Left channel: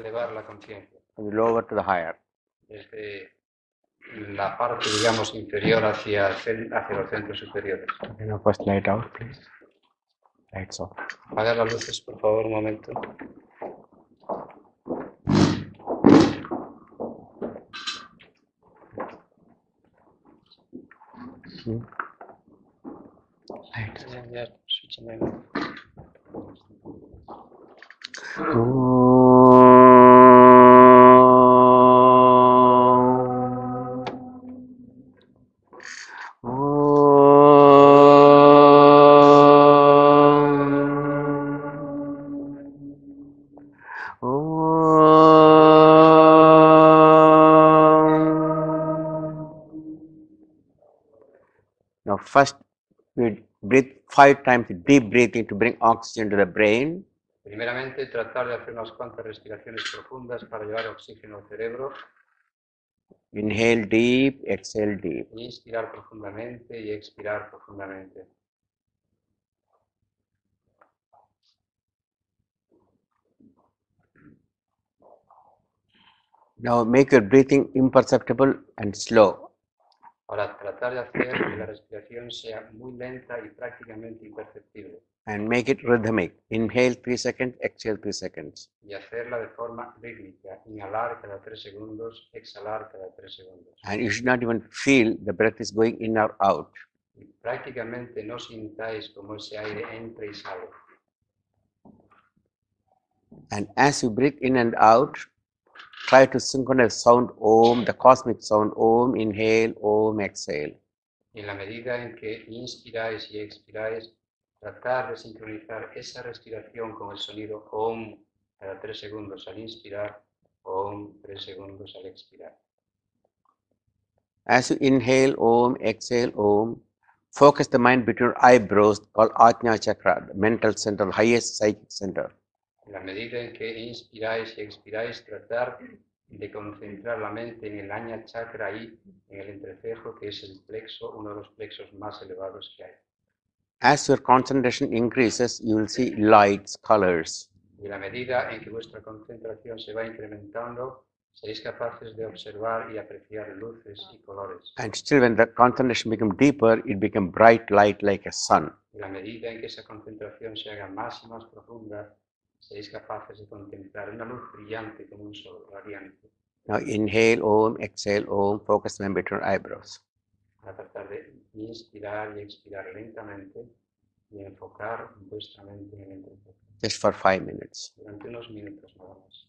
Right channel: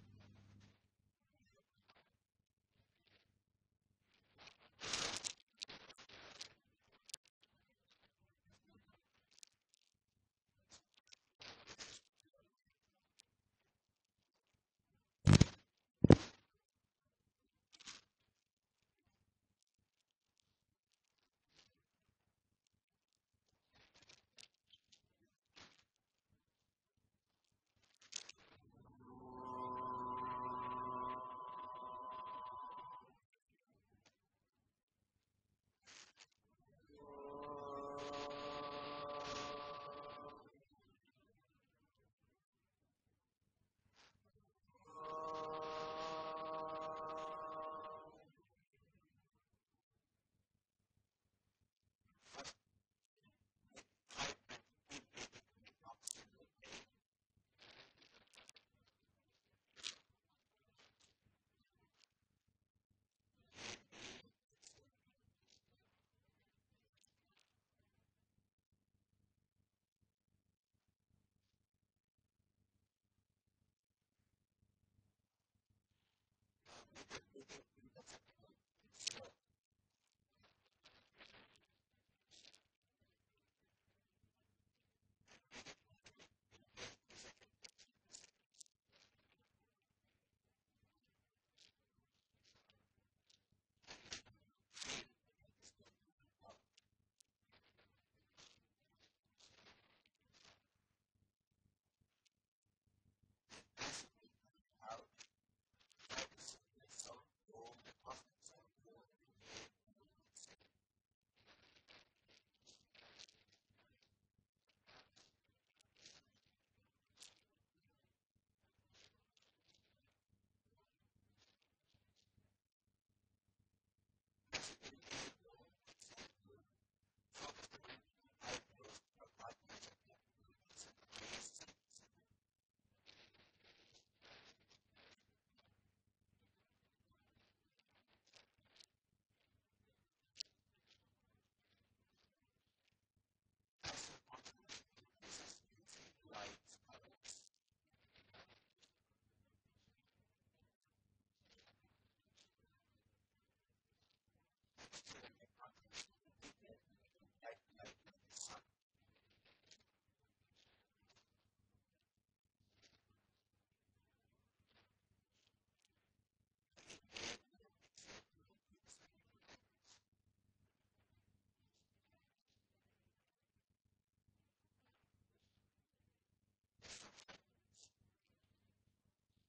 elevar la conciencia. From the lower to the higher. Desde la parte, digamos, inferior hacia los centros superiores. Okay, now first light out, please. Lights off. Apaga las luces, por favor, un momento. Lights. Ya, switching on. Now first we breathe 5 times deep breathing to bring oxygen to the brain. Primeramente, tratar de hacer unas cuantas respiraciones profundas para llevar oxígeno al cerebro. Inhale deep, exhale deep. Inspirar profundamente y expirar profundamente. Now make your breathing imperceptible and slow. Ahora, tratar de hacer que la respiración sea muy lenta y prácticamente imperceptible. And make it rhythmic. Inhale 3 seconds, exhale 3 seconds. Y hacerla de forma rítmica. Inhalar cada 3 segundos, exhalar cada 3 segundos. And you should not even feel the breath is going in or out. Y prácticamente no sintáis como ese aire entra y sale. And as you breathe in and out, try to synchronize sound Om, the cosmic sound Om, inhale, Om, exhale. Y en la medida en que inspiráis y expiráis, tratar de sincronizar esa respiración con el sonido Om cada 3 segundos al inspirar, Om 3 segundos al expirar. As you inhale Om, exhale Om, focus the mind between your eyebrows called Ajna Chakra, the mental center, the highest psychic center. En la medida en que inspiráis y expiráis, tratar de concentrar la mente en el Ajna Chakra ahí, en el entrecejo, que es el plexo, uno de los plexos más elevados que hay. As your concentration increases, you will see lights, colors. Y en la medida en que vuestra concentración se va incrementando, seréis capaces de observar y apreciar luces y colores. And still when the concentration becomes deeper, it becomes bright light like a sun. En la medida en que esa concentración se haga más y más profunda, seréis capaces de contemplar una luz brillante como un sol radiante. Now inhale Om, exhale Om, focus the mind between your eyebrows. A tratar de inspirar y expirar lentamente y enfocar vuestra mente en el entrecejo. Just for 5 minutes. Durante unos minutos nada más.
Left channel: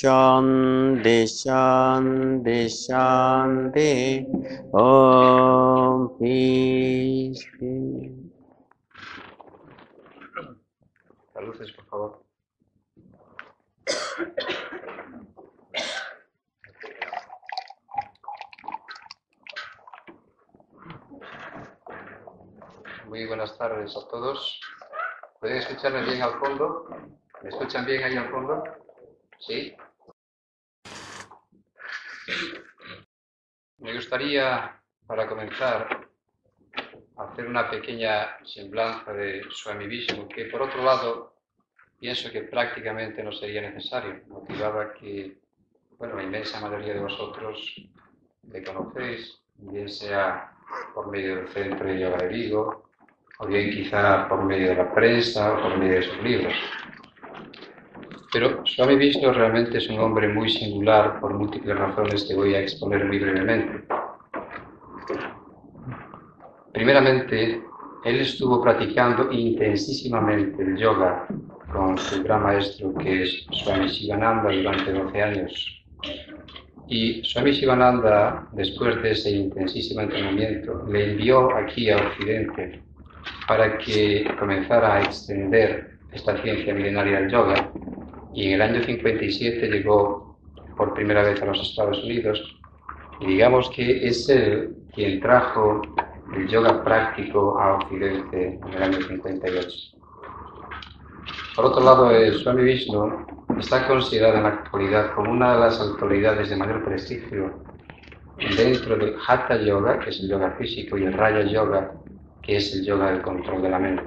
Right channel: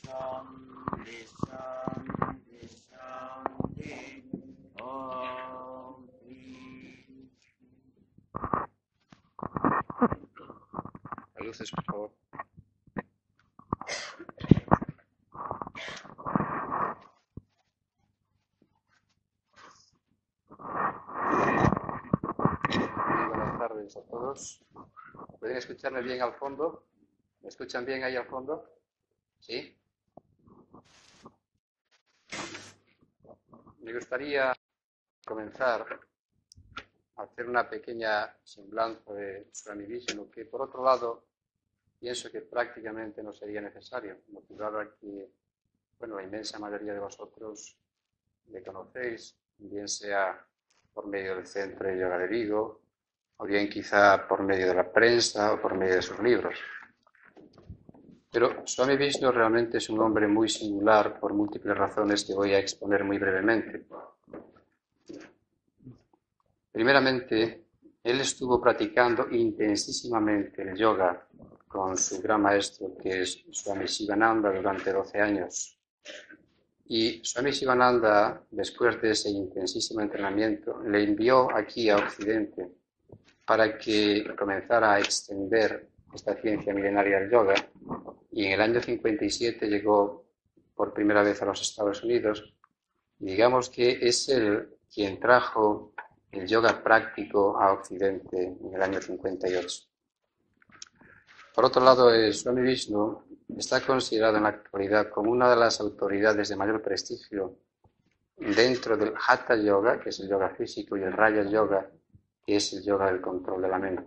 Shanti, Shanti, Shanti. Om, peace, peace. Las luces, por favor. Muy buenas tardes a todos. ¿Pueden escucharme bien al fondo? ¿Me escuchan bien ahí al fondo? ¿Sí? Me gustaría, para comenzar, hacer una pequeña semblanza de Swami Vishnu, que por otro lado pienso que prácticamente no sería necesario, motivado a que, bueno, la inmensa mayoría de vosotros le conocéis, bien sea por medio del Centro de Yoga de Vigo, o bien quizá por medio de la prensa o por medio de sus libros. Pero Swami Vishnu realmente es un hombre muy singular por múltiples razones que voy a exponer muy brevemente. Primeramente, él estuvo practicando intensísimamente el yoga con su gran maestro, que es Swami Shivananda, durante 12 años. Y Swami Shivananda, después de ese intensísimo entrenamiento, le envió aquí a Occidente para que comenzara a extender esta ciencia milenaria del yoga. Y en el año 57 llegó por primera vez a los Estados Unidos. Y digamos que es él quien trajo el yoga práctico a Occidente en el año 58. Por otro lado, el Swami Vishnu está considerado en la actualidad como una de las autoridades de mayor prestigio dentro del Hatha Yoga, que es el yoga físico, y el Raja Yoga, que es el yoga del control de la mente.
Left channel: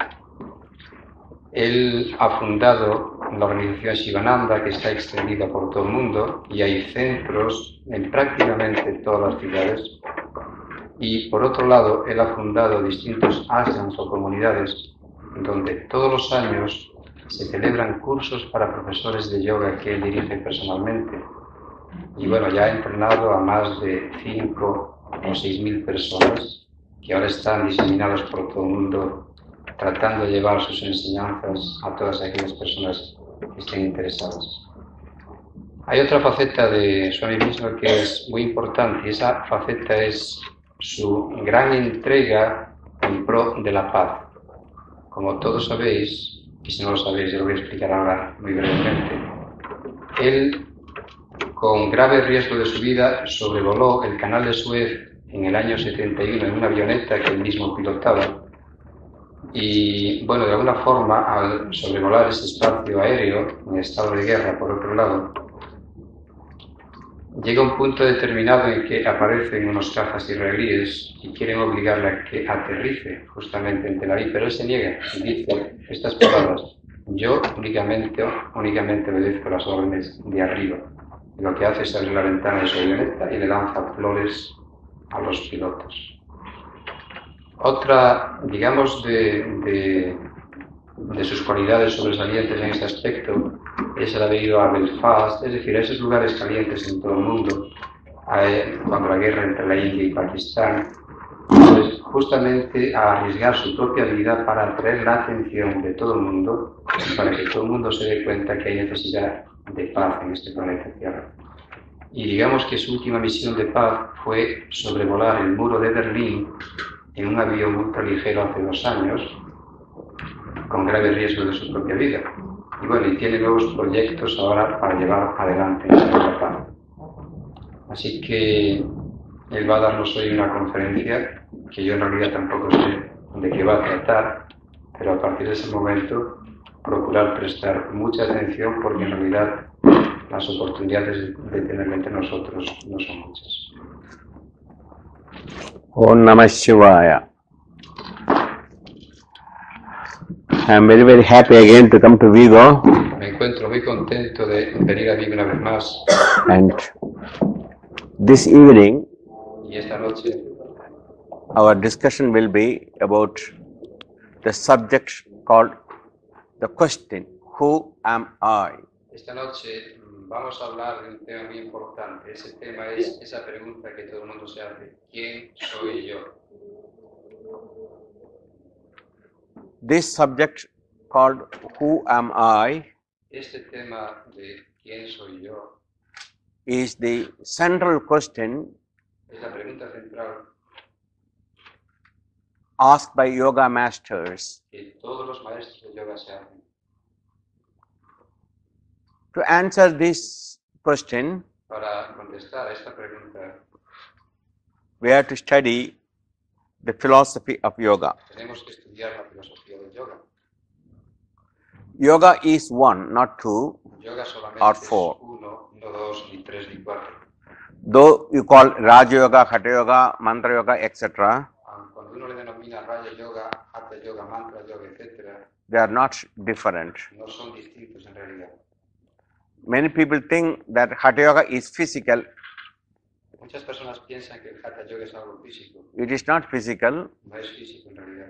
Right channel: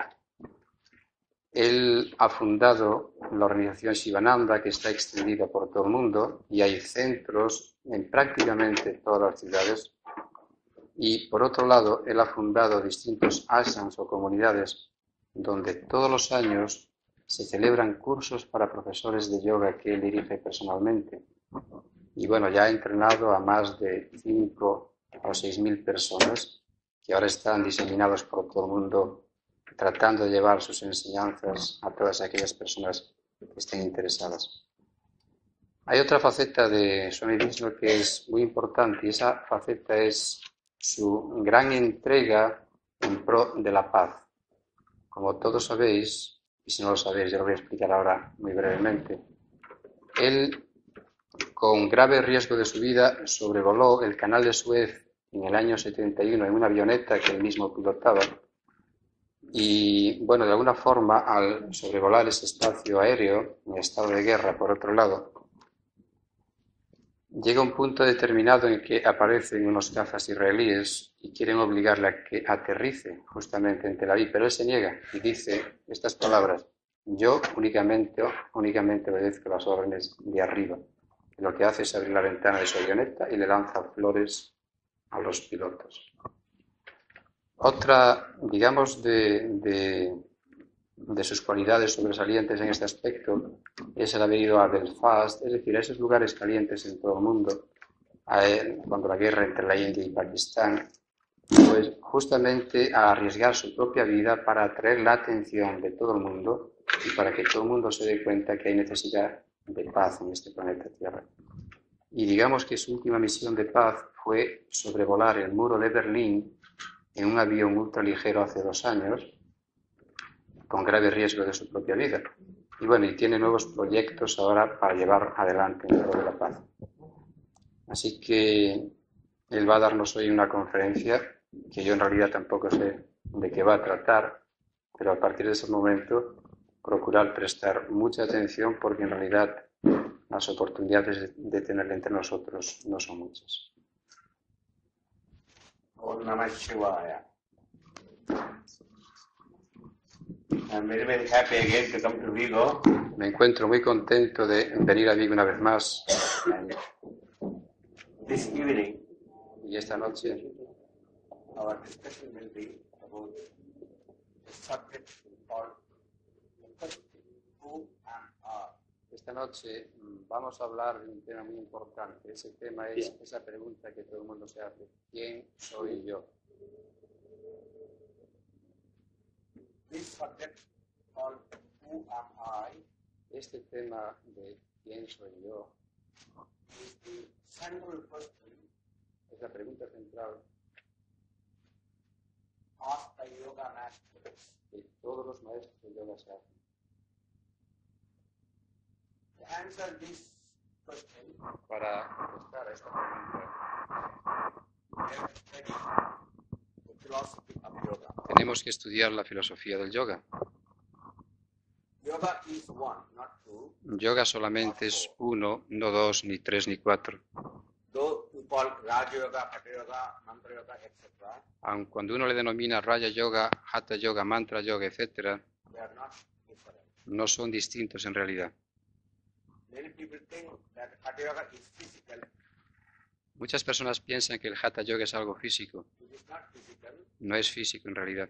Él ha fundado la organización Shivananda, que está extendida por todo el mundo, y hay centros en prácticamente todas las ciudades. Y por otro lado, él ha fundado distintos ashrams o comunidades donde todos los años se celebran cursos para profesores de yoga que él dirige personalmente. Y bueno, ya ha entrenado a más de 5 o 6.000 personas que ahora están diseminados por todo el mundo, tratando de llevar sus enseñanzas a todas aquellas personas que estén interesadas. Hay otra faceta de Swami Vishnu que es muy importante, y esa faceta es su gran entrega en pro de la paz. Como todos sabéis, y si no lo sabéis, yo lo voy a explicar ahora muy brevemente, él, con grave riesgo de su vida, sobrevoló el canal de Suez en el año 71 en una avioneta que él mismo pilotaba. Y bueno, de alguna forma, al sobrevolar ese espacio aéreo, en estado de guerra por otro lado, llega un punto determinado en que aparecen unos cazas israelíes y quieren obligarle a que aterrice justamente en Tel Aviv, pero él se niega y dice estas palabras: yo únicamente obedezco las órdenes de arriba. Y lo que hace es abrir la ventana de su avioneta y le lanza flores a los pilotos. Otra, digamos, de sus cualidades sobresalientes en este aspecto es el haber ido a Belfast, es decir, a esos lugares calientes en todo el mundo, cuando la guerra entre la India y Pakistán, pues justamente a arriesgar su propia vida para atraer la atención de todo el mundo y para que todo el mundo se dé cuenta que hay necesidad de paz en este planeta Tierra. Y digamos que su última misión de paz fue sobrevolar el muro de Berlín en un avión ultraligero hace 2 años, con grave riesgo de su propia vida. Y bueno, y tiene nuevos proyectos ahora para llevar adelante la paz. Así que él va a darnos hoy una conferencia que yo en realidad tampoco sé de qué va a tratar, pero a partir de ese momento procurar prestar mucha atención porque en realidad las oportunidades de tenerlo entre nosotros no son muchas. Om Namah Shivaya. I am very happy again to come to Vigo. Me encuentro muy contento de venir a Vigo una vez más. And this evening, Y esta noche our discussion will be about the subject called the question, who am I? Esta noche vamos a hablar de un tema muy importante. Ese tema es esa pregunta que todo el mundo se hace: ¿quién soy yo? This subject called who am I Este tema de ¿quién soy yo? is the central question Es la pregunta central asked by yoga masters. que todos los maestros de yoga se hacen. To answer this question, Para contestar a esta pregunta we have to study the philosophy of yoga. tenemos que estudiar la filosofía del yoga. Yoga is one, not two, Yoga Or solamente es four. uno, no dos, ni tres, ni cuatro. though you call Raja Yoga, Hatha Yoga, Mantra Yoga, etc., Aun cuando uno le denomina Raya Yoga, Hatha Yoga, Mantra Yoga, etc., they are not different. no son distintos en realidad. Many people think that Hatha Yoga is physical. Muchas personas piensan que el Hatha Yoga es algo físico. It is not physical. No es físico en realidad.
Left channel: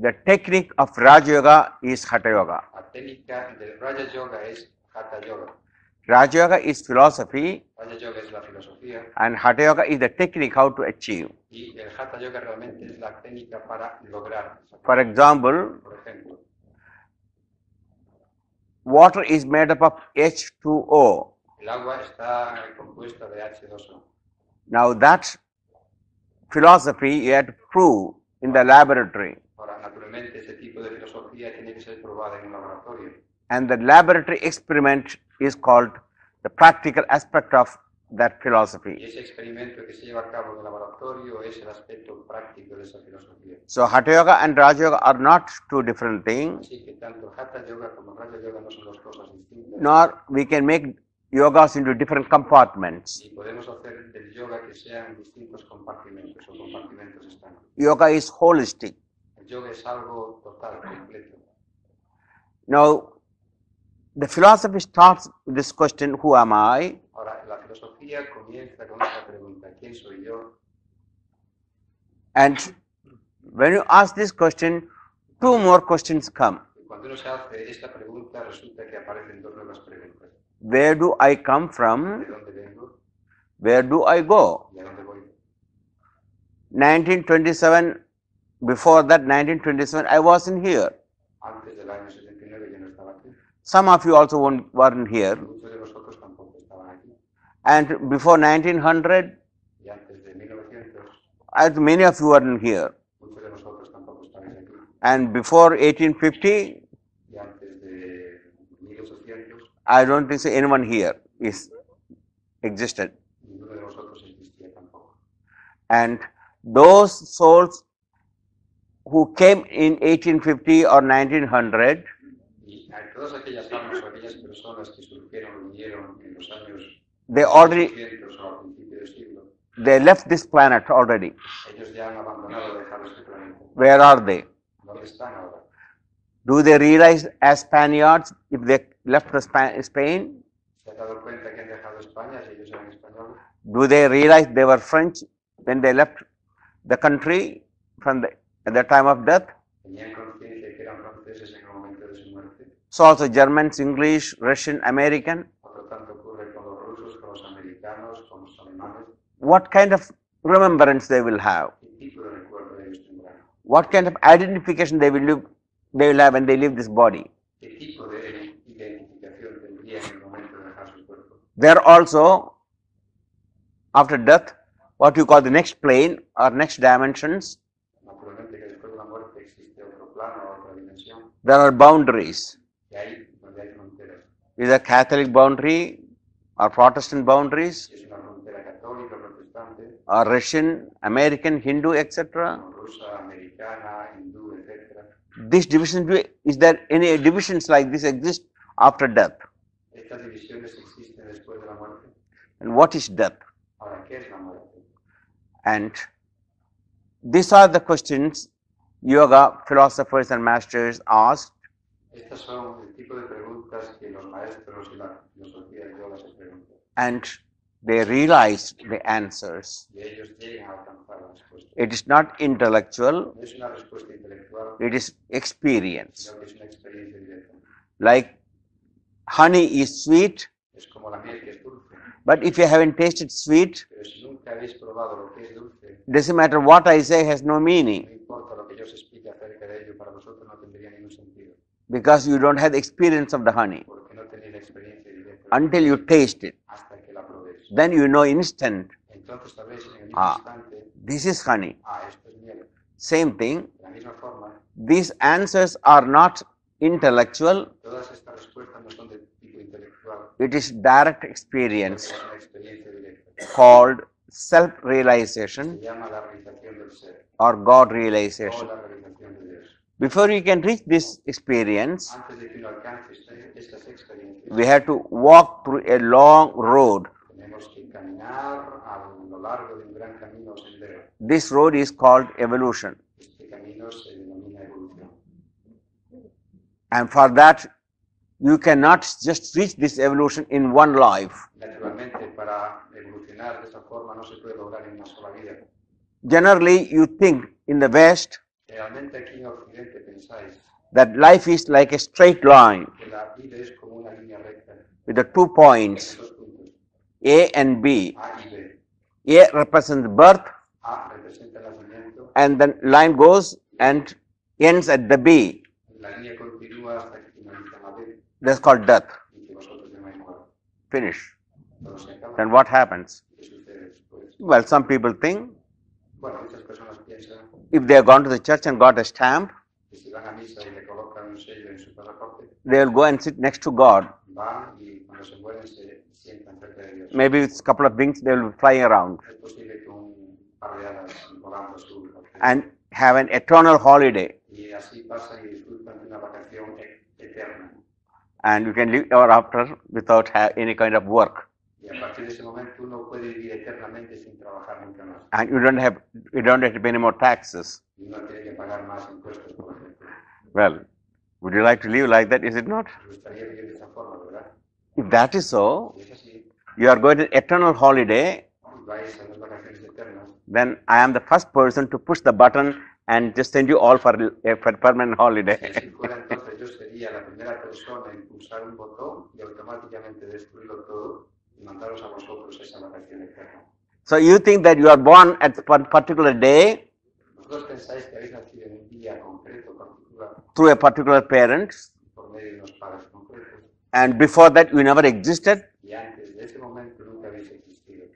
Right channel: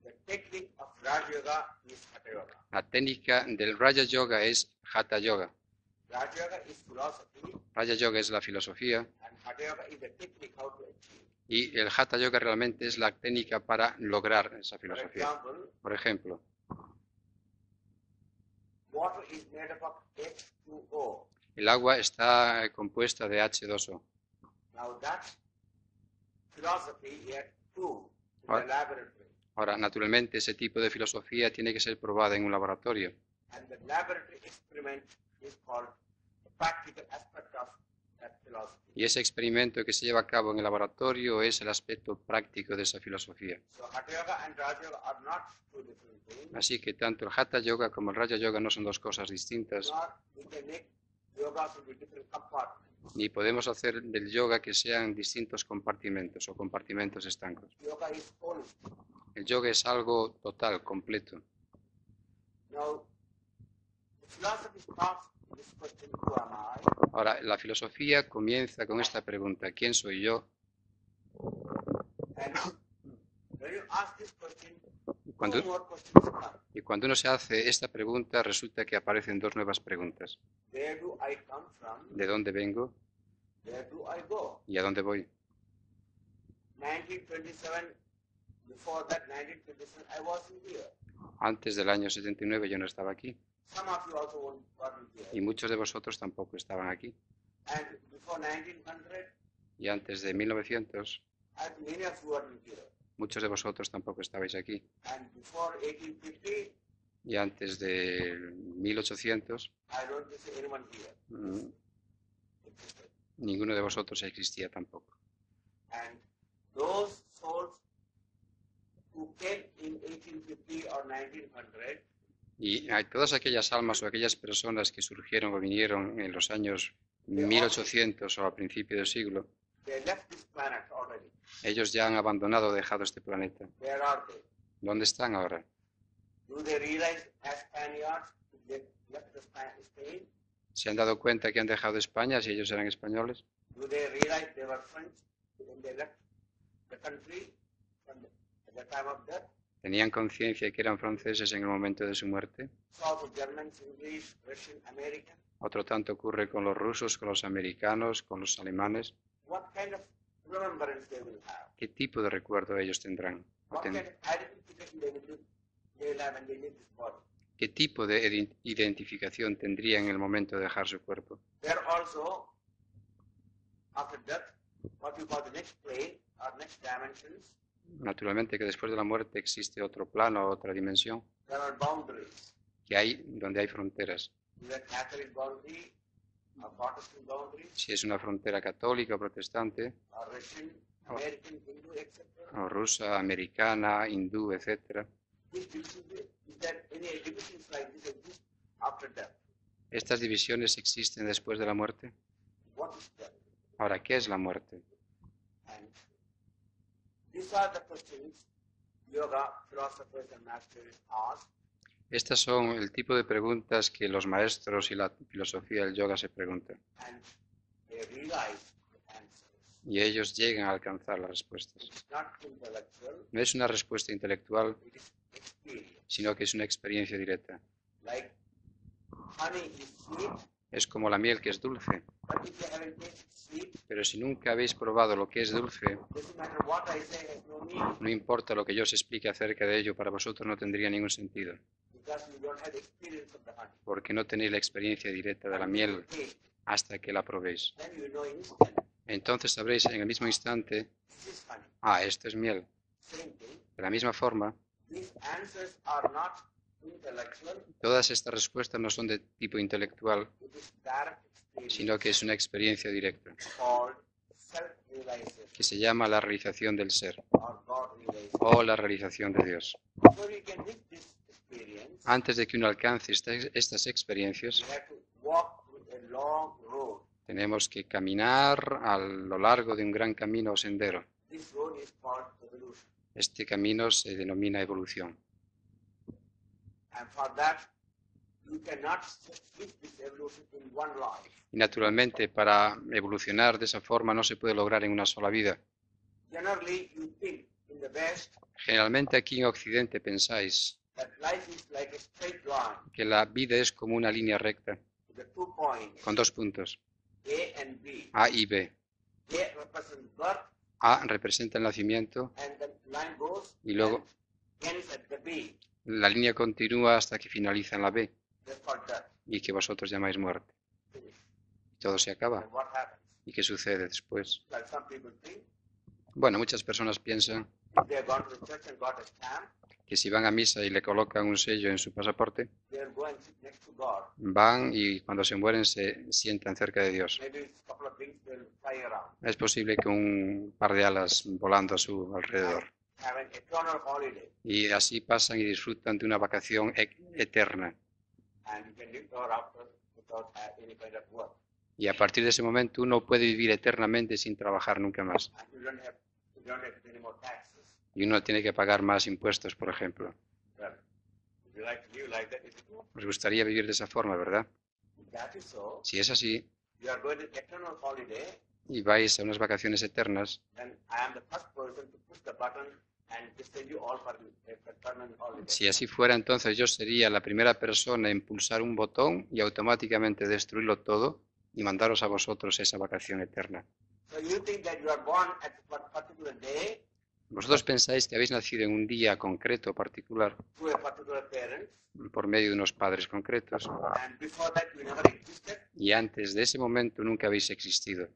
The technique of Raja Yoga is Hatha Yoga. La técnica del Raya Yoga es Hatha Yoga. Raja Yoga is philosophy, Raya Yoga es la filosofía and Hatha Yoga is the technique how to achieve. y el Hatha Yoga realmente es la técnica para lograr esa For filosofía. example, Por ejemplo, water is made up of H2O. el agua está compuesta de H2O. Now that philosophy you have to prove in the laboratory, Ahora, naturalmente, ese tipo de filosofía tiene que ser probada en un laboratorio. and the laboratory experiment is called the practical aspect of that philosophy. Y ese experimento que se lleva a cabo en el laboratorio es el aspecto práctico de esa filosofía. So Hatha Yoga and Raja Yoga are not two different things, Así que tanto el Hatha Yoga como el Raya Yoga no son dos cosas distintas. nor we can make yogas into different compartments. Ni podemos hacer del yoga que sean distintos compartimentos o compartimentos estancos. Yoga is holistic. El yoga es algo total, completo. Now, the philosophy starts with this question, who am I? Ahora, la filosofía comienza con esta pregunta: ¿quién soy yo? And when you ask this question, two more questions come. Y cuando uno se hace esta pregunta, resulta que aparecen dos nuevas preguntas. Where do I come from? ¿De dónde vengo Where do I go? y a dónde voy? 1927, before that 1927, I wasn't here. Antes del año 79 yo no estaba aquí. Some of you also weren't Y here. muchos de vosotros tampoco estaban aquí. And before 1900, Y antes de 1900, many of you weren't here. muchos de vosotros tampoco estabais aquí. And before 1850, Y antes de 1800, I don't think so anyone here existed. ninguno de vosotros existía tampoco. And those souls who came in 1850 or 1900, Y hay todas aquellas almas o aquellas personas que surgieron o vinieron en los años They already- 1800 o al principio del siglo, they left this planet already. ellos ya han abandonado o dejado este planeta. Where are they? ¿Dónde están ahora? Do they realize as Spaniards if they left the Spain? ¿Se han dado cuenta que han dejado España si ellos eran españoles? Do they realize they were French when they left the country at the time of death? ¿Tenían conciencia que eran franceses en el momento de su muerte? So also Germans, English, Russian, American. Otro tanto ocurre con los rusos, con los americanos, con los alemanes. What kind of remembrance they will have? ¿Qué tipo de recuerdo ellos tendrán? What kind of identification they will have when they leave this body? ¿Qué tipo de identificación tendrían en el momento de dejar su cuerpo? There also, after death, what you call the next plane or next dimensions, Naturalmente que después de la muerte existe otro plano, otra dimensión, there are boundaries. que donde hay fronteras. Either Catholic boundary or Protestant boundaries Si es una frontera católica o protestante, or Russian, American, Hindu, etc. o rusa, americana, hindú, etc. This division, is there any divisions like this exist after death? Estas divisiones existen después de la muerte. And what is death? Ahora, ¿qué es la muerte? And these are the questions yoga philosophers and masters asked. Estas son el tipo de preguntas que los maestros y la filosofía del yoga se preguntan. And they realized the answers. Y ellos llegan a alcanzar la respuesta. It is not intellectual, No es una respuesta intelectual, it is experience. sino que es una experiencia directa. Like honey is sweet, Es como la miel que es dulce, but if you haven't tasted sweet, pero si nunca habéis probado lo que es dulce, doesn't matter what I say, has no no meaning importa lo que yo os explique acerca de ello, para vosotros no tendría ningún sentido, because you don't have the experience of the honey. porque no tenéis la experiencia directa de la Until you miel taste it, hasta que la probéis. then you know instant, Entonces sabréis en el mismo Ah. instante, this is honey. esto es miel. Same thing, De la misma forma, these answers are not intellectual, todas estas respuestas no son de tipo intelectual, it is direct sino que experience es una experiencia directa. called Se self-realization llama la realización del ser or God o realization. la realización de Dios. Before you can reach this experience, Antes de que uno alcance estas experiencias, we have to walk through a long road. tenemos que caminar a lo largo de un gran camino o sendero. This road is called evolution. Este camino se denomina evolución. And for that, you cannot just reach this evolution in one life. Y naturalmente, para evolucionar de esa forma no se puede lograr en una sola vida. Generally, you think in the West Generalmente aquí en Occidente pensáis that life is like a straight line que la vida es como una línea recta with the 2 points, con dos puntos, A and B. A y B. A represents birth, A representa el nacimiento, and then line goes Y luego- and ends at the B. la línea continúa hasta que finaliza en la B That's called death. y que vosotros llamáis muerte. Finish. Todo se acaba. Then what happens? ¿Y qué sucede después? Well, some people think Bueno, muchas personas piensan if they have gone to the church and got a stamp, que si van a misa y le colocan un sello en su pasaporte, they will go and sit next to God. van y cuando se mueren se sientan cerca de Dios. Maybe with a couple of wings, they will be flying around Es posible que un par de alas volando a su alrededor. and have an eternal holiday. Y así pasan y disfrutan de una vacación eterna. And you can live ever after without any kind of work. Y a partir de ese momento uno puede vivir eternamente sin trabajar nunca más. And you don't have to pay any more taxes. Y uno tiene que pagar más impuestos, por ejemplo. Well, would you like to live like that? Is it not? Os gustaría vivir de esa forma, ¿verdad? If that is so, Si es así, you are going to eternal holiday, y vais a unas vacaciones eternas, then I am the first person to push the button and just send you all for permanent holiday. si así fuera, entonces yo sería la primera persona en pulsar un botón y automáticamente destruirlo todo y mandaros a vosotros esa vacación eterna. So you think that you are born at a particular day Vosotros pensáis que habéis nacido en un día concreto, particular, through a particular parent, por medio de unos padres concretos, and before that you never existed, y antes de ese momento nunca habéis existido.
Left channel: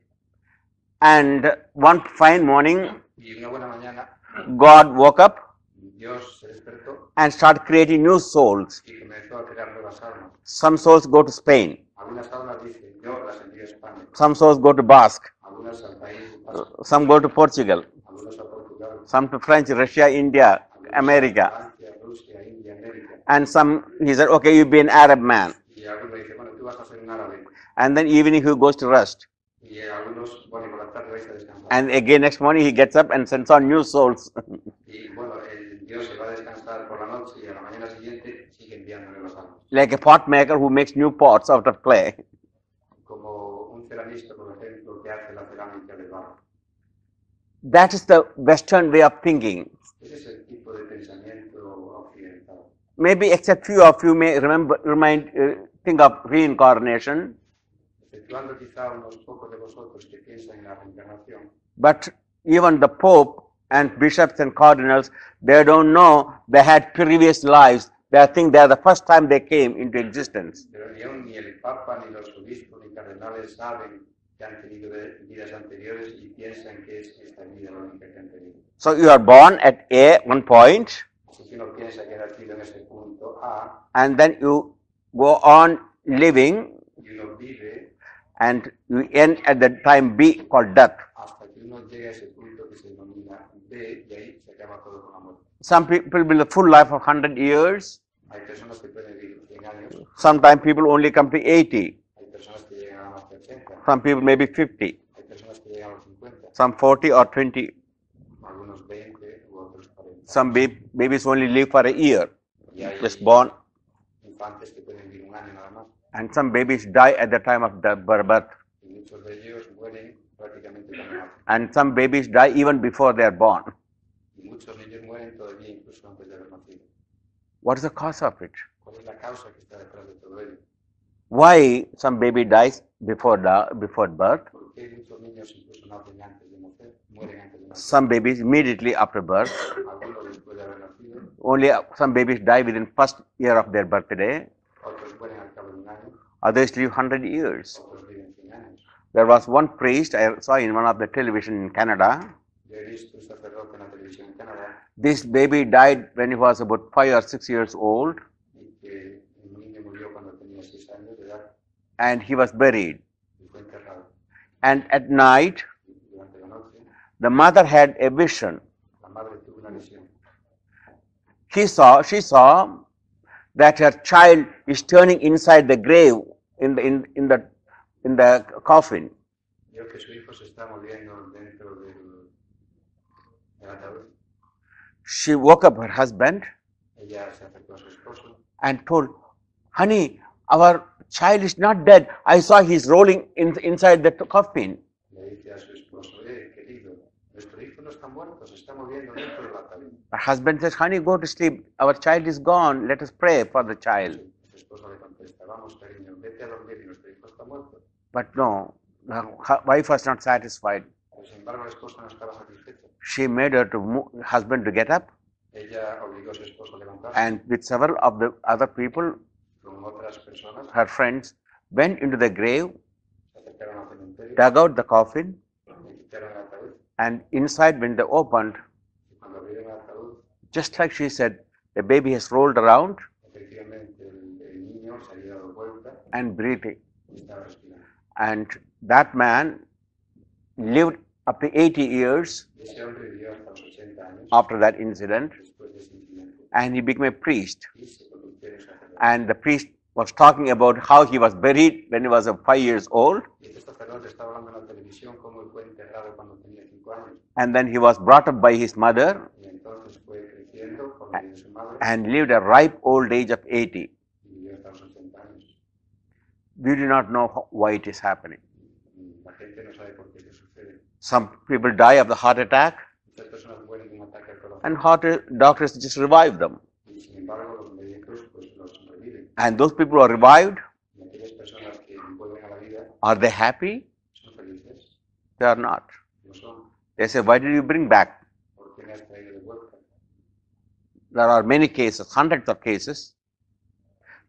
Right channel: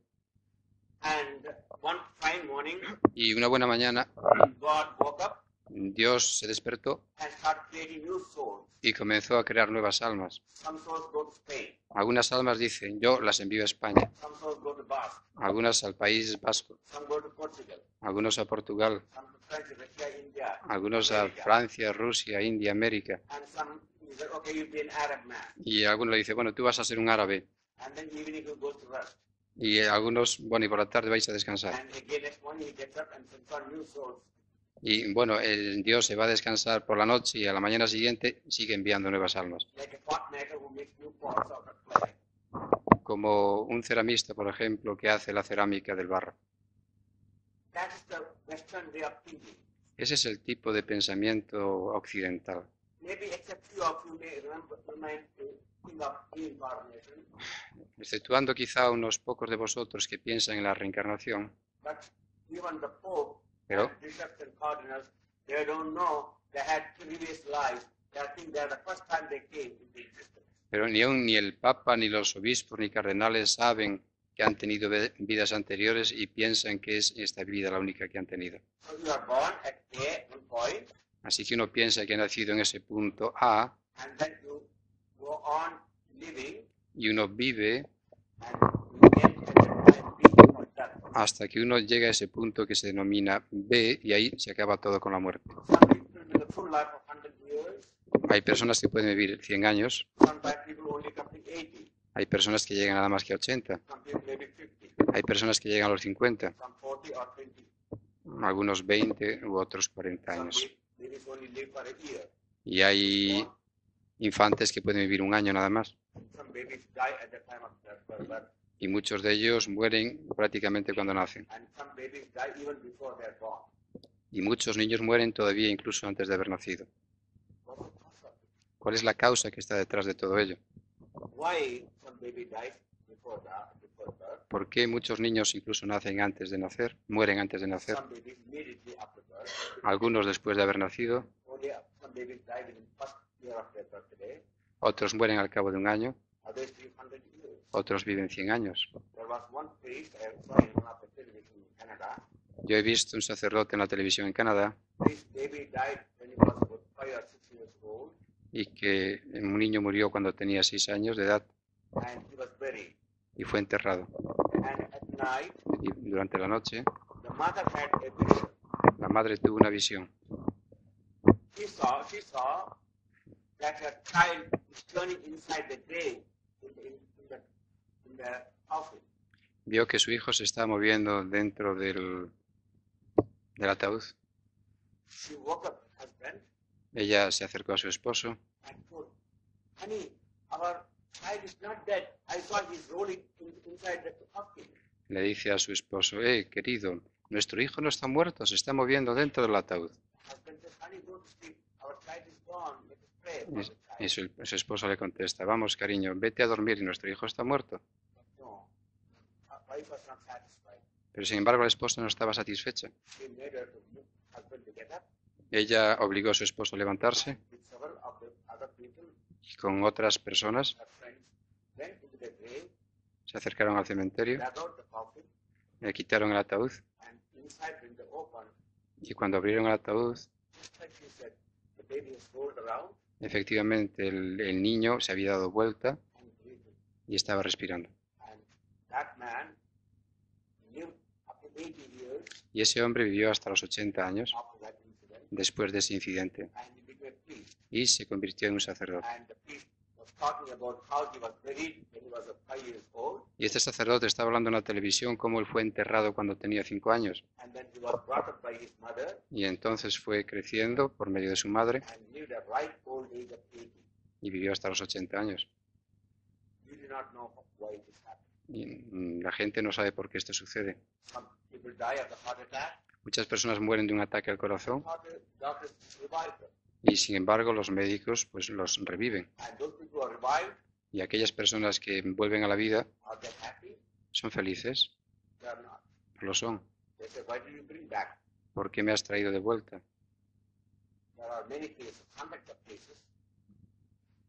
and one fine morning Y una buena mañana God woke up Dios se despertó and started creating new souls. y comenzó a crear nuevas almas. Some souls go to Spain, Algunas almas dicen, yo las envío a España, some souls go to Basque, algunas al País Vasco, some go to Portugal, algunos a Portugal, some to French, Russia, India, algunos America. a Francia, Rusia, India, América. And some, he said, okay, you be an Arab man. Y algunos le dicen, bueno, tú vas a ser un árabe. And then evening he goes to rest. Y algunos, bueno, y por la tarde vais a descansar. And again next morning he gets up and sends on new souls. Y bueno, Dios se va a descansar por la noche y a la mañana siguiente sigue enviando nuevas almas. Like a pot maker who makes new pots out of clay. Como un ceramista, por ejemplo, que hace la cerámica del barro. That is the Western way of thinking. Ese es el tipo de pensamiento occidental. Maybe except few of you may think of reincarnation, Exceptuando quizá unos pocos de vosotros que piensan en la reencarnación, but even the Pope and bishops and cardinals, they don't know they had previous lives. They think they are the first time they came into existence. pero ni el Papa, ni los obispos, ni cardenales saben que han tenido vidas anteriores y piensan que es esta vida la única que han tenido. So you are born at one point, Así que uno piensa que ha nacido en ese punto A and then you go on living y uno vive and you end at the time B called death. hasta que uno llega a ese punto que se denomina B y ahí se acaba todo con la muerte. Some people live a full life of 100 years. Hay personas que pueden vivir 100 años, Sometimes people only come to 80. hay personas que llegan nada más que a 80, Some people maybe 50. hay personas que llegan a los 50, Some 40 or 20. algunos 20 u otros 40 Some años. babies only live for a year. Y Just hay born. infantes que pueden vivir un año nada más. And some babies die at the time of the birth. Y muchos de ellos mueren prácticamente cuando nacen. And some babies die even before they are born. Y muchos niños mueren todavía incluso antes de haber nacido. What is the cause of it? ¿Cuál es la causa que está detrás de todo ello? Why some baby dies before birth? ¿Por qué muchos niños incluso nacen antes de nacer, mueren antes de nacer? Some babies immediately after birth. Algunos después de haber nacido, Only some babies die within first year of their birthday. otros mueren al cabo de un año, Others live 100 years. otros viven 100 años. There was one priest I saw in one of the television in Canada. Yo he visto un sacerdote en la televisión en Canadá This baby died when he was about 5 or 6 years old, y que un niño murió cuando tenía 6 años de edad and he was buried. y fue enterrado. And at night, Y durante la noche, the mother had a vision. la madre tuvo una visión. She saw that her child is turning inside the grave in the coffin. Vio que su hijo se estaba moviendo dentro del ataúd. She woke up her husband Ella se acercó a su esposo and told, "Honey, our child is not dead. I saw he's rolling inside the coffin." le dice a su esposo, querido, nuestro hijo no está muerto, se está moviendo dentro del ataúd. Her husband says, "Honey, go to sleep. Our child is gone. Let us pray for the Y child." su esposo le contesta, vamos cariño, vete a dormir y nuestro hijo está muerto. But no, her wife was not satisfied. Pero sin embargo la esposa no estaba satisfecha. She made her husband to get up, Ella obligó a su esposo a levantarse and with several of the other people, y con otras personas her friends, went into the grave, se acercaron al cementerio, dug out the coffin, le quitaron el ataúd and inside, when they opened, y cuando abrieron el ataúd, just like she said, the baby has rolled around efectivamente el niño se había dado vuelta and breathing. y estaba respirando. And that man lived up to 80 years Y ese hombre vivió hasta los 80 años after that incident, después de ese incidente and he became a priest. y se convirtió en un sacerdote. And the priest was talking about how he was buried when he was 5 years old, Y este sacerdote estaba hablando en la televisión cómo él fue enterrado cuando tenía 5 años and then he was brought up by his mother y entonces fue creciendo por medio de su madre and lived a ripe old age of 80. y vivió hasta los 80 años. We do not know why it is happening. Y la gente no sabe por qué esto sucede. Some people die of the heart attack, Muchas personas mueren de un ataque al and corazón doctors just revive them. y sin embargo los médicos pues los reviven. And those people who are revived, Y aquellas personas que vuelven a la vida are they happy? son felices, They are not. lo son. They say, "Why did you bring back?" ¿Por qué me has traído de vuelta? There are many cases, hundreds of cases,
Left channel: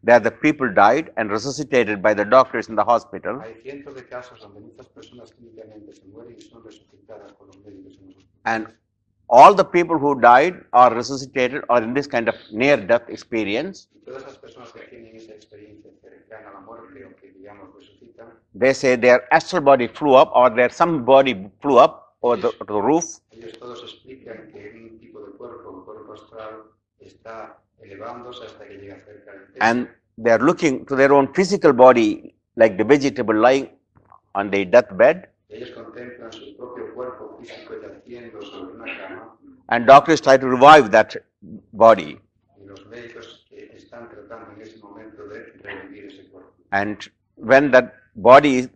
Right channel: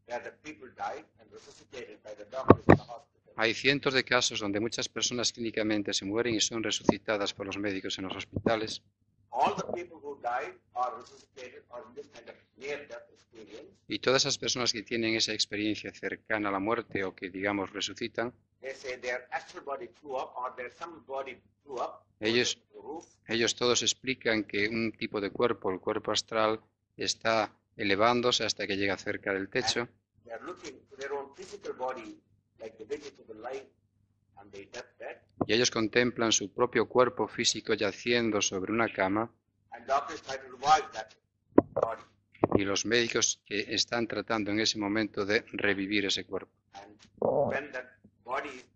that the people died and resuscitated by the doctors in the hospital. Hay cientos de casos donde muchas personas clínicamente se mueren y son resucitadas por los médicos en los hospitales. All the people who died or resuscitated or in this kind of near-death experience, Y todas esas personas que tienen esa experiencia cercana a la muerte o que, digamos, resucitan, they say their astral body flew up or their some body flew up over Ellos- the roof, ellos todos explican que un tipo de cuerpo, el cuerpo astral, está elevándose hasta que llega cerca del techo and they are looking to their own physical body like the vegetable lying on their deathbed, y ellos contemplan su propio cuerpo físico yaciendo sobre una cama and doctors try to revive that body. y los médicos que están tratando en ese momento de revivir ese cuerpo. And when that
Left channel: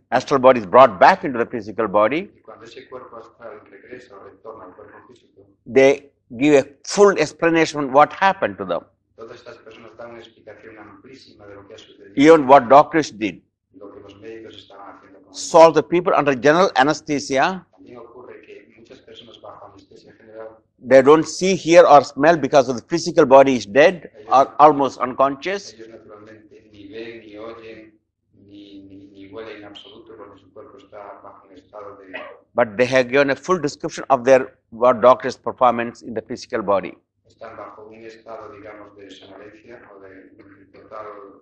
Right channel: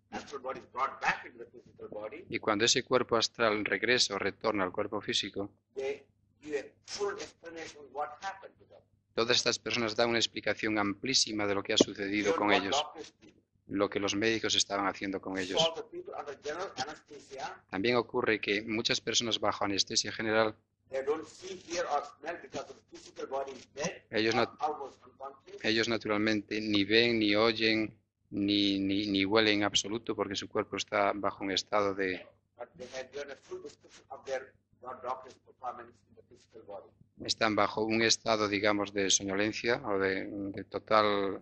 astral body is brought back into the physical body, Y cuando ese cuerpo astral regresa o retorna al cuerpo físico, they give a full explanation what happened to them, todas estas personas dan una explicación amplísima de lo que ha sucedido even con what ellos, doctors did. lo que los médicos estaban haciendo con ellos. So the people under general anesthesia, También ocurre que muchas personas bajo anestesia general, they don't see, hear, or smell because of the physical body is dead Ellos or no- almost unconscious. ellos naturalmente ni ven, ni oyen, ni huele en absoluto porque su cuerpo está bajo un estado de... but they have given a full description of their what doctor's performance in the physical body. Están bajo un estado, digamos, de somnolencia o de total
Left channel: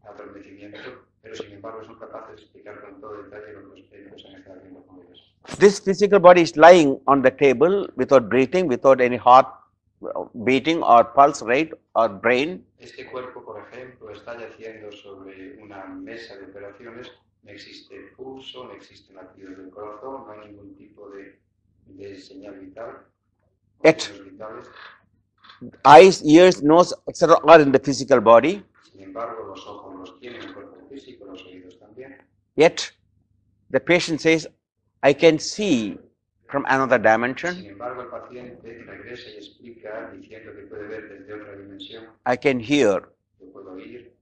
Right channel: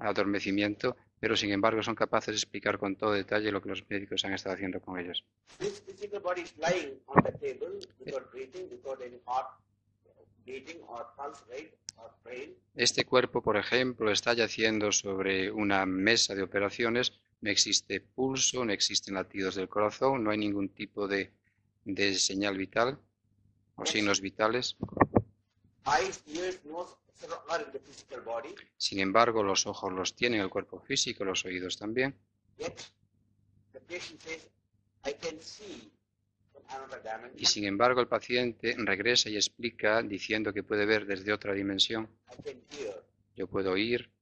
adormecimiento, pero sin embargo son capaces de explicar con todo detalle lo que los médicos han estado haciendo con ellos. This physical body is lying on the table without breathing, without any heart beating or pulse rate or brain. Este cuerpo, por ejemplo, está yaciendo sobre una mesa de operaciones, no existe pulso, no existen latidos del corazón, no hay ningún tipo de señal vital o signos vitales. Eyes, ears, nose, etc. are in the physical body. Sin embargo, los ojos los tienen el cuerpo físico, los oídos también. Yet the patient says, I can see from another dimension. Sin embargo, el paciente regresa y explica diciendo que puede ver desde otra dimensión. I can hear. Yo puedo oír.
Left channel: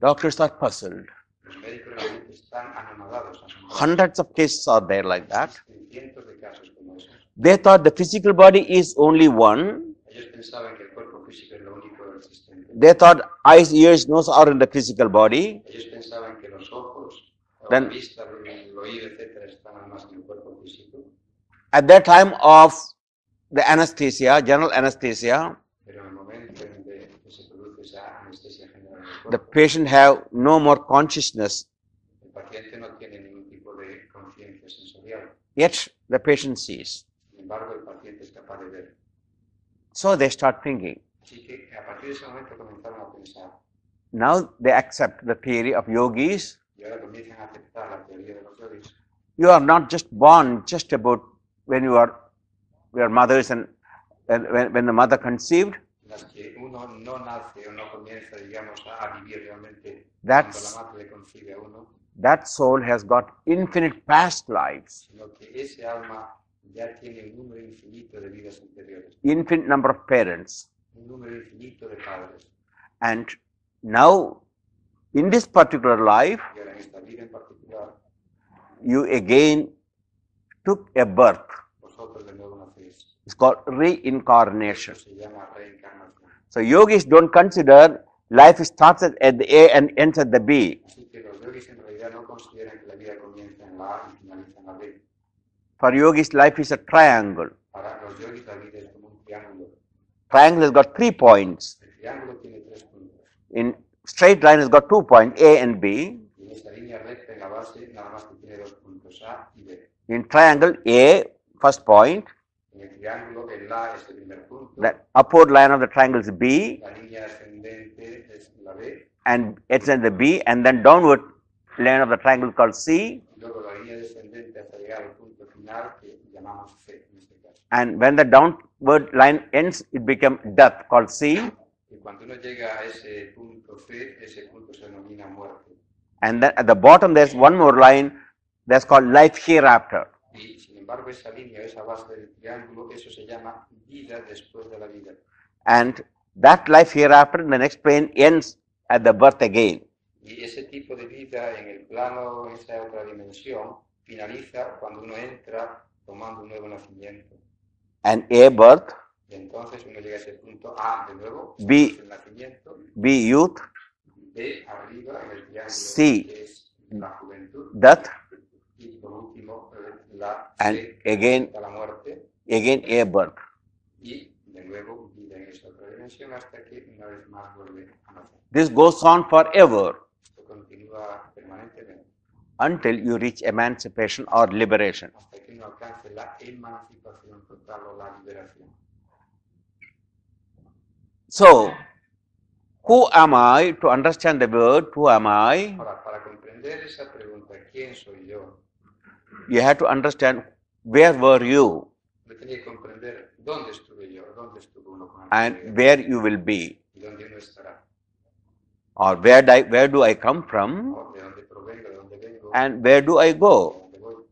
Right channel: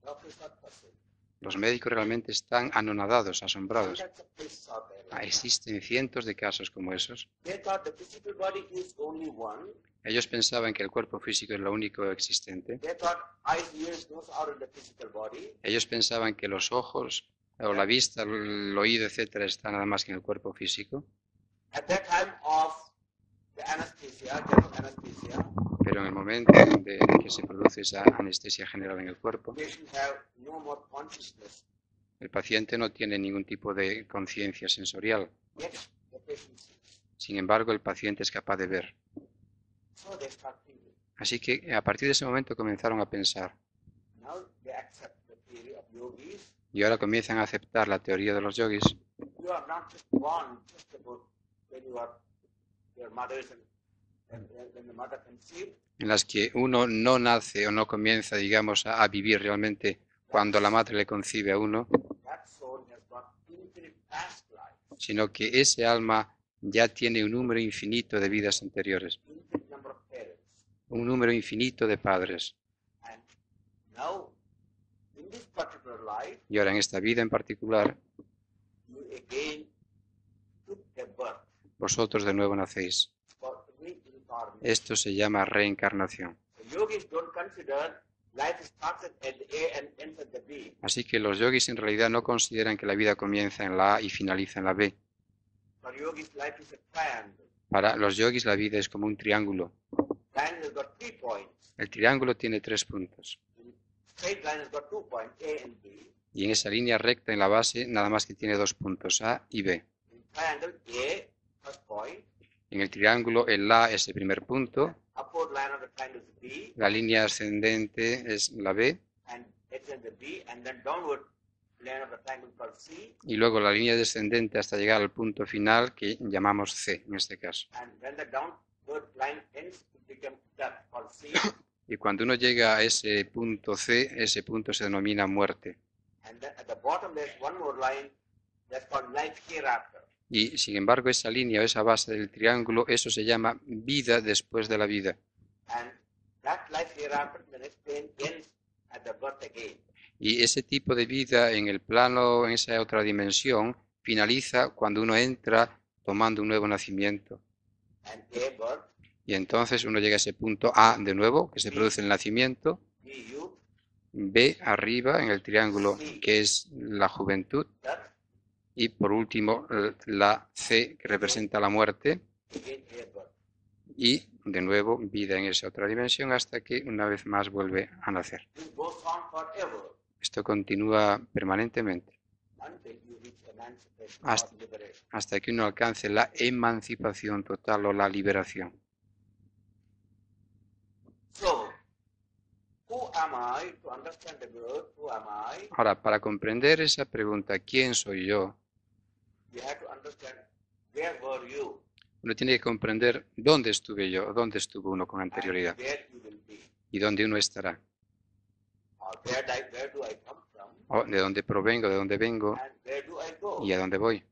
Doctors are puzzled. Los médicos realmente están anonadados, asombrados. Hundreds of cases are there like that. Existen cientos de casos como esos. They thought the physical body is only one. Ellos pensaban que el cuerpo físico es lo único existente. They thought eyes, ears, nose are in the physical body. Ellos pensaban que los ojos, o Then- la vista, el oído, etcétera, están nada más que en el cuerpo físico. At that time of the anesthesia, general anesthesia, Pero en el momento de que se produce esa anestesia general en el the cuerpo, patient have no more consciousness. el paciente no tiene ningún tipo de conciencia sensorial. Yet the patient sees. Sin embargo, el paciente es capaz de ver. So they start thinking. Así que a partir de ese momento comenzaron a pensar. Now they accept the theory of yogis. Y ahora comienzan a aceptar la teoría de los yogis. You are not just born just about when you are your mothers and when the mother conceived. En las que uno no nace o no comienza, digamos, a vivir realmente That's- cuando la madre le concibe a uno, That soul has got infinite past lives, sino que ese alma ya tiene un número infinito de vidas anteriores, infinite number of parents. un número infinito de padres. And now, in this particular life, Y ahora en esta vida en particular, you again took a birth. vosotros de nuevo nacéis. It's called reincarnation. Esto se llama reencarnación. So yogis don't consider life starts at the A and ends at the B. Así que los yogis en realidad no consideran que la vida comienza en la A y finaliza en la B. For yogis, life is a triangle. Para los yogis la vida es como un triángulo. Triangle has got 3 points. El triángulo tiene 3 puntos. In straight line, it's got 2 points, A and B. Y en esa línea recta en la base nada más que tiene 2 puntos, A y B. In triangle, A, first point. En el triángulo el A es el primer punto, The upward line of the triangle is B, la línea ascendente es la B and it's in the B, and then downward line of the triangle called C. y luego la línea descendente hasta llegar al punto final que llamamos C en este caso. And when the downward line ends, it becomes death called C. Y cuando uno llega a ese punto C, ese punto se denomina muerte. And then at the bottom, there's one more line that's called life hereafter. Y sin embargo esa línea o esa base del triángulo, eso se llama vida después de la vida. And that life hereafter, the next plane ends at the birth again. Y ese tipo de vida en el plano, en esa otra dimensión, finaliza cuando uno entra tomando un nuevo nacimiento. And A, birth, Y entonces uno llega a ese punto A de nuevo, que se B. produce el nacimiento, B, youth, B arriba en el triángulo, C. que es la juventud, death, y por último la And C, que again- representa la muerte, again A, birth. y de nuevo vida en esa otra dimensión hasta que una vez más vuelve a nacer. This goes on forever Esto continúa permanentemente until you reach emancipation Hasta- or liberation. hasta que uno alcance la emancipación total o la liberación. So, who am I? To understand the word, who am I? Ahora, para comprender esa pregunta, ¿quién soy yo? You have to understand where were you Uno tiene que comprender dónde estuve yo, dónde estuvo uno con and anterioridad where you will be, y dónde uno estará, or where do I come from o de dónde provengo, de dónde vengo and where do I go. y a dónde voy.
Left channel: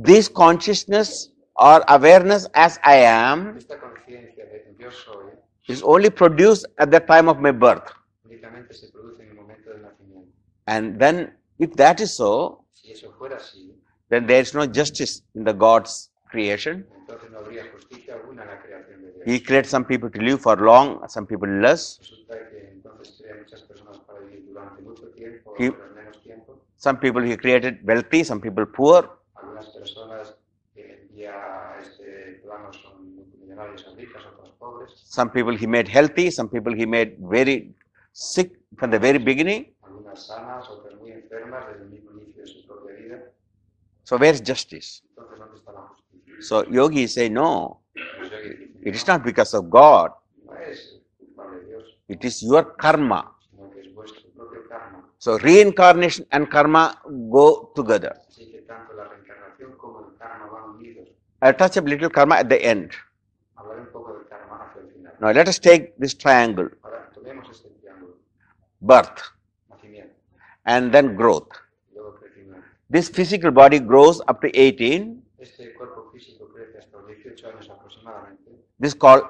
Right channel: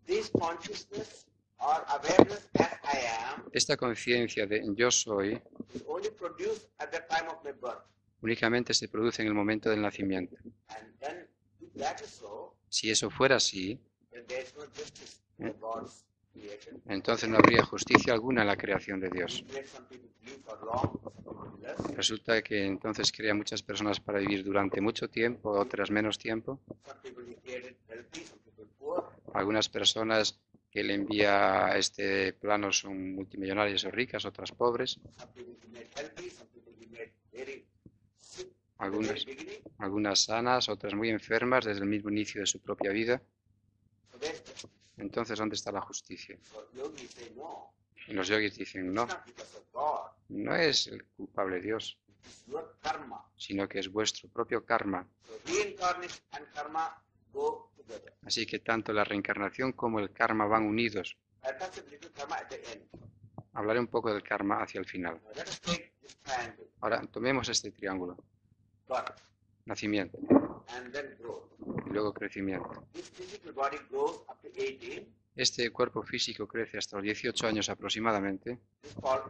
This consciousness or awareness as I am Esta conciencia de yo soy is only produced at the time of my birth. únicamente se produce en el momento del nacimiento. And then, if that is so, Si eso fuera así, then there is no justice in the God's creation. entonces no habría justicia alguna en la creación de Dios. He created some people to live for long, some people less. Resulta que entonces crea muchas personas para vivir durante mucho tiempo, Sí. otras menos tiempo. Some people he created wealthy, some people poor. Algunas personas que él envía a este plano son multimillonarias o ricas, otras pobres. Some people he made healthy, some people he made very sick from the very beginning. Algunas sanas, otras muy enfermas desde el mismo inicio de su propia vida. So where's justice? Entonces, ¿dónde está la justicia? So yogis say no, Los yogis dicen, it is no, not because of God, no es el culpable Dios, it is your karma. sino que es vuestro propio karma. So reincarnation and karma go together. Así que tanto la reencarnación como el karma van unidos. I'll touch a little karma at the end. Hablaré un poco del karma hacia el final. Now let us take this triangle, Ahora, tomemos este triángulo. birth Nacimiento and then growth. y luego crecimiento. This physical body grows up to 18. Este cuerpo físico crece hasta los 18 años aproximadamente. This is called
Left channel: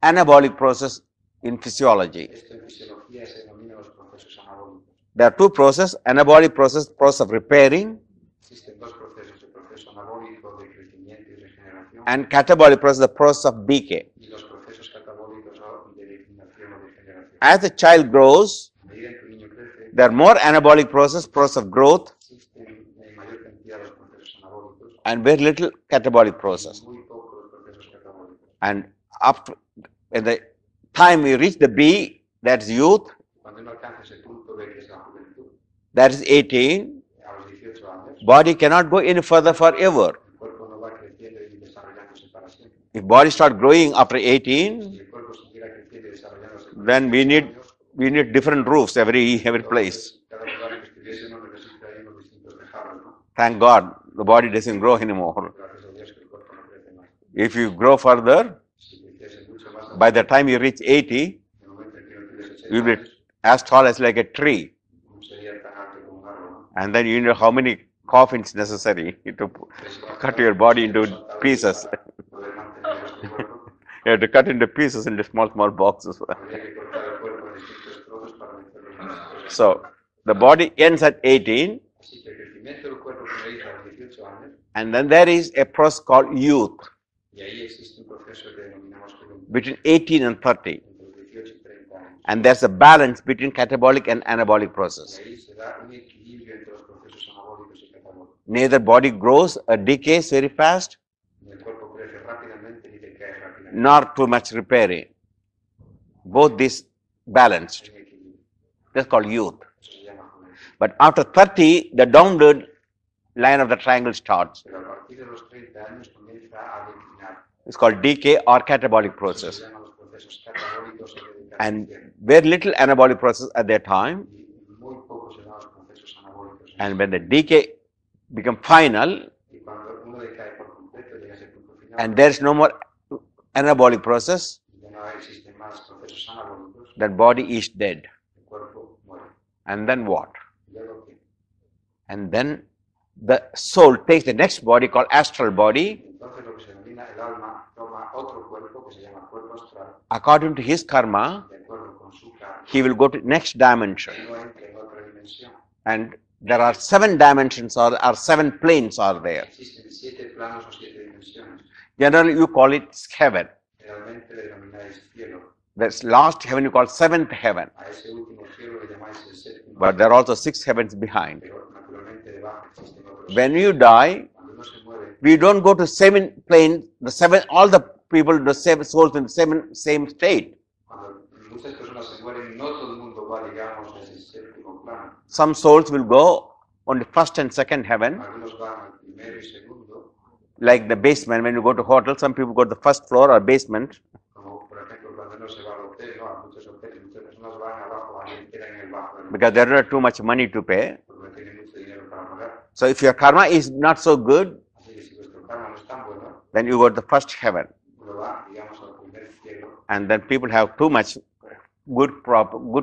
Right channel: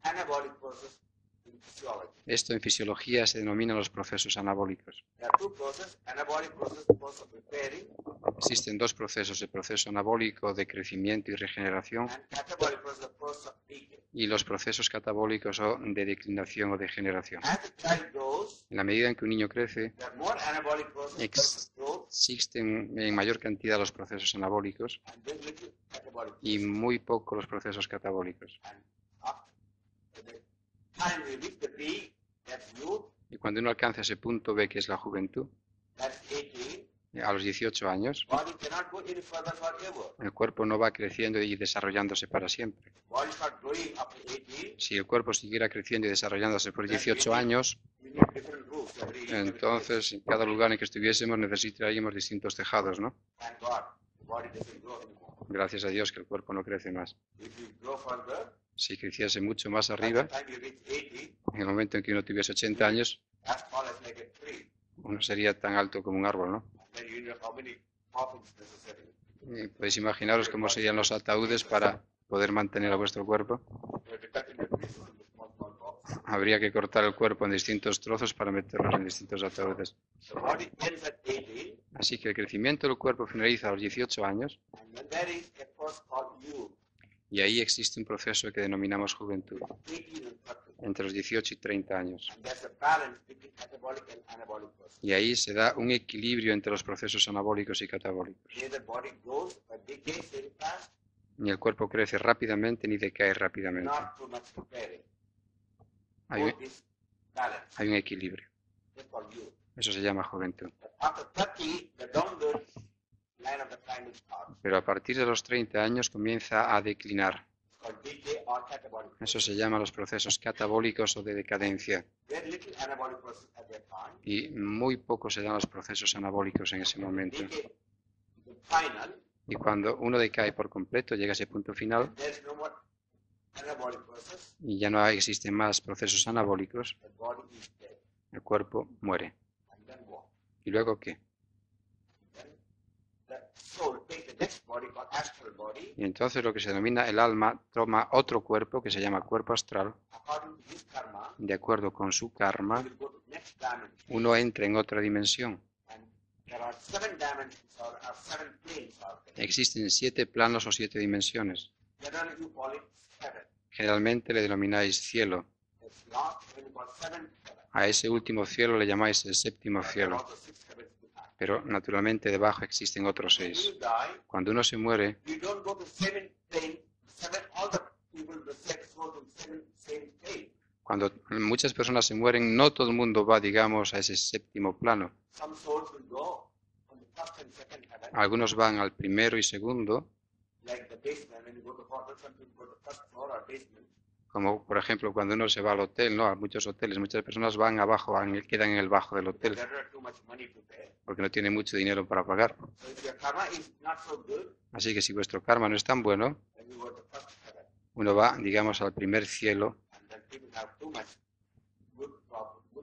anabolic process in physiology. Esto en fisiología se denomina los procesos anabólicos. There are two processes, anabolic process, the process of repairing, Existen dos procesos, el proceso anabólico de crecimiento y regeneración and catabolic process, the process of decay. y los procesos catabólicos o de declinación o degeneración. As the child grows, En la medida en que un niño crece, there are more anabolic process, process of growth, existen en mayor cantidad los procesos anabólicos and very little catabolic y process. muy poco los procesos catabólicos. And up to, at the time we reach the B, that's youth, Y cuando uno alcanza ese punto B, que es la juventud, that is 18, a los 18 años, body cannot go any further forever. el cuerpo no va creciendo y desarrollándose para siempre. If body start growing after 18, Si el cuerpo siguiera creciendo y desarrollándose por Then we 18 need- años, we need different roofs every entonces place. en cada lugar en que estuviésemos necesitaríamos distintos tejados, ¿no? Thank God, the body doesn't grow anymore. Gracias a Dios que el cuerpo no crece más. If you grow further, Si creciese mucho más by the arriba, time you reach 80, en el momento en que uno tuviese you'll 80 be años, as tall as like a tree. uno sería tan alto como un árbol, ¿no? And then you know how many coffins necessary to Y puedes cut imaginaros your cómo body serían los into ataúdes pieces. para poder mantener a vuestro cuerpo. You have to cut into pieces into small boxes. Habría que cortar el cuerpo en distintos trozos para meterlos en distintos So ataúdes. the body ends at 18, Así que el crecimiento del cuerpo finaliza a los 18 años and then there is a process called youth y ahí existe un proceso que denominamos juventud, between 18 and 30. entre los 18 y 30 años. And there's a balance between catabolic and anabolic process. Y ahí se da un equilibrio entre los procesos anabólicos y catabólicos. Neither body grows or decays very fast, Ni el cuerpo crece rápidamente ni decae rápidamente. nor too much repairing. Both this balance. Hay un equilibrio. That's called youth. Eso se llama juventud. But after 30, the downward line of the triangle starts. Pero a partir de los 30 años comienza a declinar. It's called decay or catabolic Eso se process. llama los procesos catabólicos o de And decadencia. very little anabolic process at that time. Y muy poco se dan los procesos anabólicos en ese And when the momento. decay become final, Y cuando uno decae por completo, llega a ese punto final and there's no more anabolic process, y ya no existen más procesos anabólicos, that body is dead. el cuerpo muere. And then what? ¿Y luego qué? And then the soul takes the next body called astral body. Y entonces lo que se denomina el alma toma otro cuerpo que se llama cuerpo astral. According to his karma, De acuerdo con su karma, he will go to next dimension. uno entra en otra dimensión. And there are 7 dimensions or 7 planes are there. Existen 7 planos o 7 dimensiones. Generally, you call it heaven. Generalmente le denomináis cielo. That's last heaven you call 7th heaven. A ese último cielo le llamáis el séptimo But there are cielo. also 6 heavens behind. Pero naturalmente debajo existen otros. When you die, Cuando uno se muere, we don't go to 7 planes, all the people, the 7 souls in the same state. cuando muchas personas se mueren, no todo el mundo va, digamos, a ese séptimo plano. Some souls will go on the first and second heaven, Algunos van al primero y segundo, like the basement. When you go to hotel, some people go to the first floor or basement. como por ejemplo cuando uno se va al hotel, ¿no? A muchos hoteles, muchas personas van abajo, quedan en el bajo del Because hotel, they don't have too much money to pay. porque no tienen mucho dinero para pagar. So if your karma is not so good, Así que si vuestro karma no es tan bueno, then you go to the first heaven. uno va, digamos, al primer cielo And then people have too much good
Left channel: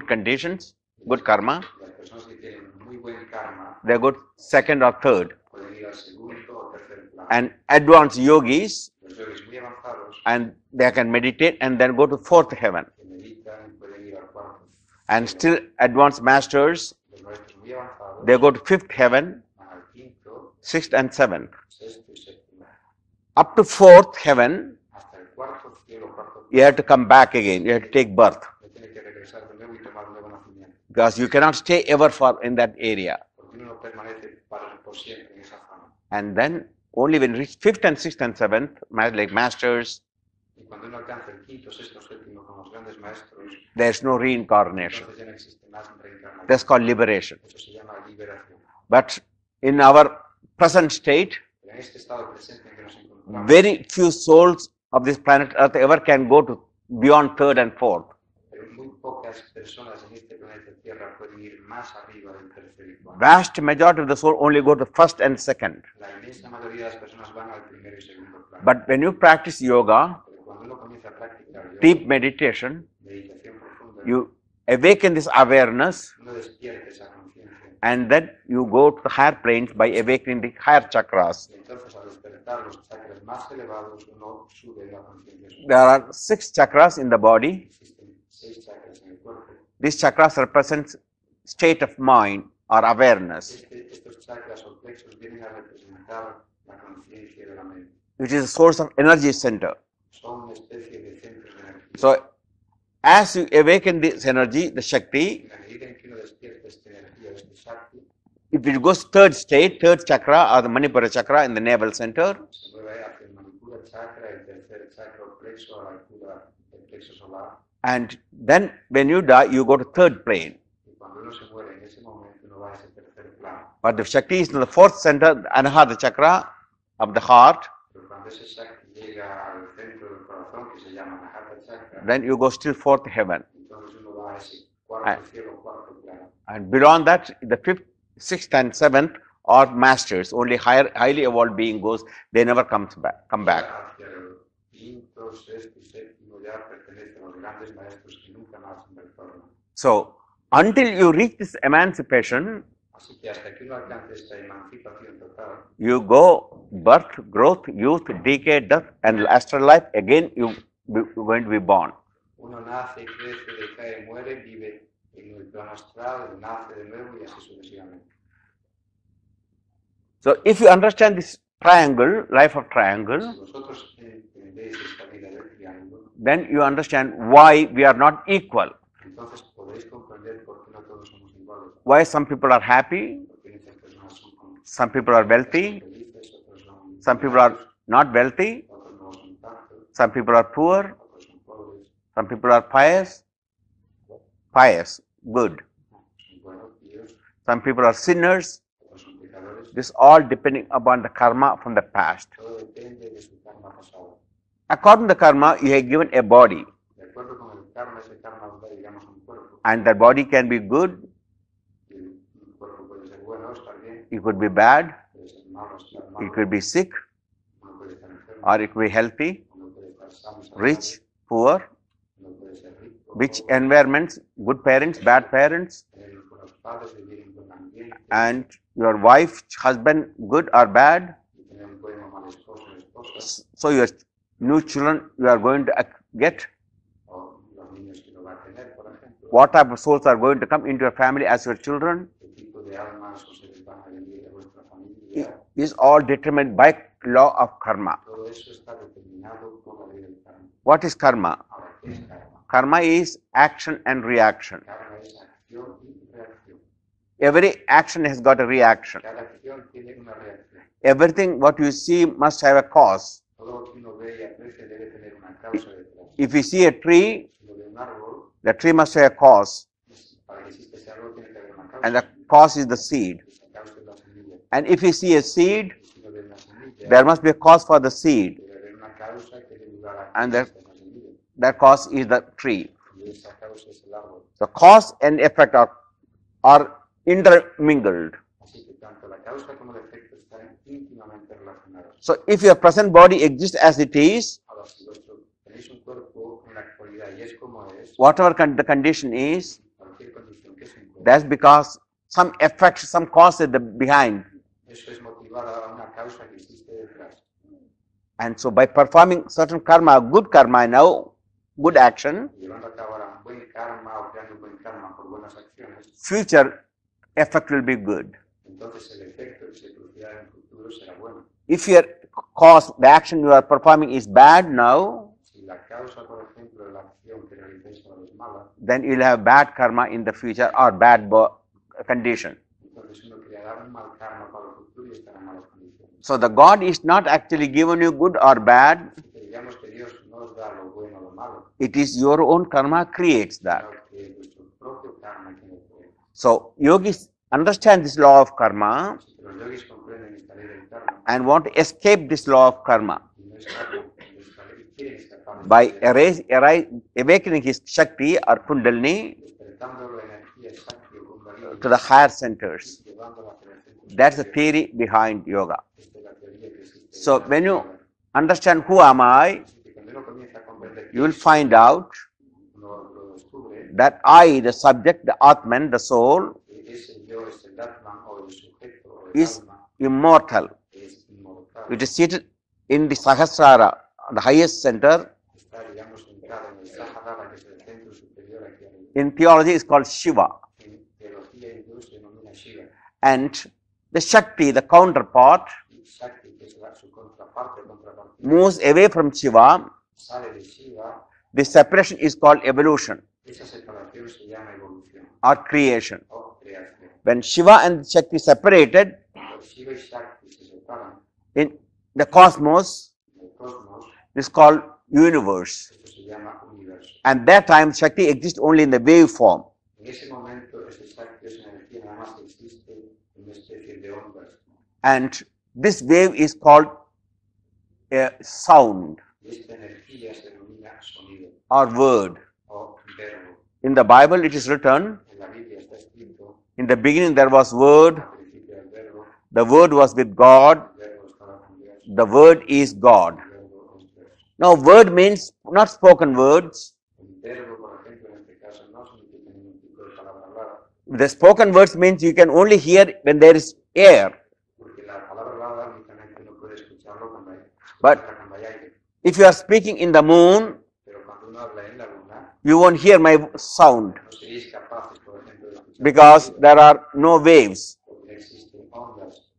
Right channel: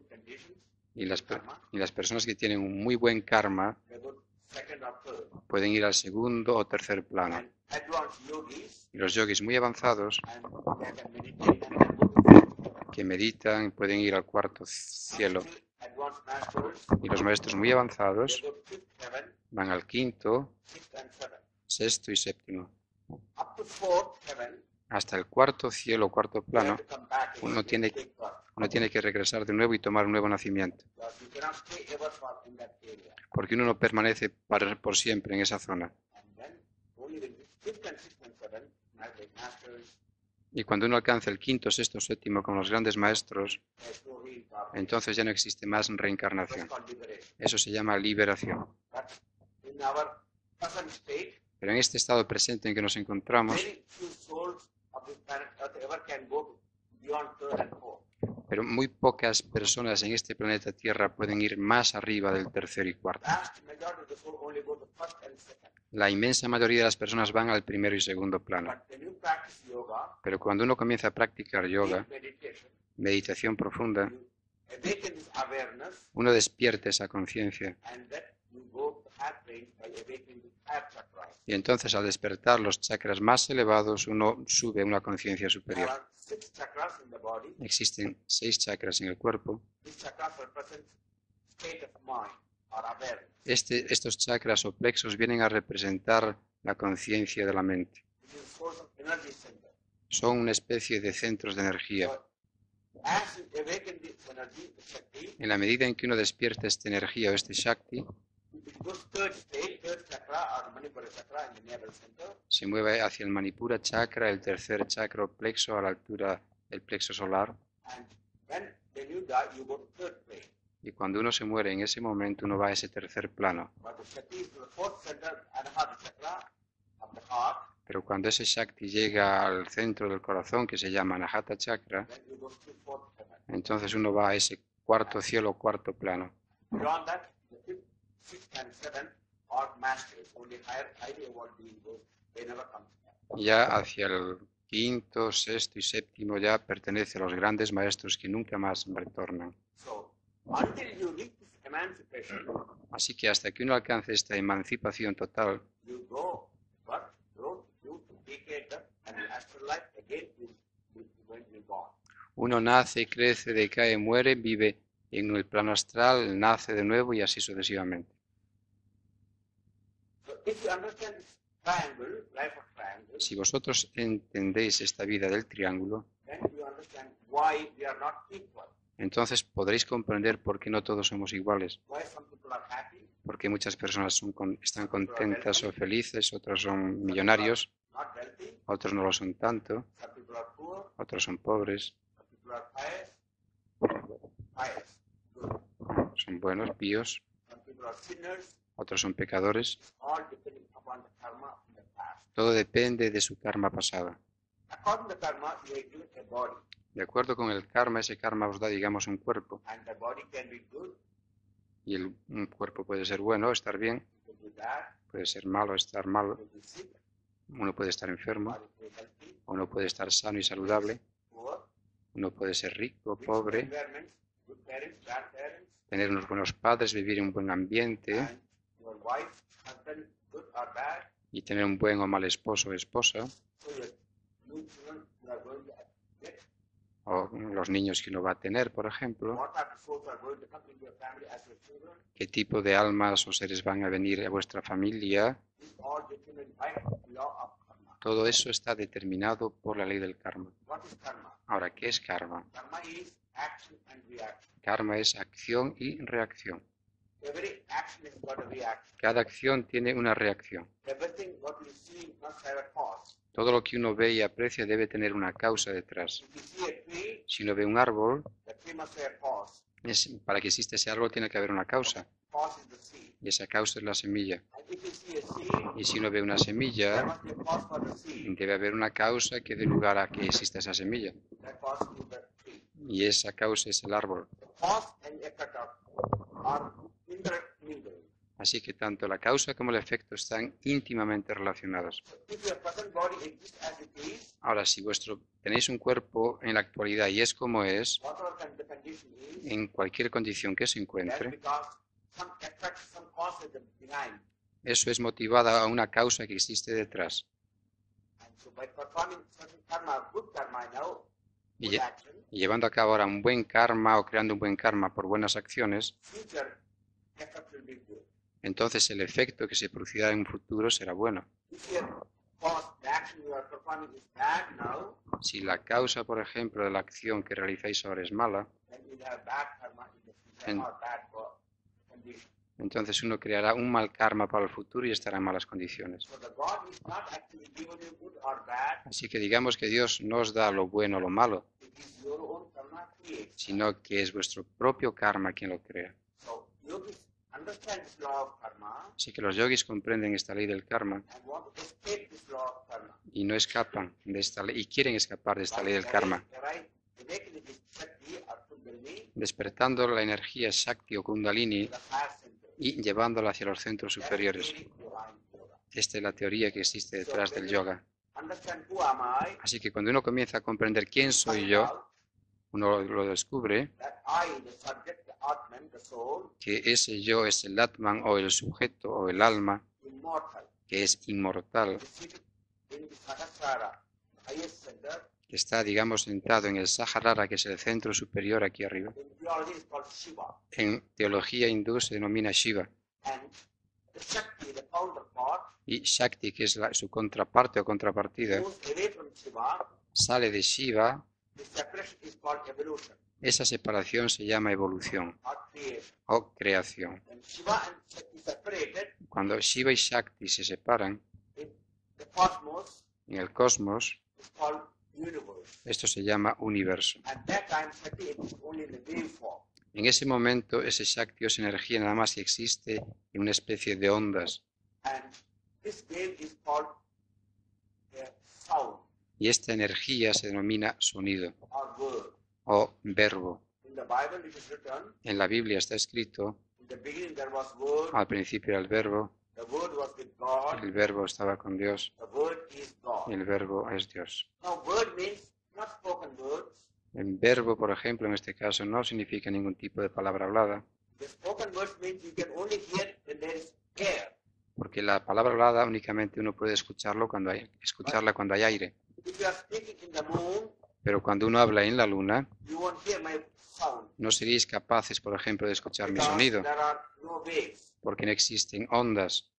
conditions, y good karma. y las personas que tienen un muy buen karma They go second or third. pueden ir al segundo o tercer plano. And advanced yogis, Y los yogis muy avanzados and they can meditate and then go to fourth heaven. que meditan pueden ir al cuarto And cielo. still advanced masters, Y los maestros muy avanzados they go to fifth heaven, van al quinto, sixth and seventh. sexto y séptimo. up to fourth heaven, hasta el cuarto cielo, cuarto you have plano, to come back again. Uno You have to tiene- take birth uno tiene que regresar de nuevo y tomar un nuevo nacimiento, because you cannot stay ever for in that area. porque uno no permanece por siempre en esa zona. And then only when you reach fifth and sixth and seventh, like masters, Y cuando uno alcanza el quinto, sexto, séptimo con los grandes maestros, there's no reincarnation. entonces ya no existe más That's reencarnación. called liberation. Eso se llama liberación. But in our present state, Pero en este estado presente en que nos encontramos, very few souls of this planet Earth ever can go to beyond third and fourth. pero muy pocas personas en este planeta Tierra pueden ir más arriba del tercero y cuarto. Vast majority of the soul only go to first and second. La inmensa mayoría de las personas van al primero y segundo plano. But when you practice yoga, Pero cuando uno comienza a practicar deep yoga, meditation, meditación profunda, you awaken this awareness, uno despierta esa conciencia. and then you go to the higher planes by awakening the higher chakras. Y entonces al despertar los chakras más elevados, uno sube a una conciencia There superior. are 6 chakras in the body. Existen 6 chakras en el cuerpo. These chakras represent state of mind or awareness, Estos chakras o plexos vienen a representar la conciencia de la mente. which is a source of energy center. Son una especie de centros de energía. So as you awaken this energy, the Shakti, En la medida en que uno despierta esta energía o este Shakti, if it goes third state, third chakra or the Manipura chakra in the navel center, se mueve hacia el Manipura chakra, el tercer chakra o plexo a la altura del plexo solar. and then when you die, you go to third plane. Y cuando uno se muere en ese momento, uno va a ese tercer plano. But the Shakti is in the fourth center, Anahata chakra of the heart, Pero cuando ese Shakti llega al centro del corazón, que se llama Anahata chakra, then you go still fourth heaven. entonces uno va a ese cuarto cielo, cuarto plano. And beyond that, the fifth, sixth, and seventh are masters. Only highly evolved being goes, they never come back. Ya hacia el quinto, sexto y séptimo ya pertenece a los grandes maestros que nunca más retornan. So until you reach this emancipation, Así que hasta que uno alcance esta emancipación total, you go birth, growth, youth, decay, death, and astral life. Again, you're going to be born. uno nace, crece, decae, muere, vive en el plano astral, nace de nuevo y así sucesivamente. So if you understand this triangle, life of triangle, Si vosotros entendéis esta vida del triángulo, then you understand why we are not equal. entonces podréis comprender por qué no todos somos iguales. Why some people are happy, Porque muchas personas some están people are contentas wealthy, o felices, otros son some people are millonarios, not wealthy, otros no lo son tanto, some people are poor, otros son pobres, some people are pious, good. son buenos, píos, Some people are sinners. otros son pecadores. This all depending upon the karma from the past. Todo depende de su karma pasada. According to the karma, you have given a body, De acuerdo con el karma, ese karma os da, digamos, un cuerpo. and that body can be good, Y un cuerpo puede ser bueno, estar bien, it could be bad, puede ser malo, estar it malo. could be sick, Uno puede estar enfermo, or it could be healthy, uno puede estar sano y rich, saludable, poor, uno puede ser rico, which pobre, environments, good parents, bad parents, tener unos buenos padres, vivir en un buen ambiente and your wife, husband, good or bad. y tener un buen o mal esposo o esposa, So your new children you are going to get, o los niños que uno va a tener, por ejemplo, what type of souls are going to come into your family as your children, qué tipo de almas o seres van a venir a vuestra familia. is all determined by law of karma. Todo eso está determinado por la ley del karma. What is karma? Ahora, ¿qué es karma? Karma is action and reaction. Karma es acción y reacción. Every action has got a reaction. Cada acción tiene una reacción. Everything what you see must have a cause. Todo lo que uno ve y aprecia debe tener una causa detrás. If you see a tree, Si uno ve un árbol, the tree must have a cause, para que exista ese árbol tiene que haber una and causa. the cause is the seed. Y esa causa es la semilla. And if you see a seed, Y si uno ve una semilla, there must be a cause for the seed. debe haber una causa que dé lugar a que And that- exista esa semilla. That cause is the tree. Y esa causa es el árbol. The cause and effect are intermingled. Así que tanto la causa como el efecto están íntimamente relacionados. So if your present body exists as it is, Ahora, si tenéis un cuerpo en la actualidad y es como es, whatever the condition is, en cualquier condición que se that's encuentre, because some effect, some cause is behind. eso es motivado a una causa que existe detrás. And so by performing certain karma, good karma now, good Yeah. action, Y llevando a cabo ahora un buen karma o creando un buen karma por buenas acciones, future effect will be good. entonces el efecto que se producirá en un futuro será bueno. If your cause, the action you are performing is bad now, Si la causa, por ejemplo, de la acción que realizáis ahora es mala, then you'll have bad karma in the future And- or bad condition. entonces uno creará un mal karma para el futuro y estará en malas condiciones. So the God is not actually giving you good or bad. Así que digamos que Dios no os da lo bueno o lo malo, It is your own karma creates that. sino que es vuestro propio karma quien lo crea. So yogis understand this law of karma Así que los yogis comprenden esta ley del karma and want to escape this law of karma y no escapan de esta ley y quieren escapar de esta by ley del karma, awakening his Shakti or Kundalini despertando la energía Shakti o Kundalini to the higher y centers. llevándola hacia los centros That's the superiores. theory behind yoga. Esta es la teoría que existe So detrás when del you yoga. understand who am I, Así que cuando uno comienza a comprender you quién will soy find yo, out uno lo descubre that I, the subject, the Atman, the soul, que ese yo es el Atman o el sujeto o el Is- alma immortal. que es inmortal, It is seated in the Sahasrara, the highest center. que está, digamos, sentado en el Sahasrara, que es el centro superior aquí arriba. In theology, it's called Shiva. En teología hindú se denomina Shiva. And the Shakti, the counterpart, Y Shakti, que es su contraparte o contrapartida, moves away from Shiva. sale de Shiva. The separation is called evolution Esa separación se llama evolución or creation. o creación. When Shiva and Shakti separated Cuando Shiva y Shakti se separan in the cosmos, en el cosmos, it's called universe. esto se llama universo. And that time, Shakti exists only in the wave form. En ese momento, ese Shakti o esa energía nada más existe en una especie de ondas. And this wave is called sound Y esta energía se denomina sonido or word. o verbo. In the Bible, it is written, En la Biblia está escrito, in the beginning there was word, al principio era el verbo, the word was with God, el verbo estaba con Dios, the word is y God. el verbo es Dios. Now, word means not spoken words. El verbo, por ejemplo, en este caso, no significa ningún tipo de palabra hablada, The spoken words means you can only hear when there is air. porque la palabra hablada únicamente uno puede escucharla cuando hay aire. If you are speaking in the moon, Pero cuando uno habla en la luna, you won't hear my sound no seríais capaces, por ejemplo, de escuchar mi because sonido, there are no waves. porque no existen ondas.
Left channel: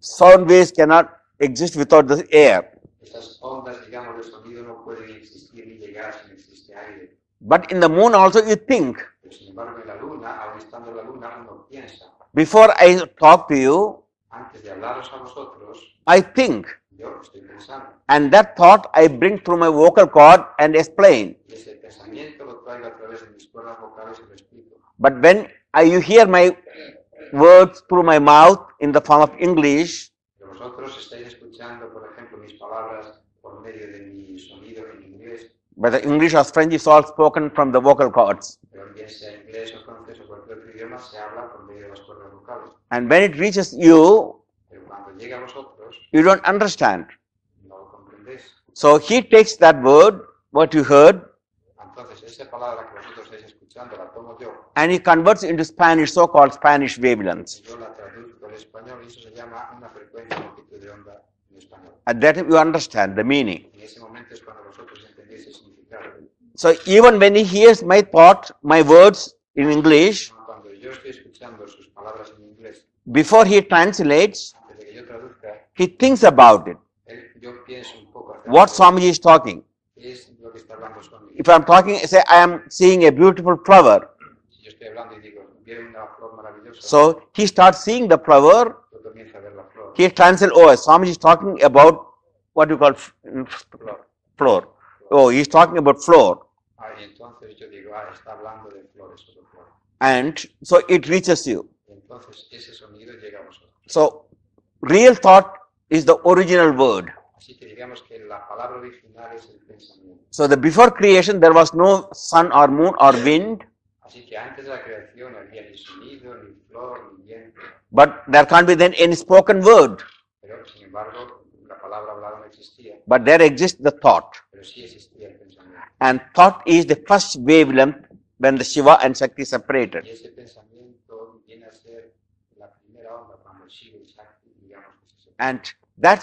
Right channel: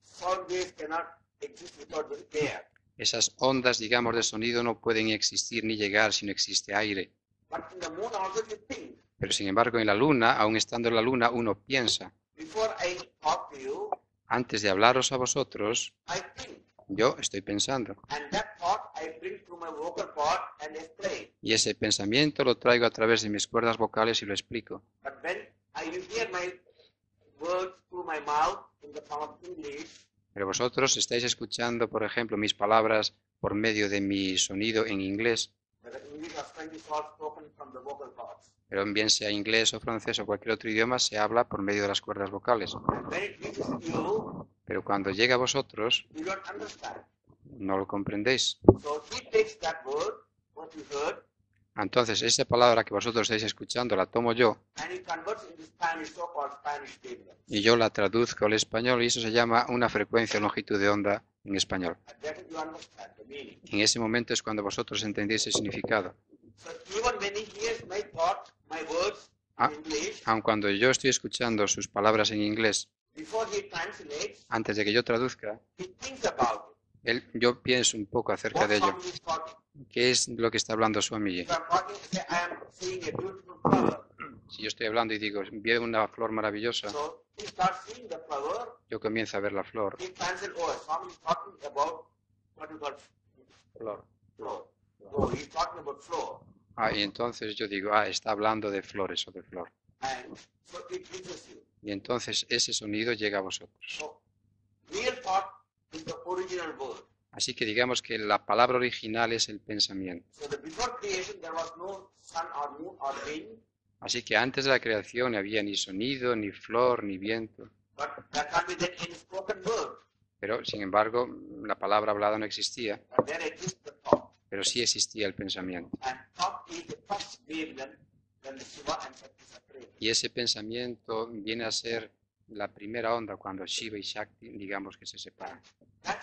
Sound waves cannot exist without the air. Esas ondas, digamos, de sonido no pueden existir ni llegar si no existe aire. But in the moon also you think. Pero sin embargo, en la luna, aun estando en la luna, uno piensa. Before I talk to you, Antes de hablaros a vosotros, I think. yo estoy pensando. And that thought I bring through my vocal cord and explain. Y ese pensamiento lo traigo a través de mis cuerdas vocales y lo explico. But when you hear my words through my mouth in the form of English, Pero vosotros estáis escuchando, por ejemplo, mis palabras por medio de mi sonido en inglés, whether English or French is all spoken from the vocal cords. pero bien sea inglés o francés o cualquier otro idioma, se habla por medio de las cuerdas vocales. And when it reaches you, Pero cuando llega a vosotros, you don't understand. no lo comprendéis. So he takes that word, what you heard, Entonces, esa palabra que vosotros estáis escuchando la tomo yo and he converts into Spanish, so-called Spanish wavelengths. y yo la traduzco al español y eso se llama una frecuencia o longitud de onda en español. At that time you understand the meaning. En ese momento es cuando vosotros entendéis el significado. So even when he hears my thought, my words in English, Aun cuando yo estoy escuchando sus palabras en inglés, before he translates, antes de que yo traduzca, he thinks about it. yo pienso un poco acerca What de ello. Swamiji is talking. ¿Qué es lo que está hablando Swamiji? If I'm talking, say I am seeing a beautiful flower. Si yo estoy hablando y digo, veo una flor maravillosa, So he starts seeing the flower. yo comienzo a ver la flor. He translates, oh, Swamiji is talking about what you call floor. Oh, he's talking about floor. Y entonces yo digo, está hablando de flores o de flor. And so it reaches you. Y entonces ese sonido llega a vosotros. So real thought is the original word. Así que digamos que la palabra original es el pensamiento. So the before creation there was no sun or moon or wind, Así que antes de la creación no había ni sonido, ni flor, ni viento. but there can't be then any spoken word. Pero sin embargo, la palabra hablada no existía, But there exists the thought. pero sí existía el pensamiento. And thought is the first wavelength when the Shiva and Shakti separated. Y ese pensamiento viene a ser la primera onda cuando Shiva y Shakti, digamos que se separan. And that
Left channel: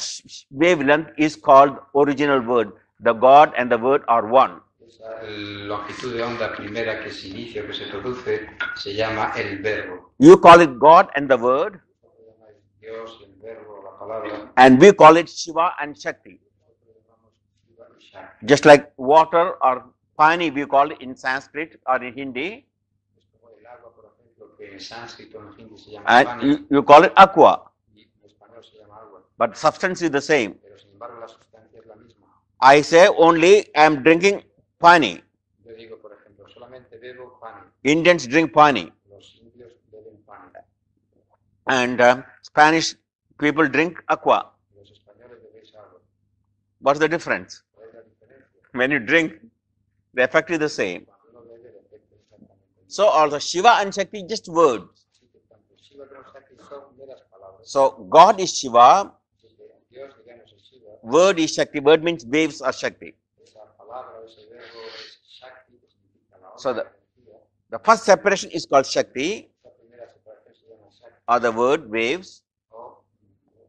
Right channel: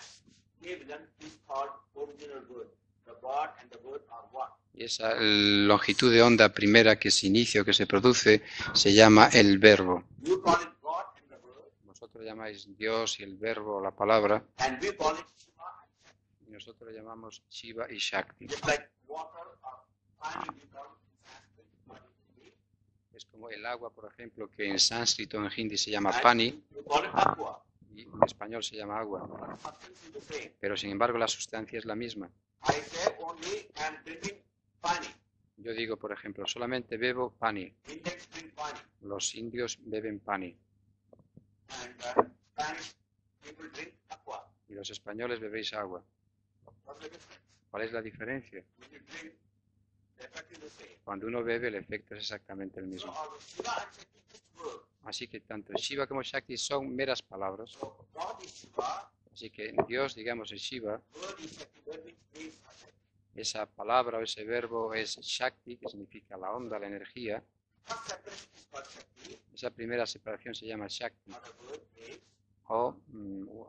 wavelength is called original word. the God and the Word are one. Y esa longitud de onda primera que se inicia o que se produce se llama el verbo. You call it God and the Word, Vosotros llamáis Dios y el verbo, la palabra, and we call it Shiva and Shakti. y nosotros le llamamos Shiva y Shakti. Just like water or pani, we call it in Sanskrit or in Hindi, Es como el agua, por ejemplo, que en sánscrito, en hindi se llama and pani, you call it aqua, y en español se llama agua. but substance is the same. Pero sin embargo la sustancia es la misma. I say only I am drinking pani. Yo digo, por ejemplo, solamente bebo pani. Indians drink pani, Los indios beben pani and Spanish people drink aqua. y los españoles bebéis agua. What's the difference? ¿Cuál es la diferencia? When you drink, the effect is the same. Cuando uno bebe, el efecto es exactamente el So mismo. also Shiva and Shakti just words. Así que tanto Shiva como Shakti son meras palabras. So God is Shiva, Así que Dios, digamos, es Shiva. word is Shakti. Word means waves are Shakti. Esa palabra o ese verbo es Shakti, que significa la onda, So la energía. The first separation is called Shakti, Esa primera separación se llama Shakti or the word waves, o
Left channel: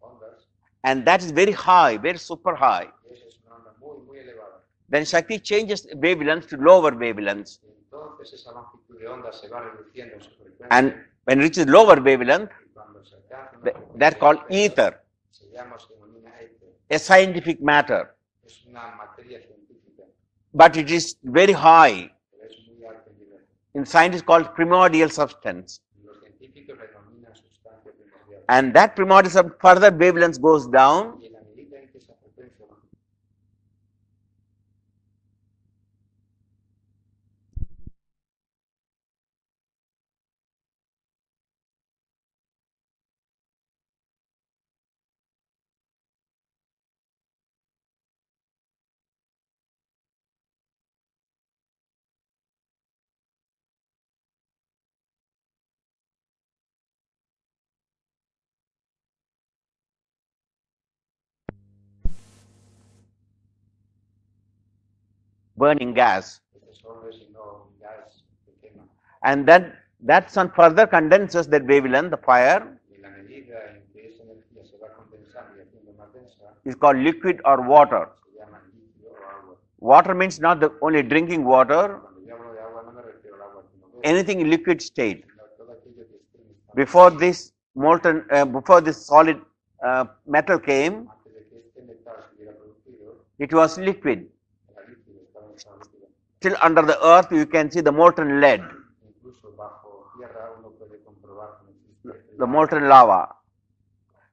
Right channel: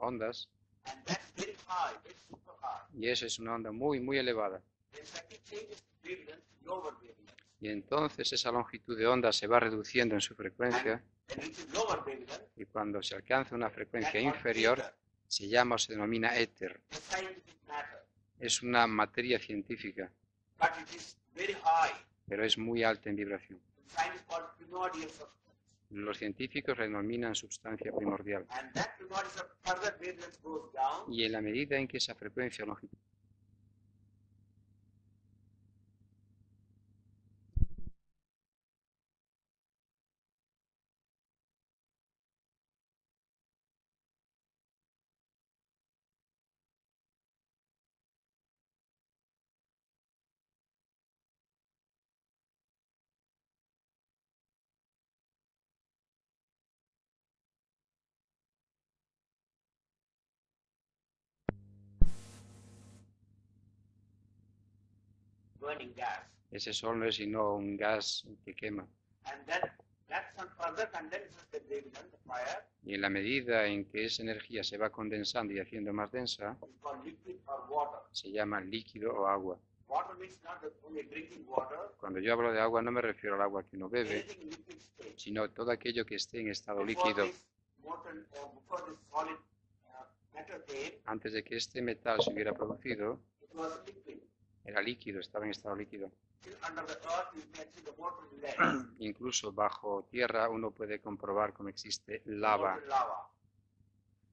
ondas. and that is very high, very super high. Y eso es una onda muy, muy elevada. Then Shakti changes wavelengths to lower wavelengths. Y entonces esa longitud de onda se va reduciendo en su And frecuencia. when it reaches lower wavelength, Y cuando se alcanza una they're frecuencia called inferior, ether, se llama o se denomina éter. a scientific matter. Es una materia científica, But it is very high. pero es muy alta en vibración. In science, it's called primordial substance. Los científicos la denominan sustancia primordial. And that primordial substance, further wavelength goes down, Y en la medida en que esa frecuencia o longitud burning gas. ese sol no es sino un gas que quema. And then that sun further condenses that wavelength, the fire, Y en la medida en que esa energía se va condensando y haciendo más densa, is called liquid or water. se llama líquido o agua. Water means not the only drinking water, Cuando yo hablo de agua no me refiero al agua que uno bebe, anything in liquid state. sino todo aquello que esté en estado Before líquido. this molten, before this solid metal came, Antes de que este metal se hubiera producido, it was liquid. era líquido, estaba en estado líquido. Still under the earth, you can see the molten lead, Incluso bajo tierra uno puede comprobar cómo existe the lava, molten lava,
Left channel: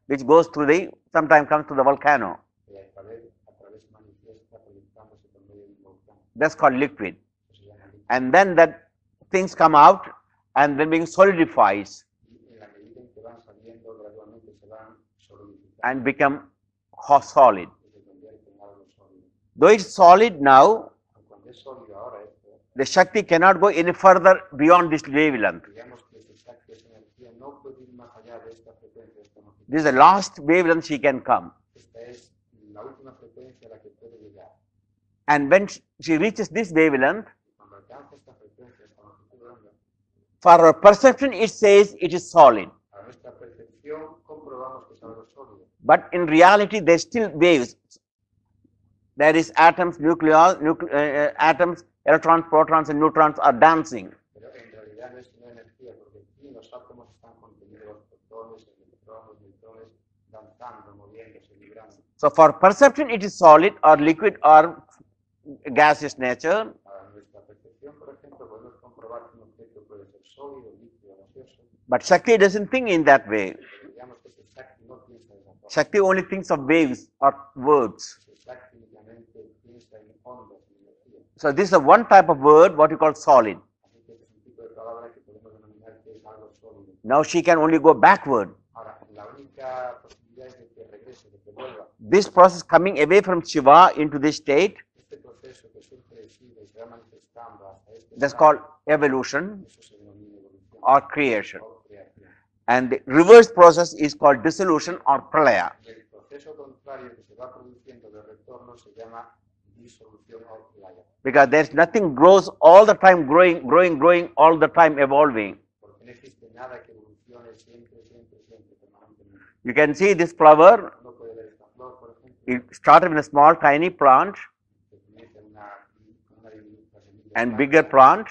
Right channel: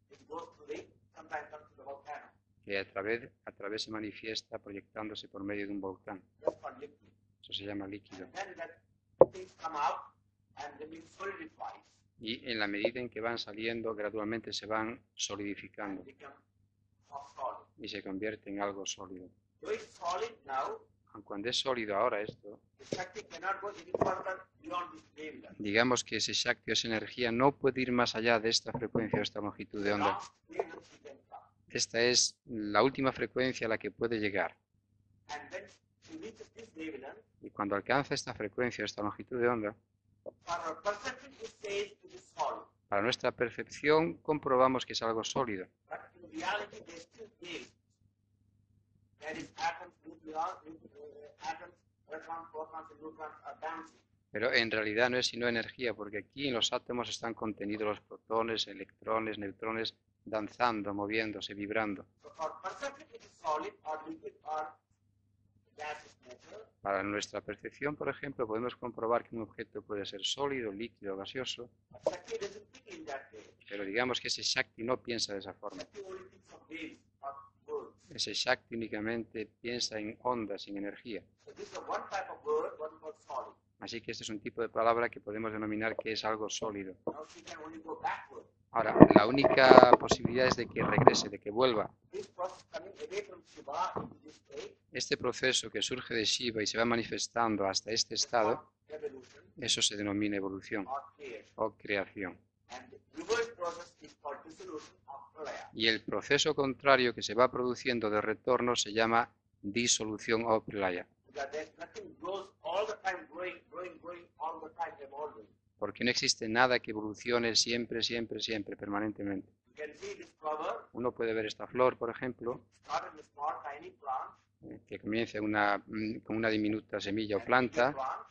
which goes through the, sometimes comes to the volcano. que a través se manifiesta proyectándose por medio de un volcán. That's called liquid. Eso se llama líquido. And then that things come out and then being solidifies Y en la medida en que van saliendo, gradualmente se van solidificando and become solid. y se convierte en algo sólido. Though it's solid now, Cuando es sólido ahora esto, the Shakti cannot go any further beyond this wavelength. digamos que ese Shakti o esa energía no puede ir más allá de esta frecuencia o esta longitud. This is the de onda. last wavelength she can come. Esta es la última frecuencia a la que puede llegar. And when she reaches this wavelength, Y cuando alcanza esta frecuencia, esta longitud de onda, for her perception it says it is solid. para nuestra percepción comprobamos que es algo sólido. But in reality, there's still waves. There is atoms, atoms, electrons, protons, and neutrons are dancing. Pero en realidad no es sino energía, porque aquí en los átomos están contenidos los protones, electrones, neutrones, danzando, moviéndose, vibrando. So for perception, it is solid or liquid or gaseous nature. Para nuestra percepción, por ejemplo, podemos comprobar que un objeto puede ser sólido, líquido, gaseoso, But Shakti doesn't think in that way. pero digamos que ese Shakti no piensa de esa forma. Shakti only thinks of waves or words. Ese Shakti únicamente piensa en ondas, en energía. So this is one type of word, what you call solid. Así que este es un tipo de palabra que podemos denominar que es algo sólido. Now she can only go backward. Ahora, la única posibilidad es de que regrese, de que vuelva. This process coming away from Shiva into this state, Este proceso que surge de Shiva y se va manifestando hasta este that's called estado, evolution eso se denomina evolución or creation. o creación. And the reverse process is called dissolution or pralaya. Y el proceso contrario que se va produciendo de retorno se llama disolución o pralaya. Because there's nothing grows all the time, growing, all the time, evolving. Porque no existe nada que evolucione siempre, siempre, siempre, permanentemente. You can see this flower, Uno puede ver esta flor, por ejemplo, it started with a small tiny plant que comienza con una diminuta semilla o and bigger planta plant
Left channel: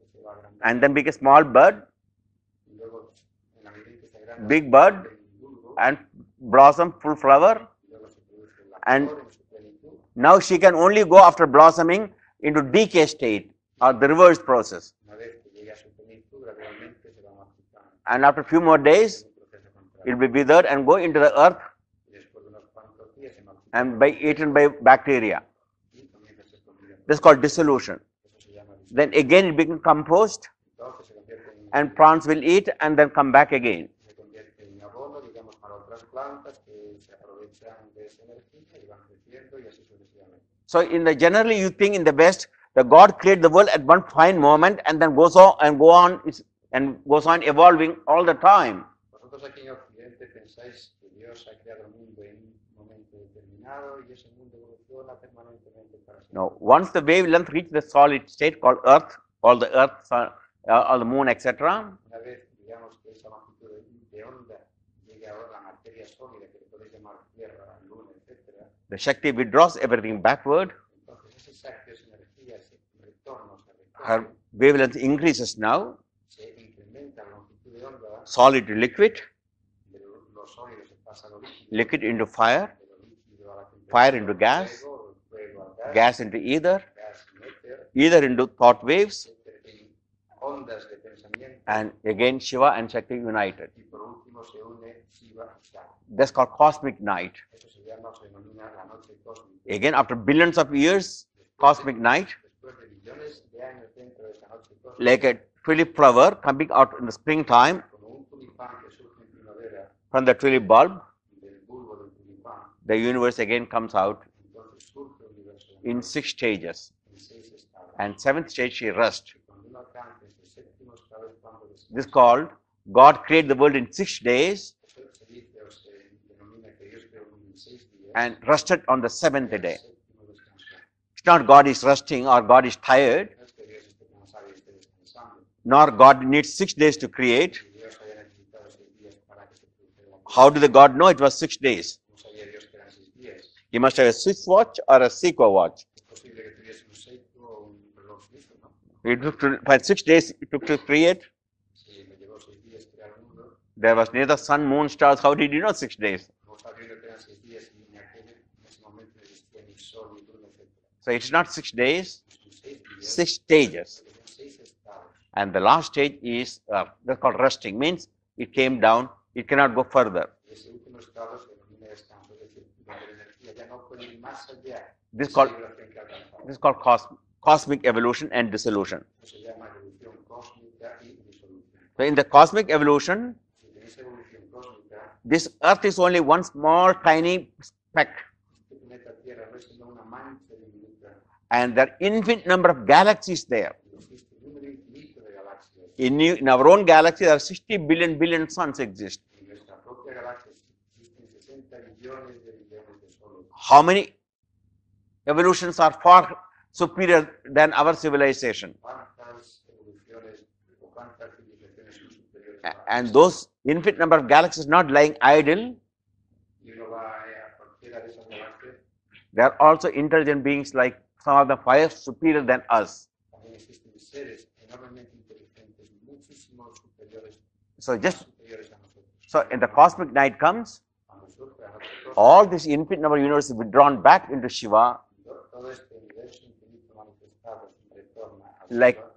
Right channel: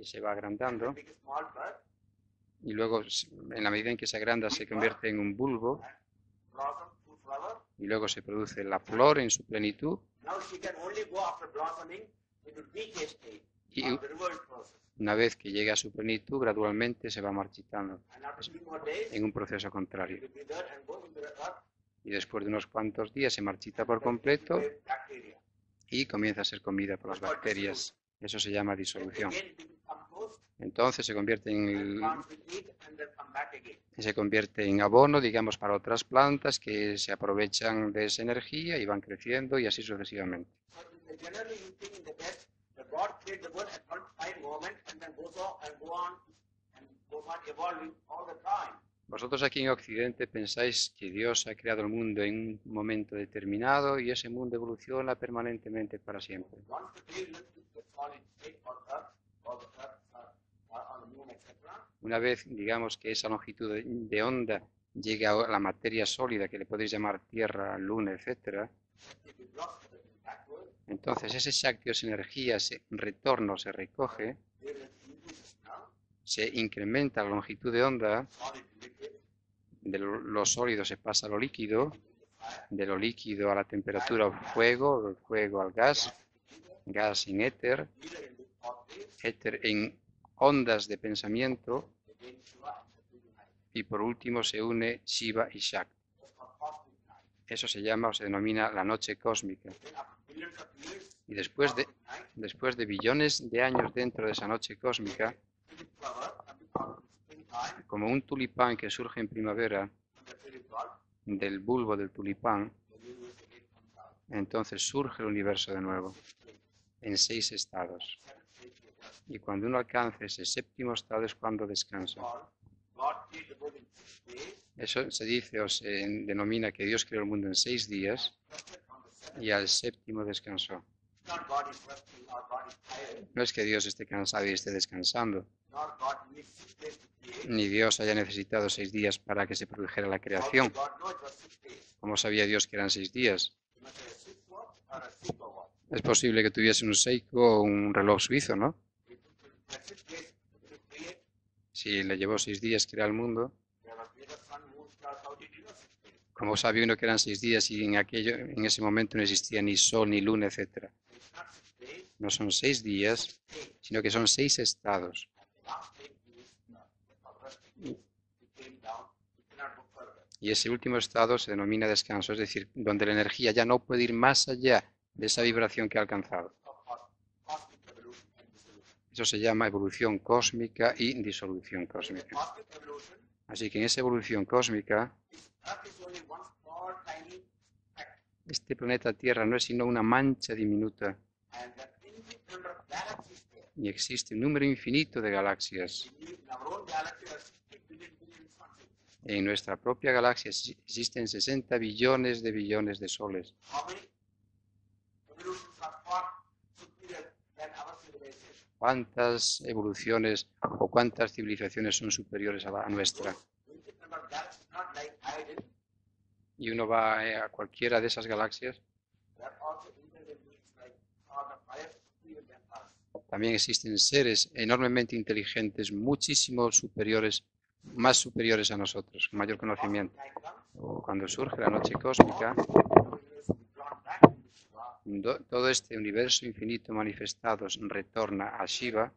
y se va and agrandando. then became a small bud Y luego, en la medida en que se agranda, Big se bud. convierte en un bulbo and blossom, full flower. y luego se produce la And- flor en su plenitud. Now she can only go after blossoming into decay state or Y the reverse process. una vez que llega a su plenitud, gradualmente se va marchitando And after a few more days, en un proceso it contrario. will be withered and go into the earth Y después de unos cuantos días se marchita and por be eaten by completo bacteria. y comienza a ser comida por This is called bacterias. dissolution. Eso se llama Then disolución. again it becomes compost Entonces se convierte and plants will eat and then come back again. se convierte en abono, digamos, para otras plantas que se aprovechan de esa energía y van creciendo y así sucesivamente. So in the generally you think in the West that God created the world at one fine moment and then goes on evolving all the time. Vosotros aquí en Occidente pensáis que Dios ha creado el mundo en un momento determinado y ese mundo evoluciona permanentemente para siempre. Now, once the wavelength reaches the solid state called Earth, all the Earth, all the Moon, etc., Una vez, digamos, que esa longitud de onda llega a la materia sólida, que le podéis llamar Tierra, Luna, etc., the Shakti withdraws everything backward. entonces ese Shakti o esa energía se retorna, se Her recoge, wavelength increases now, se incrementa la longitud de onda, solid to liquid, de lo sólido se pasa a lo líquido, liquid into fire, de lo líquido a la Fire temperatura into al gas, fuego, del fuego al gas, gas into ether, gas en éter, ether into thought waves, éter en ondas de pensamiento, and again Shiva and Shakti united. y por último se une Shiva y Shakti. That's called cosmic night. Eso se llama o se denomina la noche cósmica. Again, after billions of years, Y cosmic night, después de billones de años dentro de esa noche like cósmica, a tulip flower coming out in the springtime como un tulipán que surge en primavera from the tulip bulb, del bulbo del tulipán, the universe again comes out entonces surge el universo de in nuevo 6 stages. en 6 estados. And seventh stage she rests. Y cuando uno alcanza ese séptimo estado es cuando This is descansa. called God created the world in 6 days Eso se dice o se denomina que Dios creó el mundo en 6 días and rested on the seventh y al day. séptimo descansó. It's not God is resting or God is tired, No es que Dios esté cansado y esté descansando, nor God needs 6 days to create. ni Dios haya necesitado 6 días para que se produjera la How did the creación. God know it was 6 days? ¿Cómo sabía Dios que eran 6 días? He must have a Swiss watch or a Seiko watch. Es posible que tuviese un Seiko o un reloj suizo, ¿no? For 6 days it took to create. Si le llevó 6 días crear el mundo, There was neither sun, moon, stars. How did he know 6 days? ¿cómo sabía uno que eran 6 días y en ese momento no existía ni sol, ni luna, etcétera? So it's not 6 days, No son 6 días, 6 stages. sino que son 6 estados. And the last stage is that's called resting. Means it came down. It cannot go further. Y ese último estado se denomina descanso, es decir, donde la energía ya no puede ir más allá de This esa called- vibración que ha alcanzado. This is called cosmic evolution and dissolution. Eso se llama evolución cósmica y disolución So cósmica. in the cosmic evolution, Así que en esa evolución cósmica, this Earth is only one small, tiny speck, este planeta Tierra no es sino una mancha diminuta and there are infinite number of galaxies there. y existe un número infinito de galaxias. In our own galaxy, there are 60 billion suns exist. En nuestra propia galaxia existen 60 billones de soles. How many evolutions are far superior than our civilization? ¿Cuántas evoluciones o cuántas civilizaciones son superiores a la And nuestra? those infinite number of galaxies not lying idle. Y uno va a cualquiera de esas galaxias. There are also intelligent beings like some of them far superior than us. También existen seres enormemente inteligentes, muchísimo superiores, So más just superiores a nosotros. so con in mayor the cosmic conocimiento. night comes, Cuando surge la noche all cósmica, this infinite number of universes withdrawn back into Shiva, todo este universo infinito manifestado retorna a Like- Shiva,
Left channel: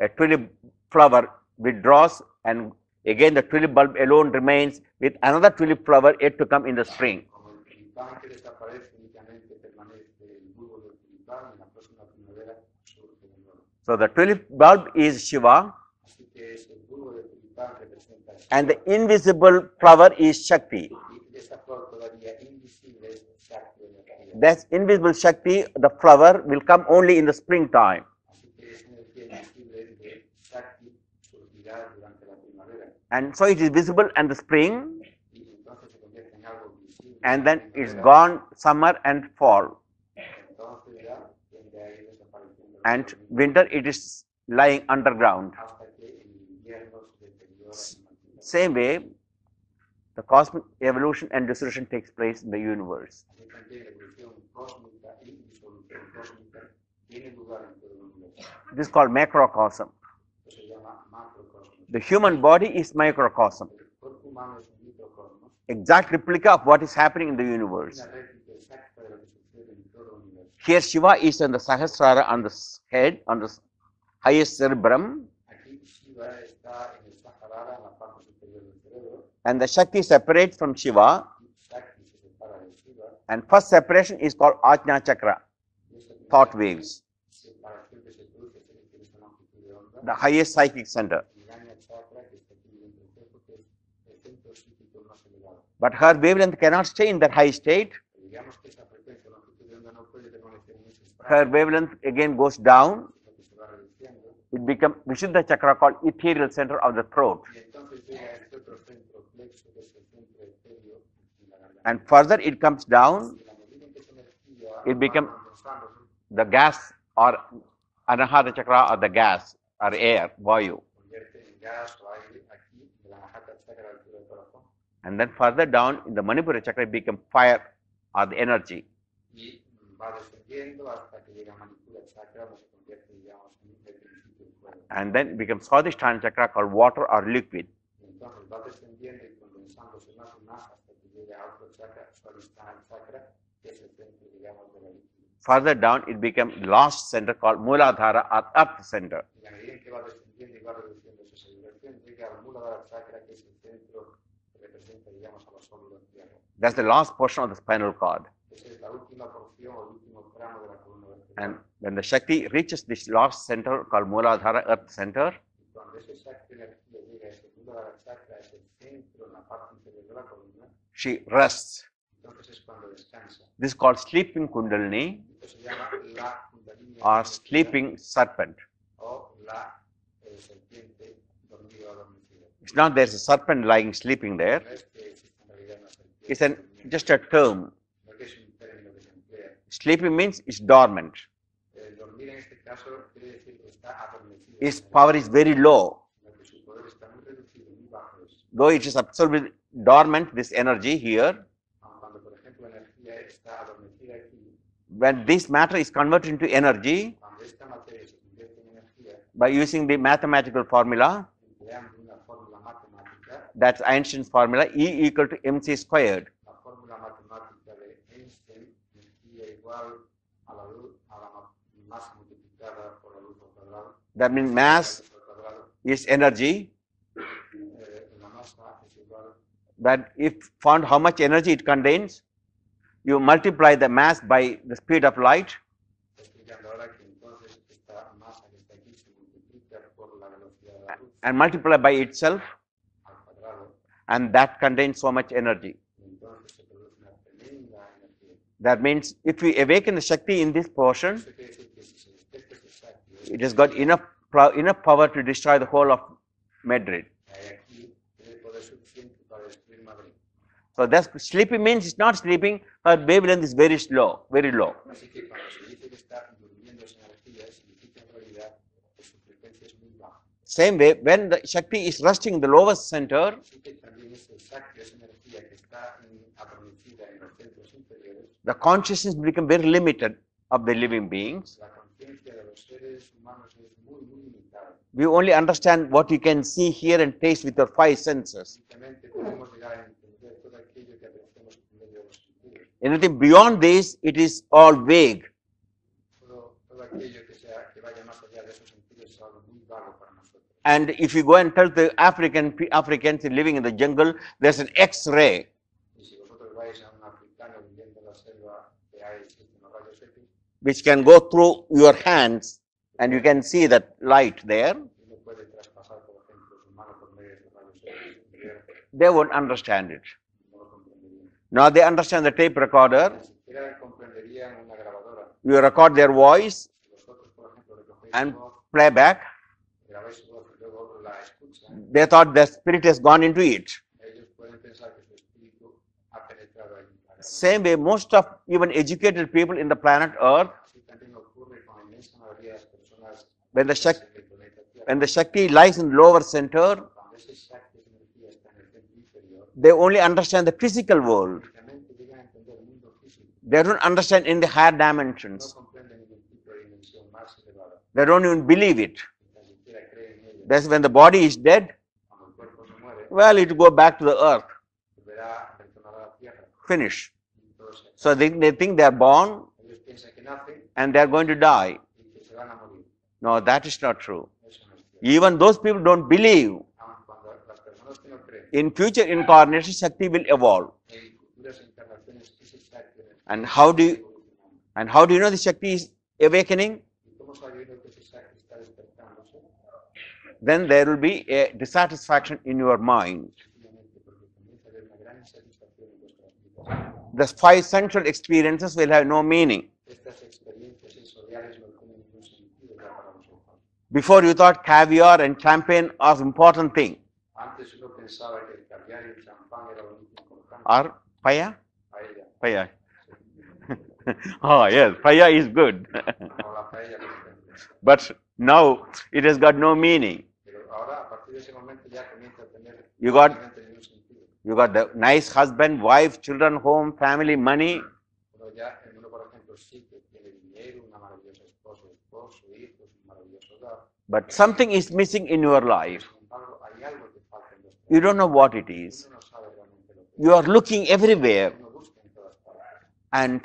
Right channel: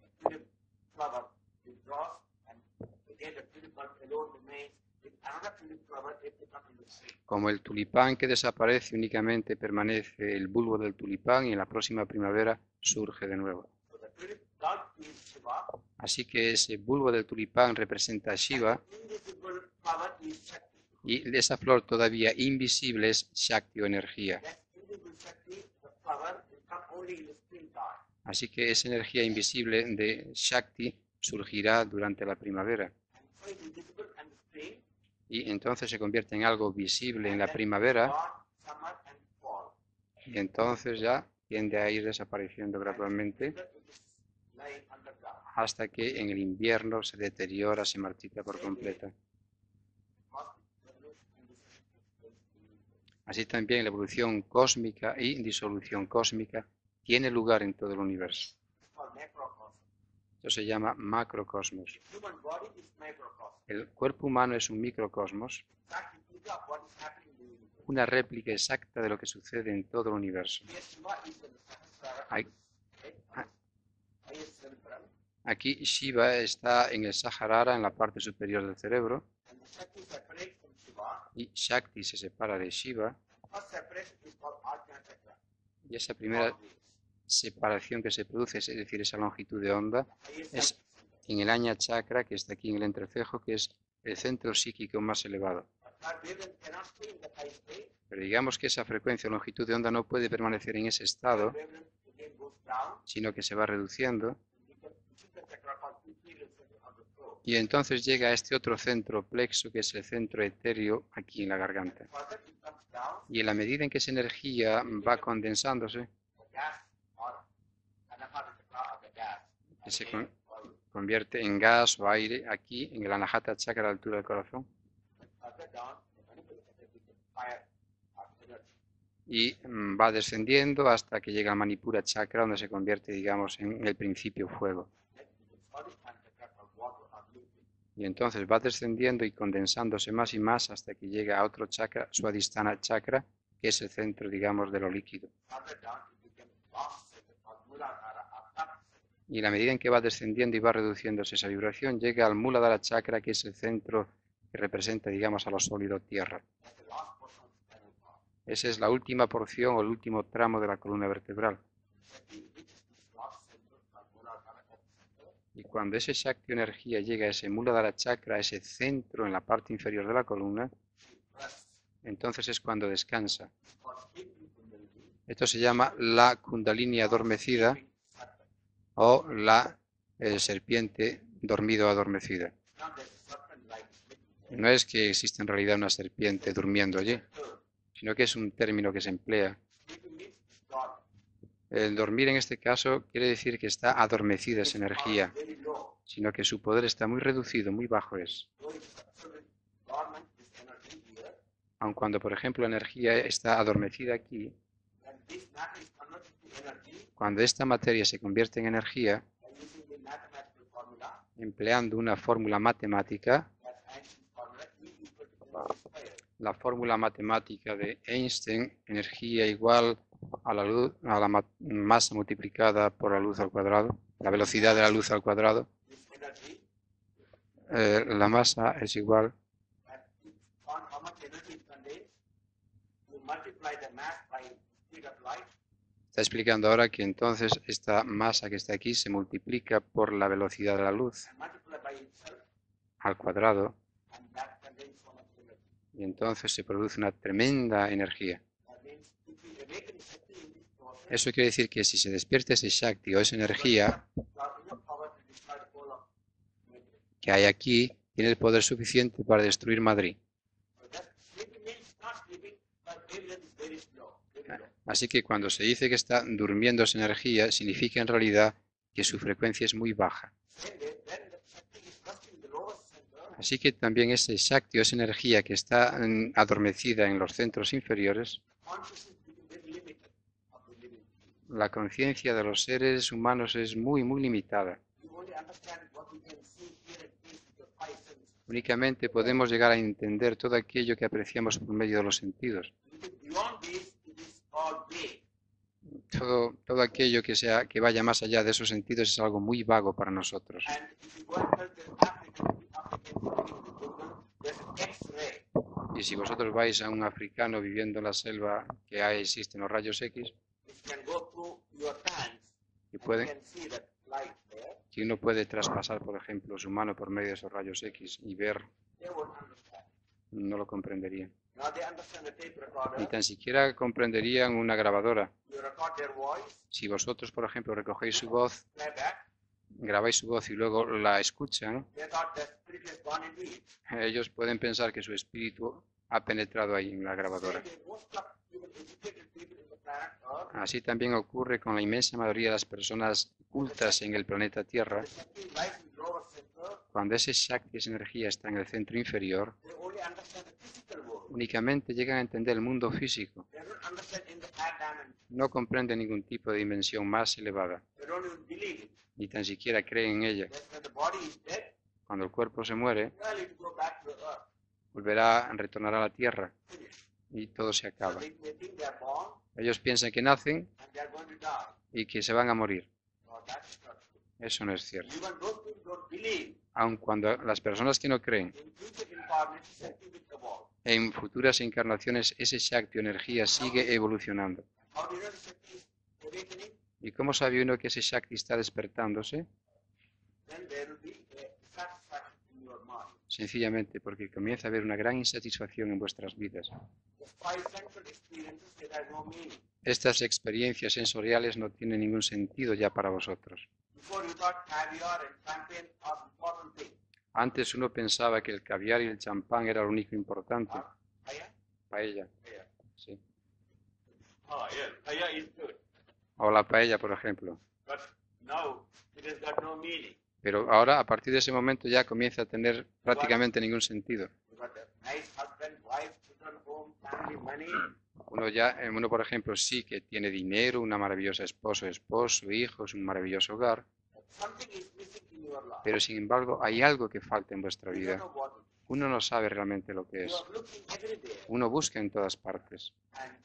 a tulip flower withdraws, and again the tulip bulb alone remains with another tulip flower yet to come in the spring. como el tulipán que desaparece, únicamente permanece el bulbo del tulipán y en la próxima primavera surge de nuevo. So the tulip bulb is Shiva, Así que ese bulbo del tulipán representa a and Shiva the invisible flower is Shakti. y esa flor todavía invisible es Shakti o energía. That invisible Shakti, the flower, will come only in the springtime. Así que esa energía invisible de Shakti surgirá durante la primavera And so it is visible in the spring, y entonces se convierte en algo visible en and la then it's primavera gone summer and fall. y entonces ya tiende a ir desapareciendo And gradualmente. winter it is lying underground. hasta que en el invierno se deteriora, se marchita por Same way, completo. the cosmic evolution and dissolution takes place in the universe. Así también la evolución cósmica y disolución cósmica tiene lugar en todo el universo. This is called macrocosm. Esto se llama macrocosmos. The human body is microcosm, El cuerpo humano es un microcosmos, exact replica of what is happening in the universe. una réplica exacta de lo que sucede en todo el universo. Here Shiva is on the Sahasrara, on the head, on the highest cerebrum, Aquí Shiva está en el Sahasrara, en la parte superior del cerebro, and the Shakti separates from Shiva, y Shakti se separa de Shiva, and first separation is called Ajna Chakra, y esa thought primera waves, separación que se produce, es decir, esa longitud de onda, the highest psychic center. en el Ajna Chakra, que está aquí en el entrecejo, que es el centro psíquico más elevado. But her wavelength cannot stay in that high state. Pero digamos que esa frecuencia o longitud de onda no puede permanecer en ese Her estado, wavelength again goes down. sino que se va reduciendo, It becomes Vishuddha Chakra, called ethereal center of the throat. y entonces llega a este otro centro plexo, que es el centro etéreo aquí en la garganta. And further it comes down, Y en la medida en que esa energía It va become- condensándose, the gas or Anahata Chakra or the gas or Sí. air, Vayu. convierte en gas o aire aquí en el Anahata Chakra a la altura del corazón. And then further down in the Manipura Chakra it becomes fire or the energy. Y va descendiendo hasta que llega al Manipura Chakra, donde se convierte, digamos, en el principio fuego. And then it becomes Swadhisthana Chakra, called water or liquid. Y entonces va descendiendo y condensándose más y más hasta que llega a otro chakra, Swadhisthana Chakra, que es el centro, digamos, de lo líquido. Further down it becomes last center called Muladhara or earth center. Y en la medida en que va descendiendo y va reduciéndose esa vibración, llega al Muladhara Chakra, que es el centro que representa, digamos, a lo sólido tierra. That's the last portion of the spinal cord. Esa es la última porción o el último tramo de la columna vertebral. And when the Shakti reaches this last center called Muladhara earth center, Y cuando ese Shakti energía llega a ese Muladhara Chakra, a ese centro en la parte inferior de la columna, she rests. entonces es cuando descansa. This is called sleeping Kundalini Esto se llama la Kundalini or adormecida sleeping serpent. o la serpiente dormido adormecida. It's not there's a serpent lying sleeping there. No es que exista en realidad una It's serpiente an, durmiendo just allí, a term. sino que es un término que se emplea. Sleeping means it's dormant. El dormir en este caso quiere decir que está adormecida Its esa power is energía, very low. sino que su poder está muy reducido, muy bajo es. Though it is absolutely dormant, this energy here, Aun cuando, por ejemplo, la energía está adormecida aquí, when this matter is converted into energy cuando esta materia se convierte en energía, by using the mathematical formula, empleando una fórmula matemática, that's Einstein's formula, E equal to mc squared. la fórmula matemática de Einstein, energía igual a la luz, a la masa multiplicada por la luz al cuadrado, la That means velocidad de la mass luz al cuadrado, is energy. la masa es igual. But if found how much energy it contains, you multiply the mass by the speed of light, Está explicando ahora que entonces esta masa que está aquí se multiplica por la velocidad de la luz and multiply by itself, al cuadrado, and that contains so much energy. y entonces se produce una tremenda energía. That means if we awaken the Shakti in this portion, Eso quiere decir que si se despierta ese Shakti o esa it has got energía enough power to destroy the whole of Madrid. que hay aquí, tiene el poder suficiente para destruir Madrid. So that's sleeping means it's not sleeping, her wavelength is very slow, very low. Así que cuando se dice que está durmiendo esa energía, significa en realidad que su frecuencia es muy baja. Same way, when the Shakti is resting in the lowest center, Así que también ese Shakti o esa energía que está adormecida en los centros inferiores, the consciousness become very limited of the living beings. la conciencia de los seres humanos es muy, muy limitada. We only understand what you can see, hear, and taste with your five senses. Únicamente podemos llegar a entender todo aquello que apreciamos por medio de los sentidos. Anything beyond this, it is all vague. Todo aquello que vaya más allá de esos sentidos es algo muy vago para nosotros. And if you go and tell the Africans living in the jungle, there's an X-ray. Y si vosotros vais a un africano viviendo en la selva que existen los rayos X, Which can go through your hands, que, and you puede- can see that light there, que uno puede traspasar, por ejemplo, su mano por medio de esos rayos X y ver, they won't understand it. no lo comprenderían. Now they understand the tape Ni recorder. tan siquiera comprenderían una grabadora. You record their voice, Si vosotros, por ejemplo, recogéis su And- voz, playback. grabáis su voz y luego la escuchan, They thought the spirit has gone into it. ellos pueden pensar que su espíritu ha penetrado ahí en la Same grabadora. way, most of even educated people in the planet Earth, Así también ocurre con la inmensa mayoría de las personas When the cultas Shak- en el planeta when Tierra. the Shakti lies in the lower center, Cuando ese Shakti, esa energía está en el centro inferior, they only understand the physical world. únicamente llegan a entender el mundo físico. They don't understand in the higher No dimensions. comprenden ningún tipo de dimensión más elevada, They don't even believe it. ni tan siquiera creen en ella. That's when the body is dead, Cuando el cuerpo se muere, well, it will go back to the earth. retornará a la Tierra Finish. y todo se So acaba. they think they are born Ellos piensan que nacen and they are going to die. y que se van a morir. No, that is not true. Eso no es cierto. Even those people don't believe. Aun cuando las personas que no creen, In future incarnations, Shakti will evolve. en futuras encarnaciones ese Shakti o energía And how do sigue you- evolucionando. And how do you know the Shakti is awakening? ¿Y cómo sabe uno que ese Shakti está despertándose? Then there will be a dissatisfaction in your mind. Sencillamente porque comienza a haber una gran insatisfacción en vuestras vidas. The five sensual experiences will have no meaning. Estas experiencias sensoriales no tienen ningún sentido ya para vosotros. Before you thought caviar and champagne are important thing. Antes uno pensaba que el caviar y el champán era lo único importante. Or paya? Paella, Paya. sí. Oh yes, paya is good. O la paella, por ejemplo. But now it has got no meaning. Pero ahora, a partir de ese momento, ya comienza a tener You got- prácticamente ningún sentido. You got the nice husband, wife, children, home, family, money. Uno, por ejemplo, sí que tiene dinero, una maravillosa esposo, hijos, un maravilloso hogar, But something is missing in your pero life. sin embargo hay algo que falta en vuestra You don't vida. know what it is. Uno no sabe realmente lo que You es. are looking everywhere. Uno busca en todas partes. And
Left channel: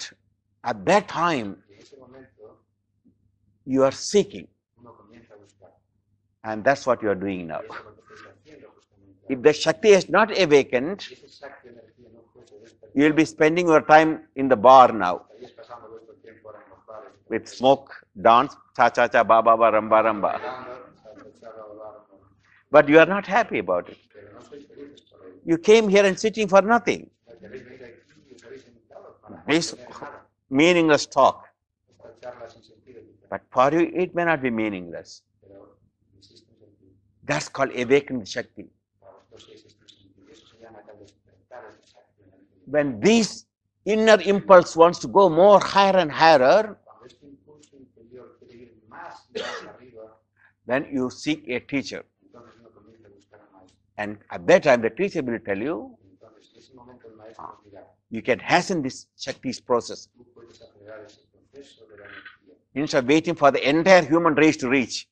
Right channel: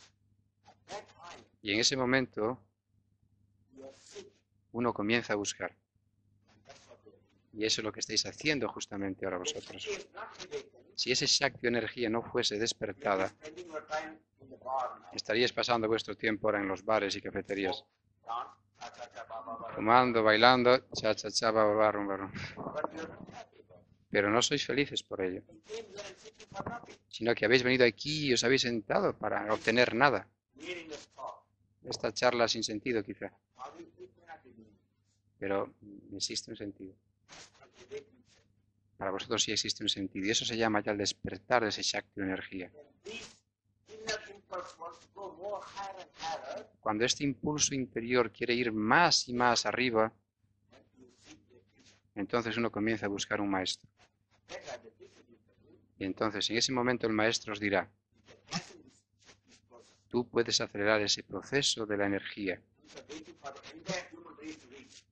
at that time, Y en ese momento you are seeking. uno comienza a buscar. And that's what you are doing now. Y eso es lo que estáis haciendo justamente ahora. If the vosotros. Shakti is not awakened, Si ese Shakti o energía no fuese you will despertada, be spending your time in the bar now estaríais pasando vuestro tiempo ahora en los bares y with cafeterías. smoke, dance, cha cha cha, ba ba ba, ram ba, Fumando, ram ba. bailando, cha cha cha, ba, ba, ba, rum, ba, rum. But you are not happy about it. Pero no sois felices por ello, You came here and sitting for nothing. sino que habéis venido aquí y os habéis sentado para no Es- tener nada. Meaningless talk. Esta charla sin sentido quizá, But for you, it may not be meaningless. pero existe un sentido. That's called awakened Shakti. Para vosotros sí existe un sentido y eso se llama ya el despertar de ese Shakti o energía. When this inner impulse wants to go more higher and higher, Cuando este impulso interior quiere ir más y más arriba, then you seek a teacher. entonces uno comienza a buscar un maestro. And at that time, the teacher will tell you, Y entonces en ese momento el maestro os dirá, you can hasten this Shakti's process. tú puedes acelerar ese proceso de la energía Instead of waiting for the entire human race to reach.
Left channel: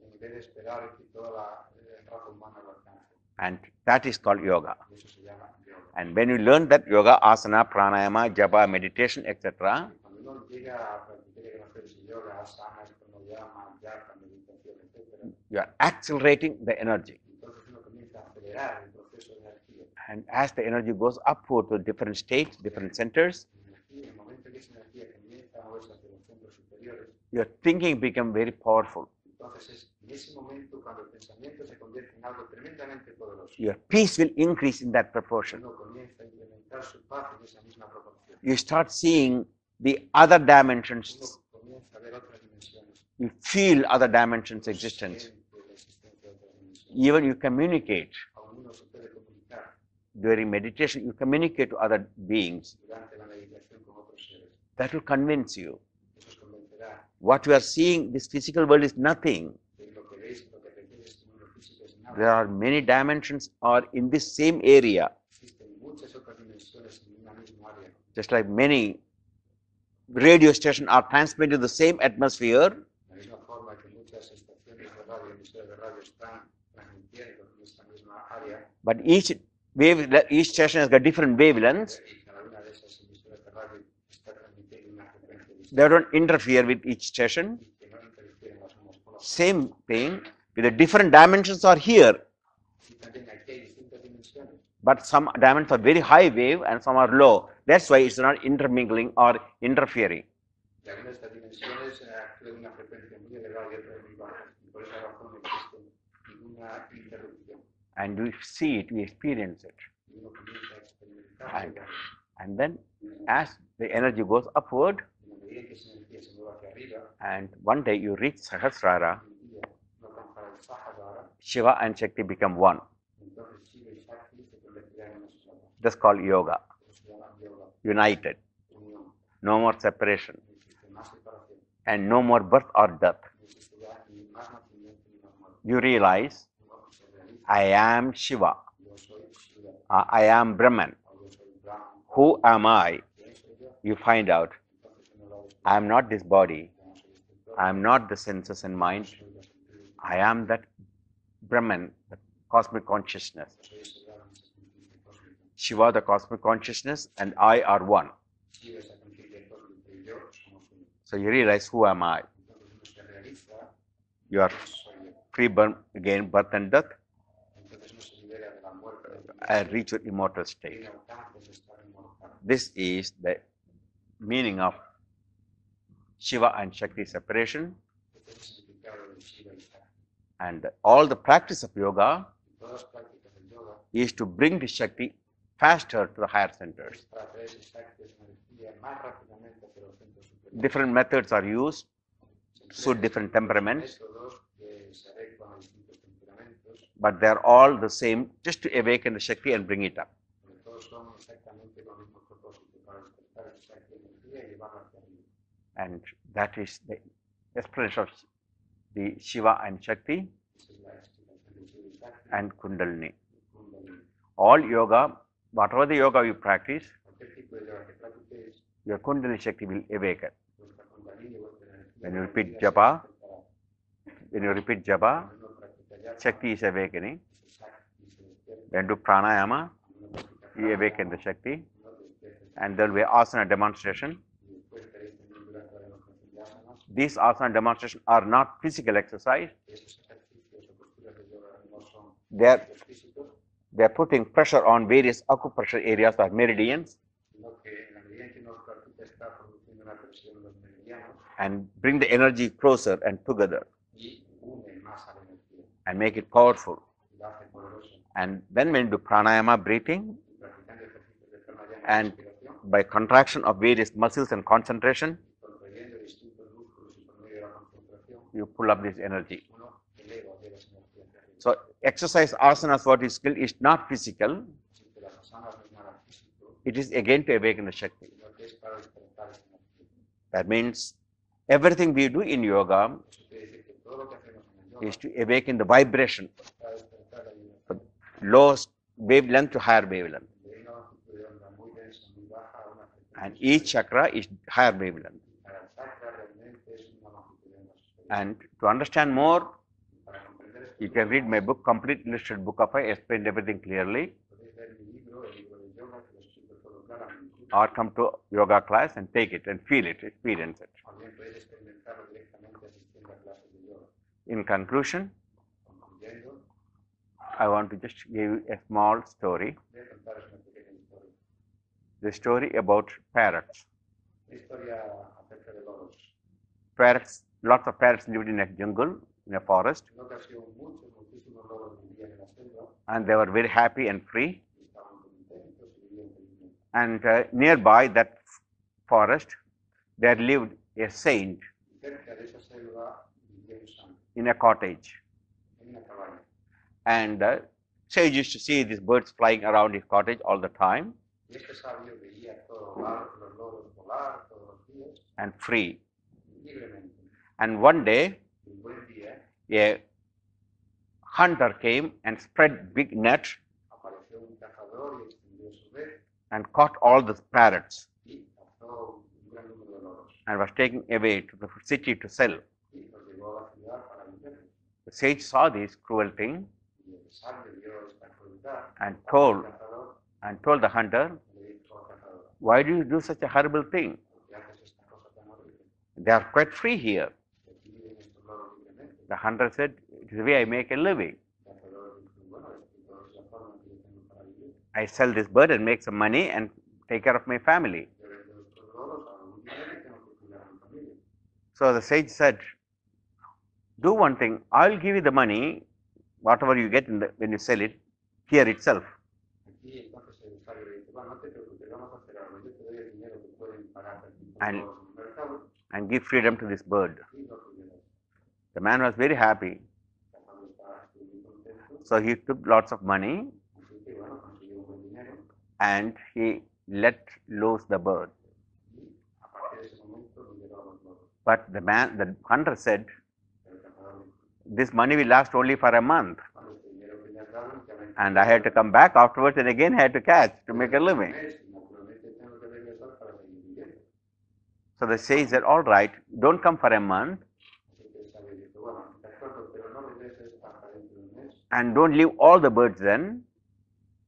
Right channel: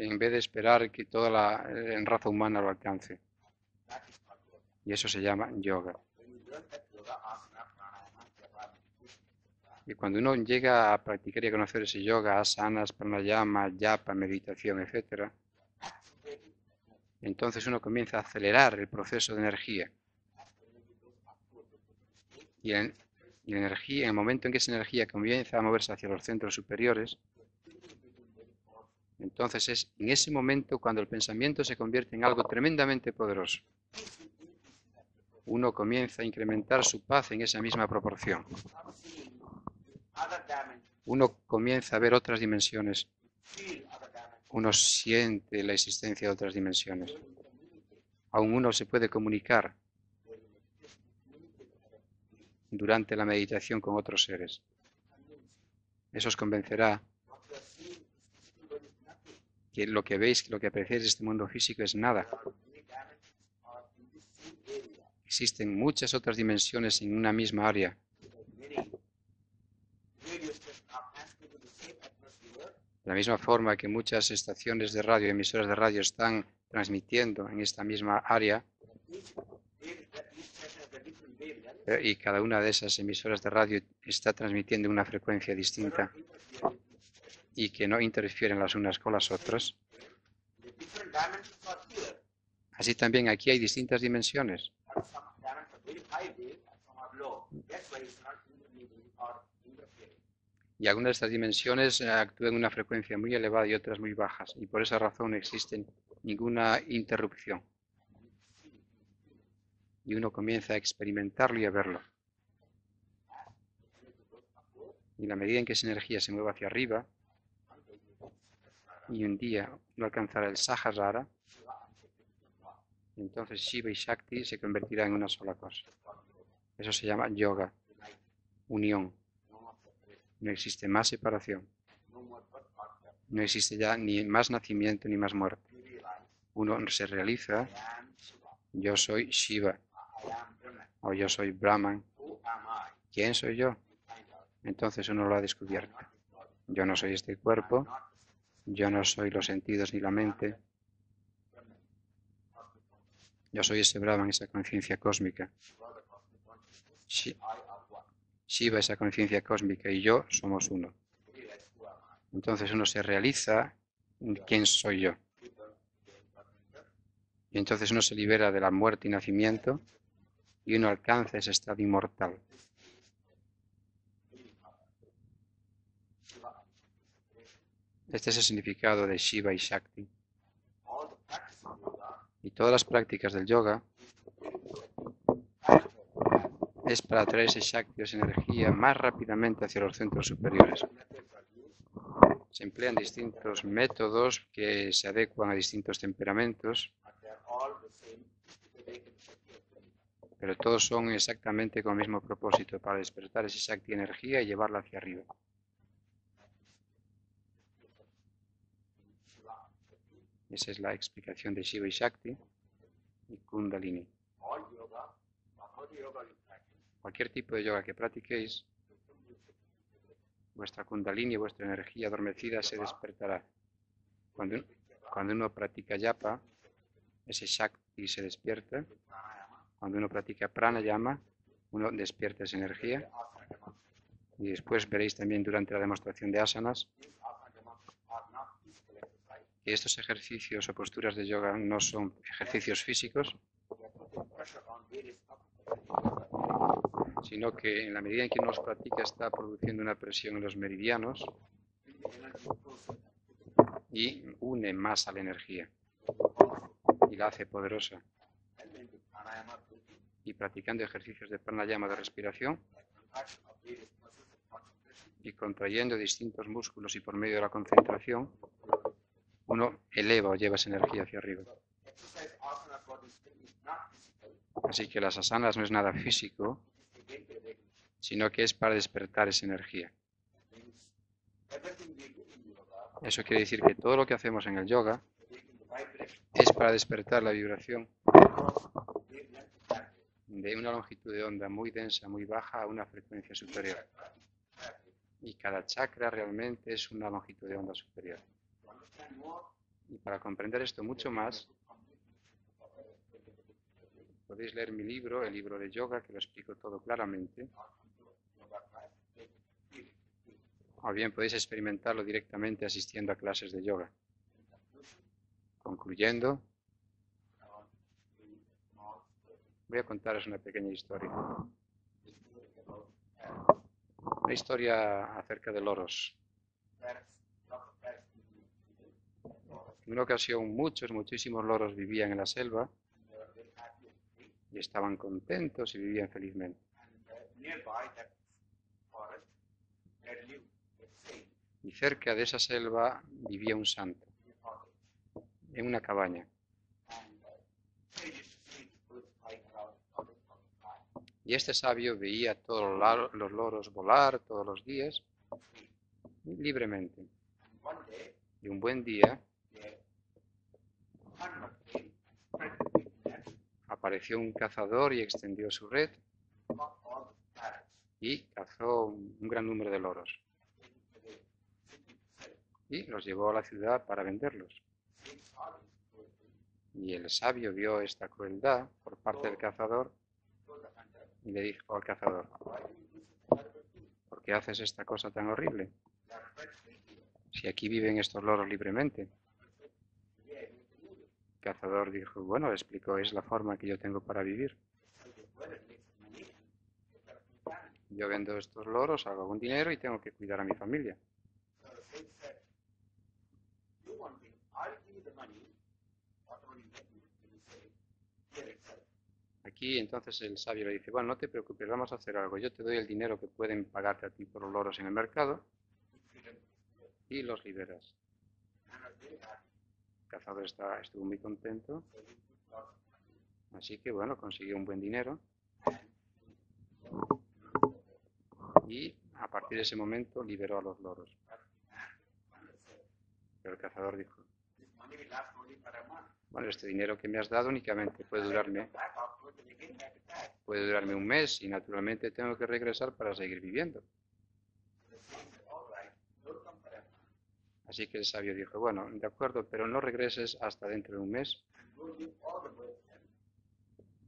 en vez de esperar que toda la raza humana lo alcance. And that is called yoga. Y eso se llama yoga. And when you learn that yoga, asana, pranayama, japa, meditation, etc., Y cuando uno llega a practicar y a conocer ese yoga, asanas, pranayama, japa, meditación, etc., you are accelerating the energy. entonces uno comienza a acelerar el proceso de energía. And as the energy goes upward to different states, different Bien. centers, Y la energía, en el momento en que esa energía comienza a moverse hacia los centros superiores, your thinking becomes very powerful. entonces es en ese momento cuando el pensamiento se convierte en algo tremendamente poderoso. Your peace will increase in that proportion. Uno comienza a incrementar su paz en esa misma proporción. You start seeing the other dimensions. Uno comienza a ver otras dimensiones. You feel other dimensions Uno existence. siente la existencia de otras dimensiones. Even you communicate. Aún uno se puede comunicar During meditation, you communicate to other beings. durante la meditación con otros seres. That will convince you. Eso os convencerá What you are seeing, this physical world is nothing. que lo que veis, lo que apreciáis de este mundo físico es There nada. are many dimensions are in this same area. Existen muchas otras dimensiones en una misma área. Just like many radio stations are transmitting the same atmosphere, De la misma forma que muchas estaciones de radio, emisoras de radio están transmitiendo en esta misma área, but each station has got different wavelengths. y cada una de esas emisoras de radio está transmitiendo una frecuencia They distinta don't interfere with each station. y que no interfieren las unas con las Same otras. thing. With the different dimensions are here, Así también aquí hay distintas dimensiones, but some dimensions are very high wave and some are low. That's why it's not intermingling or interfering. y algunas de estas dimensiones actúan en una frecuencia muy elevada y otras muy bajas, y por esa razón no existe ninguna interrupción. And we see it, we experience it. Y uno comienza a experimentarlo y a verlo. And then as the energy goes upward, Y la medida en que esa energía se mueve hacia arriba, and one day you reach Sahasrara, y un día uno alcanzará el Sahasrara, Shiva and Shakti become one. Entonces Shiva y Shakti se convertirán en una sola cosa. That's called yoga. Eso se llama yoga, United. unión. No more separation. No existe más separación. And no more birth or death. No existe ya ni más nacimiento ni más muerte. You realize, Uno se realiza, I am Shiva. yo soy Shiva, I am Brahman. o yo soy Brahman. Who am I? ¿Quién soy yo? You find out. Entonces uno lo ha I am descubierto. not this body. Yo no soy este I am cuerpo, not the senses and yo no mind. soy los sentidos ni I la am mente. that Brahman, the cosmic consciousness. Yo soy ese Brahman, esa conciencia cósmica. Shiva, the cosmic consciousness, and I are one. Shiva, esa conciencia cósmica, y yo somos uno. So you realize, who am I? Entonces uno se realiza, You are ¿quién soy yo? free born again, birth and death, Y entonces uno se libera de la muerte y and nacimiento reach your immortal y state. uno alcanza ese estado inmortal. This is the meaning of Shiva and Shakti separation, Este es el significado de Shiva y Shakti. and all the practice of yoga Y todas las prácticas del yoga is to bring the Shakti faster to the higher center. es para traer ese Shakti, esa energía, más rápidamente hacia los centros superiores. Different methods are used, Se emplean suit different distintos temperaments. métodos que se adecuan a distintos temperamentos, but they're all the same, just to awaken the Shakti and bring it up. pero todos son exactamente con el mismo propósito, para despertar ese Shakti energía y llevarla hacia arriba. And that is the explanation of the Shiva and Shakti Esa es la explicación de Shiva y Shakti and Kundalini. y Kundalini. All yoga, whatever the yoga you practice, Cualquier tipo de yoga que practiquéis, your Kundalini Shakti will awaken. vuestra Kundalini, vuestra energía When you adormecida repeat se japa, despertará. When you repeat japa, Cuando uno practica japa, Shakti is awakening. ese Shakti se despierta. When you do pranayama, Cuando uno practica you awaken pranayama, the Shakti. uno despierta esa And there will be energía. asana demonstration. Y después veréis también durante la demostración de asanas These asana demonstrations are not physical exercise. que estos ejercicios o posturas de yoga no son They are- ejercicios físicos, They are putting pressure on various acupressure areas like meridians sino que en la medida en que uno los practica está produciendo una presión en los meridianos and bring the energy closer and together y une más a la energía and make it powerful. y la hace poderosa. And then when you do pranayama breathing, Y practicando ejercicios de pranayama de And- respiración by contraction of various muscles and concentration, y contrayendo distintos músculos y por medio de la concentración, you pull up this energy. uno eleva o lleva esa energía hacia arriba. So exercise asanas, what is skill, is not physical. Así que las asanas no es nada físico, It is again to awaken the Shakti. sino que es para despertar esa energía. That means everything we do in yoga Eso quiere decir que todo lo que hacemos en el yoga is to awaken the vibration, es para despertar la vibración lowest wavelength to higher wavelength. de una longitud de onda muy densa, muy baja, a una frecuencia And each superior. chakra is higher wavelength. Y cada chakra realmente es una longitud de onda superior. And to understand more, Y para comprender esto you mucho can read my más, book, Complete Illustrated Book of I, explained everything clearly, podéis leer mi libro, el libro de yoga, que lo explico todo claramente. or come to yoga class and take it and feel it, experience it. O bien podéis experimentarlo directamente asistiendo a clases de yoga. In conclusion, Concluyendo, I want to just give you a small story. voy a contaros una pequeña historia. The story about parrots. Una historia acerca de loros. Parrots, lots of parrots lived in a jungle, in a forest, En una ocasión, muchísimos loros vivían en la selva and they were very happy and free. y estaban contentos y vivían felizmente. And nearby that forest, there lived a saint Y cerca de esa selva vivía un santo, in a cottage. en una cabaña. And sage used to see these birds flying around his cottage all the time Y este sabio veía a todos los loros volar todos los días and free. libremente. And one day, Y un buen día a hunter came and spread big net apareció un cazador y extendió su red and caught all the parrots y cazó un gran número de loros and was taking away to the city to sell. y los llevó a la ciudad para venderlos. The sage saw this cruel thing Y el sabio vio esta crueldad And por parte told- del cazador and told the hunter, y le dijo al cazador, "Why do you do such a horrible thing? ¿por qué haces esta cosa tan horrible? They are quite free here." Si aquí viven estos loros libremente. The hunter said, "It is the way I make a living. El cazador dijo, bueno, le explicó, es la forma que yo tengo para vivir. I sell this bird and make some money and take care of my family." Yo vendo estos loros, hago algún dinero y tengo que cuidar a mi familia. So the sage said, "Do one thing. I'll give you the money, whatever you get when you sell it, here itself. Aquí entonces el sabio le dice, bueno, no te preocupes, vamos a hacer algo. Yo te doy el dinero que pueden pagarte a ti por And- los loros en el mercado And give freedom to this bird." y los liberas. The man was very happy. cazador estuvo muy contento, So he took lots of money así que bueno, consiguió un buen dinero and he let loose the bird. y a partir de ese momento liberó a los loros. But the hunter said, Pero el cazador dijo, this money will last only for a month. bueno, este dinero que me has dado únicamente And puede I had to durarme- come back afterwards and again I had to catch to puede make a durarme un living. mes y naturalmente tengo que regresar para seguir viviendo. So the sage said, all right, don't come for a month Así que el sabio dijo, bueno, de acuerdo, pero no regreses hasta dentro de un mes and don't leave all the birds then.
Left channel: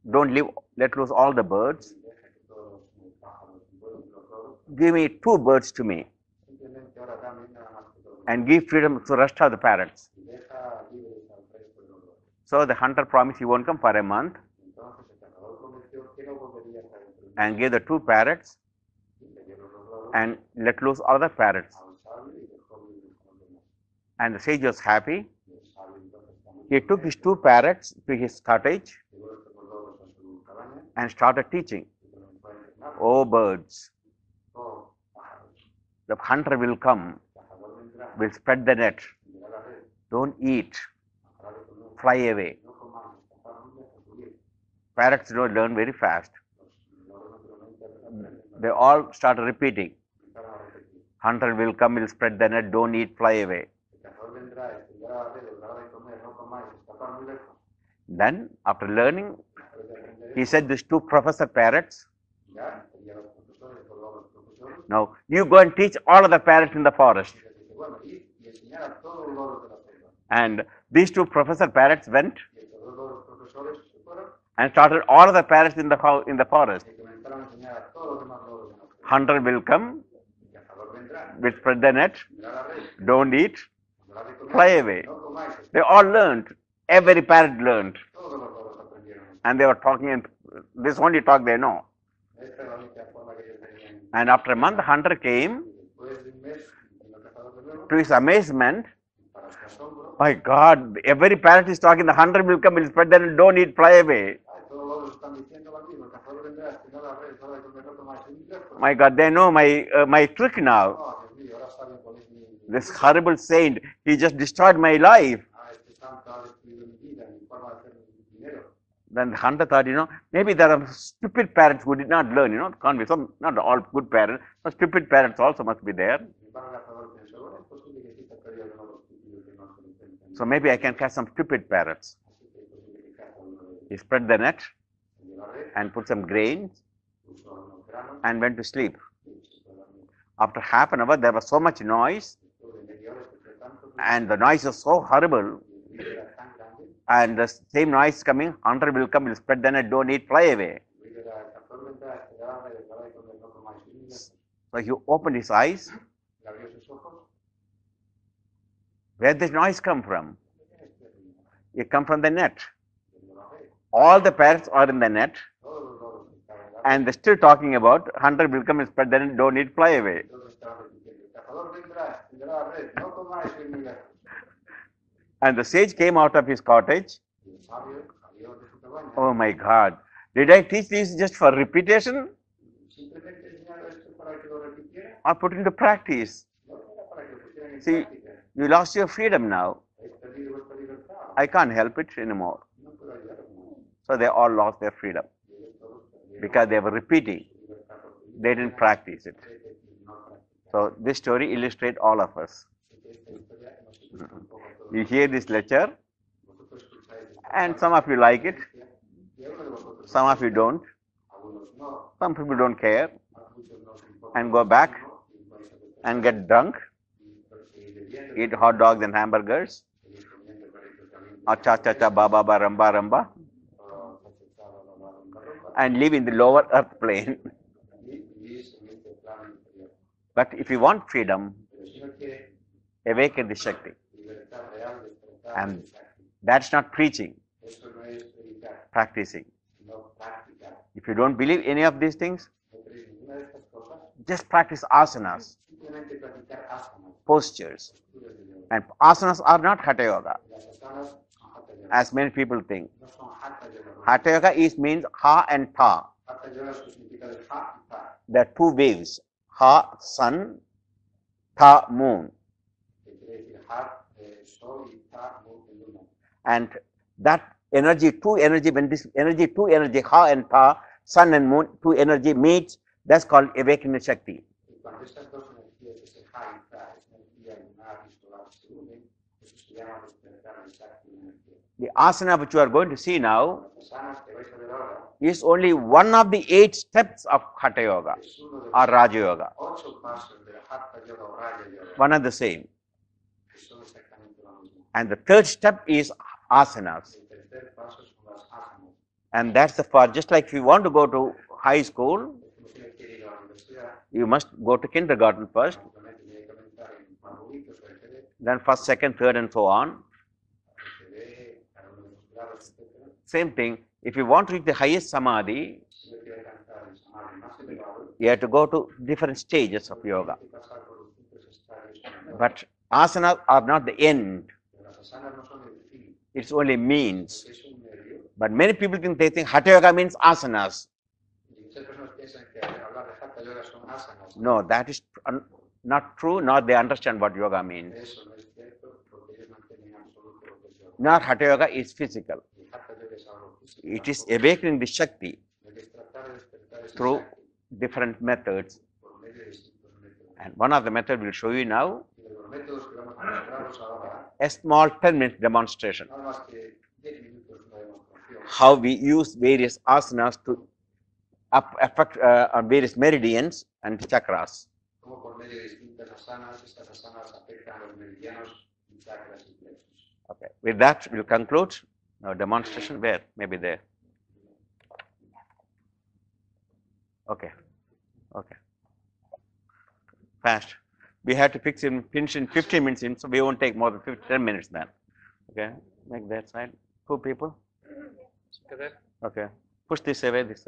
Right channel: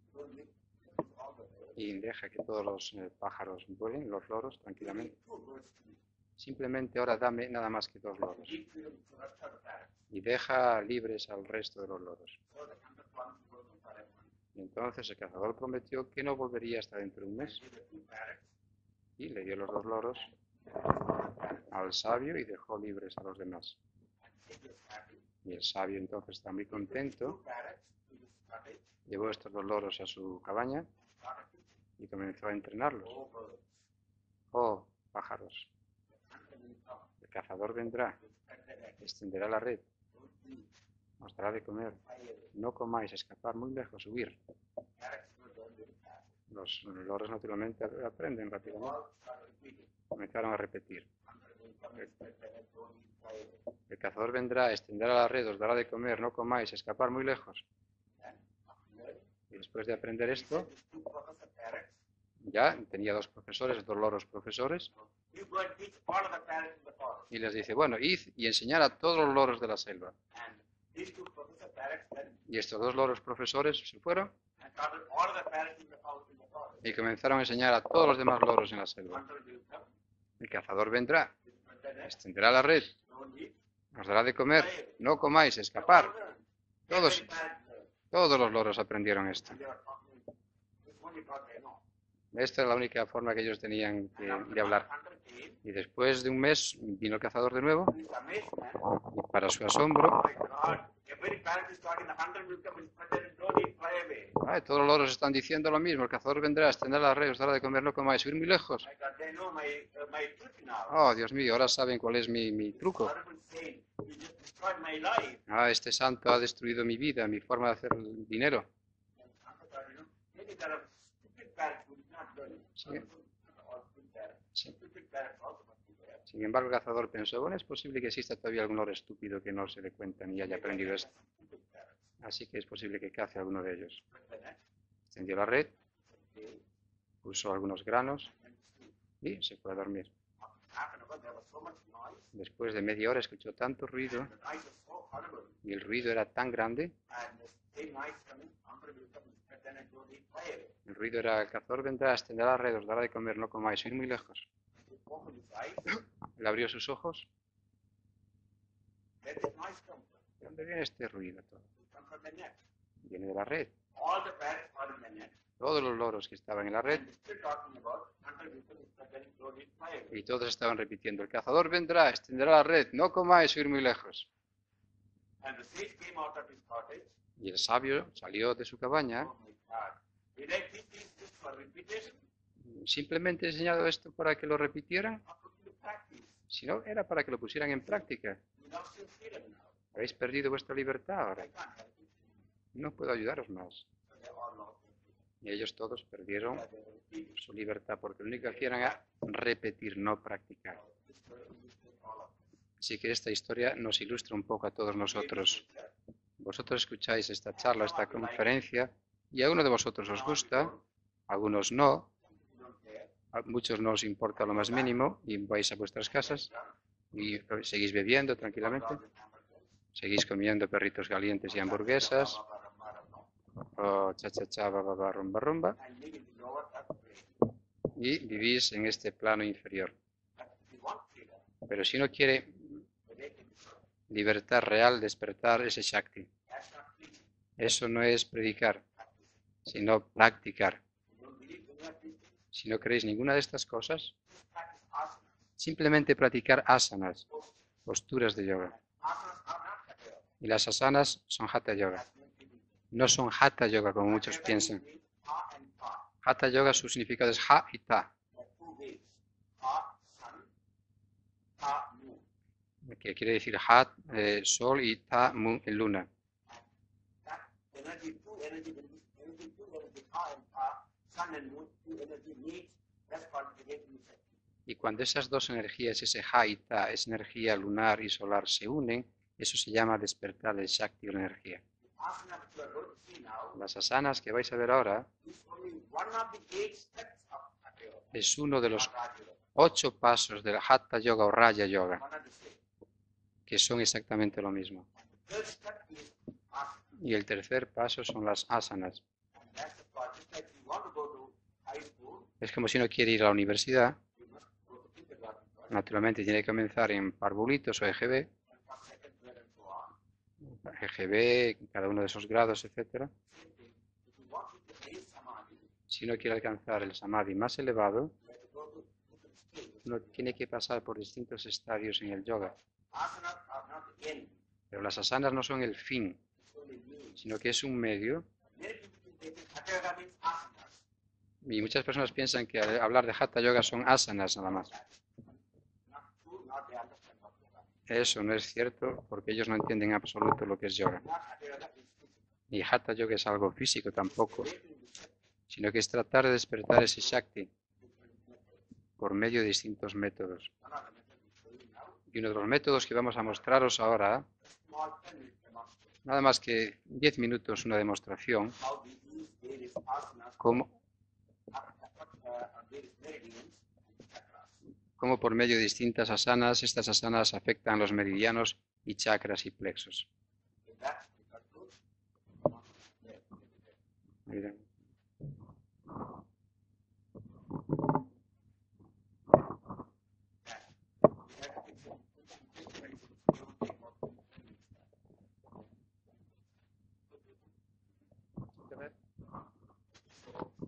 Don't let loose all the birds. y deja que todos los pájaros vuelen, los loros. Give me 2 birds to me Simplemente ahora dame nada más que 2 loros and give freedom to the rest of the parrots. y deja libres al resto de los loros. So the hunter promised he won't come for a month Y entonces el cazador prometió que no volvería hasta dentro de un and mes gave the 2 parrots y le dio los 2 loros and let loose all the parrots. al sabio y dejó libres a los demás. And the sage was happy. Y el sabio entonces está muy He took his 2 contento, parrots to his cottage llevó estos 2 loros a su cabaña and started teaching. y comenzó a entrenarlos. Oh birds, Oh, pájaros, the hunter will come, el cazador vendrá, will spread the net. extenderá la red, Don't eat, os dará de comer, fly away. no comáis, escapar muy lejos, huir. Parrots don't learn very fast. Los loros naturalmente aprenden They rápido. all started repeating. Comenzaron a repetir. Hunter will come, will spread the net, don't eat, fly away. El cazador vendrá, extenderá la red, os dará de comer, no comáis, escapar muy lejos. Then, after learning, Y después de aprender he esto, said these 2 professor parrots, ya tenía 2 profesores, 2 loros profesores, now you go and teach all of the parrots in the forest. y les dice, bueno, id y enseñar a todos los loros de la selva. And these 2 professor parrots went Y estos 2 loros profesores se fueron and started all of the parrots in the forest. y comenzaron a enseñar a todos los demás loros en la selva. Hunter will come, El cazador vendrá, will spread the net, extenderá la red, don't eat. os dará de Fly comer, away. no comáis, They all escapar. learned. Every parrot learned. Todos los loros aprendieron esto. And they were talking in this only talk they know. Esta es la única forma que ellos tenían. And after a de month, the hablar. hunter came. Y después de un mes vino el cazador de nuevo To his amazement, y para su asombro, my God, every parrot is talking. The hunter will come, will spread the net, don't eat, fly away. ay, todos los loros están diciendo lo mismo. El cazador vendrá, extenderá la red, os dará de comer, no comáis, huir muy lejos. My God, they know my trick now. Oh, Dios mío, ahora saben cuál es mi This truco. horrible saint, he just destroyed my life. Ah, este santo ha destruido mi vida, mi forma de hacer dinero. Then the hunter thought, maybe there are stupid parrots who did not learn, can't be some, not all good parrots, but stupid parrots also must be there. Sin embargo, el cazador pensó, bueno, es posible que exista todavía algún loro estúpido que no se le cuenta ni So él maybe I ni can yo. catch some stupid parrots. Así que es posible que cace alguno de He ellos. spread the net Extendió la red, and put some grains puso algunos granos and went to sleep. y se fue a dormir. After half an hour, there was so much noise, Después de media hora escuchó tanto ruido and the noise was so horrible. y el ruido era tan grande, And the same noise coming, hunter will come, will spread the net, don't eat, fly away. el ruido era, el cazador vendrá, extenderá la red, os dará de comer, no comáis, ir muy lejos. So he opened his eyes. Él abrió sus ojos. Where did this noise come from? ¿De dónde viene este ruido? It come from the net. Viene de la red. All the parrots are in the net, Todos los loros que estaban en la and red, they're still talking about hunter will come and spread the net, don't eat, fly away. todos estaban repitiendo, el cazador vendrá, extenderá la red, no comáis, ir muy lejos. And the sage came out of his cottage. Y el sabio salió de su cabaña. Oh my God. Did I teach this just for repetition Simplemente he enseñado esto para que lo repitieran, or put into practice? sino era para que lo pusieran en Sí. práctica. You lost your freedom now. Habéis perdido vuestra libertad. I can't help it anymore. No puedo ayudaros más. So they all lost their freedom Y ellos todos perdieron because they were repeating. su libertad porque lo único They que didn't hacían practice era it. repetir, no practicar. So this story illustrates all of us. Así que esta historia nos ilustra un poco a todos You hear this nosotros. lecture, Vosotros escucháis esta and charla, some of esta you like it, conferencia, y a uno de vosotros os some of you gusta, don't, algunos no, some people don't care, a muchos no os importa And lo go más back mínimo y vais a vuestras and get casas drunk, y seguís bebiendo, eat hot tranquilamente, dogs and hamburgers, seguís comiendo perritos calientes or y cha cha cha ba hamburguesas, ba ba ramba ramba, o cha cha cha, ba ba ba, rumba rumba, and live in the lower earth plane. y vivís en este plano inferior. But if you want freedom, Pero si uno quiere awaken the Shakti. libertad real, despertar And- ese Shakti, That's not preaching, eso no es predicar, practicing. sino practicar. If you don't believe any of these things, Si no queréis ninguna de estas cosas, just practice asanas, simplemente practicar asanas, postures. posturas de yoga. And asanas are not hatha yoga, Y las asanas son hatha yoga. as many people think. No son hatha yoga como Hatha muchos yoga piensan. means ha and ta. Hatha yoga su significado es ha y ta. There are 2 waves, ha sun, ta moon. que quiere decir Hat, Sol, y Ta, Luna. And that energy, two energy, when this energy, two energy, Ha and Ta, Sun and Moon, two energy meets, that's called awakening Shakti. Y cuando esas dos energías, ese Ha y Ta, esa energía lunar y solar, se unen, eso se llama despertar del Shakti o la energía. The asana which you are going to see now Las asanas que vais a ver ahora is only one of the 8 steps of Hatha Yoga es uno de or los Raja Yoga, 8 pasos del Hatha Yoga o Raja Yoga, one and the same. que son exactamente lo mismo. And the third step is asanas. Y el tercer paso son las asanas. And that's the part, just like if you want to go to high school, Es como si uno quiere ir a la universidad, you must go to kindergarten first, naturalmente tiene que comenzar en parvulitos o EGB, then first, second, third, and so on. EGB, cada uno de esos grados, etc. Same thing, if you want to reach the highest samadhi, Si uno quiere alcanzar el samadhi más elevado, you have to go to different stages uno of tiene yoga. que pasar por distintos estadios en el yoga. But asanas are not the end, Pero las asanas no son el fin, it's only sino means. que es un medio. But many people think they think Hatha Yoga means asanas. Y muchas personas piensan que al hablar de Hatha Yoga son asanas. nada No, más. that is not true, nor they understand what yoga means. Eso no es cierto porque ellos no entienden en absoluto lo que es yoga. Nor Hatha Yoga is physical. Y Hatha Yoga es algo físico It is tampoco, awakening the Shakti sino que es tratar de despertar ese Through- Shakti different methods. por medio de distintos métodos. And one of the methods we'll show you now, Y uno de los métodos que vamos a mostraros ahora, a small 10-minute demonstration. nada más que 10 minutos, una demostración, How we use various asanas to cómo, affect on various meridians and chakras. cómo por medio de distintas asanas, estas asanas afectan los meridianos y chakras y plexos. Okay. With that, we'll conclude our demonstration. Where? Maybe there. Mira. Okay. Okay. Fast. We have to finish in 15 minutes in, so we won't take more than 10 minutes then. Okay. Make that side. 2 people. Okay. Push this away. This.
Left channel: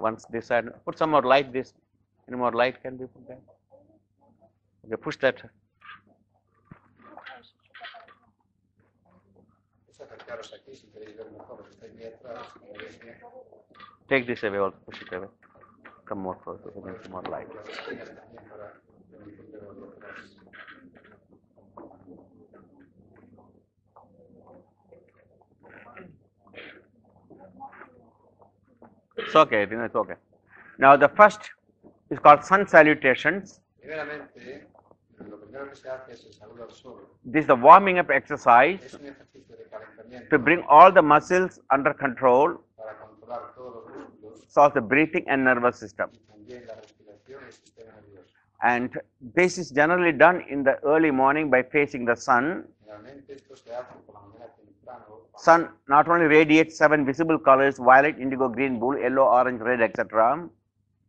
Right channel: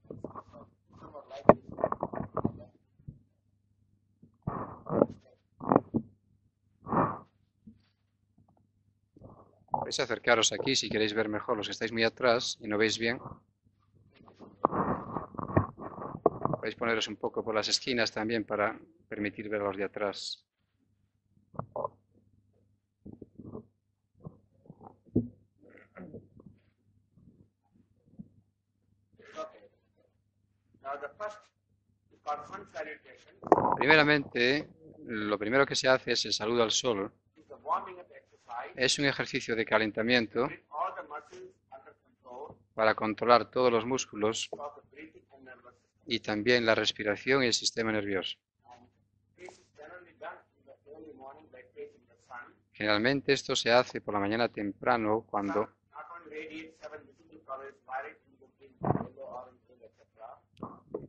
Once this side. Put some more light. This. Any more light can be put there. Okay, push that. Podéis acercaros aquí si queréis ver mejor los que estáis muy atrás y no veis bien. Take this away also. Push it away. Come more. Podéis poneros un more poco light. por las esquinas también para permitir ver los de atrás. It's okay. It's okay. Now the first is called sun salutations. Primeramente, lo primero que se hace es el saludo al sol. This is the warming up exercise Es un ejercicio de calentamiento to bring all the muscles under control, para controlar todos los músculos so the breathing and nervous system. y también la respiración y el sistema nervioso. And this is generally done in the early morning by facing the sun. Generalmente esto se hace por la mañana temprano Sun cuando not only radiates 7 visible colors, violet, indigo, green, blue, yellow, orange, red, etc.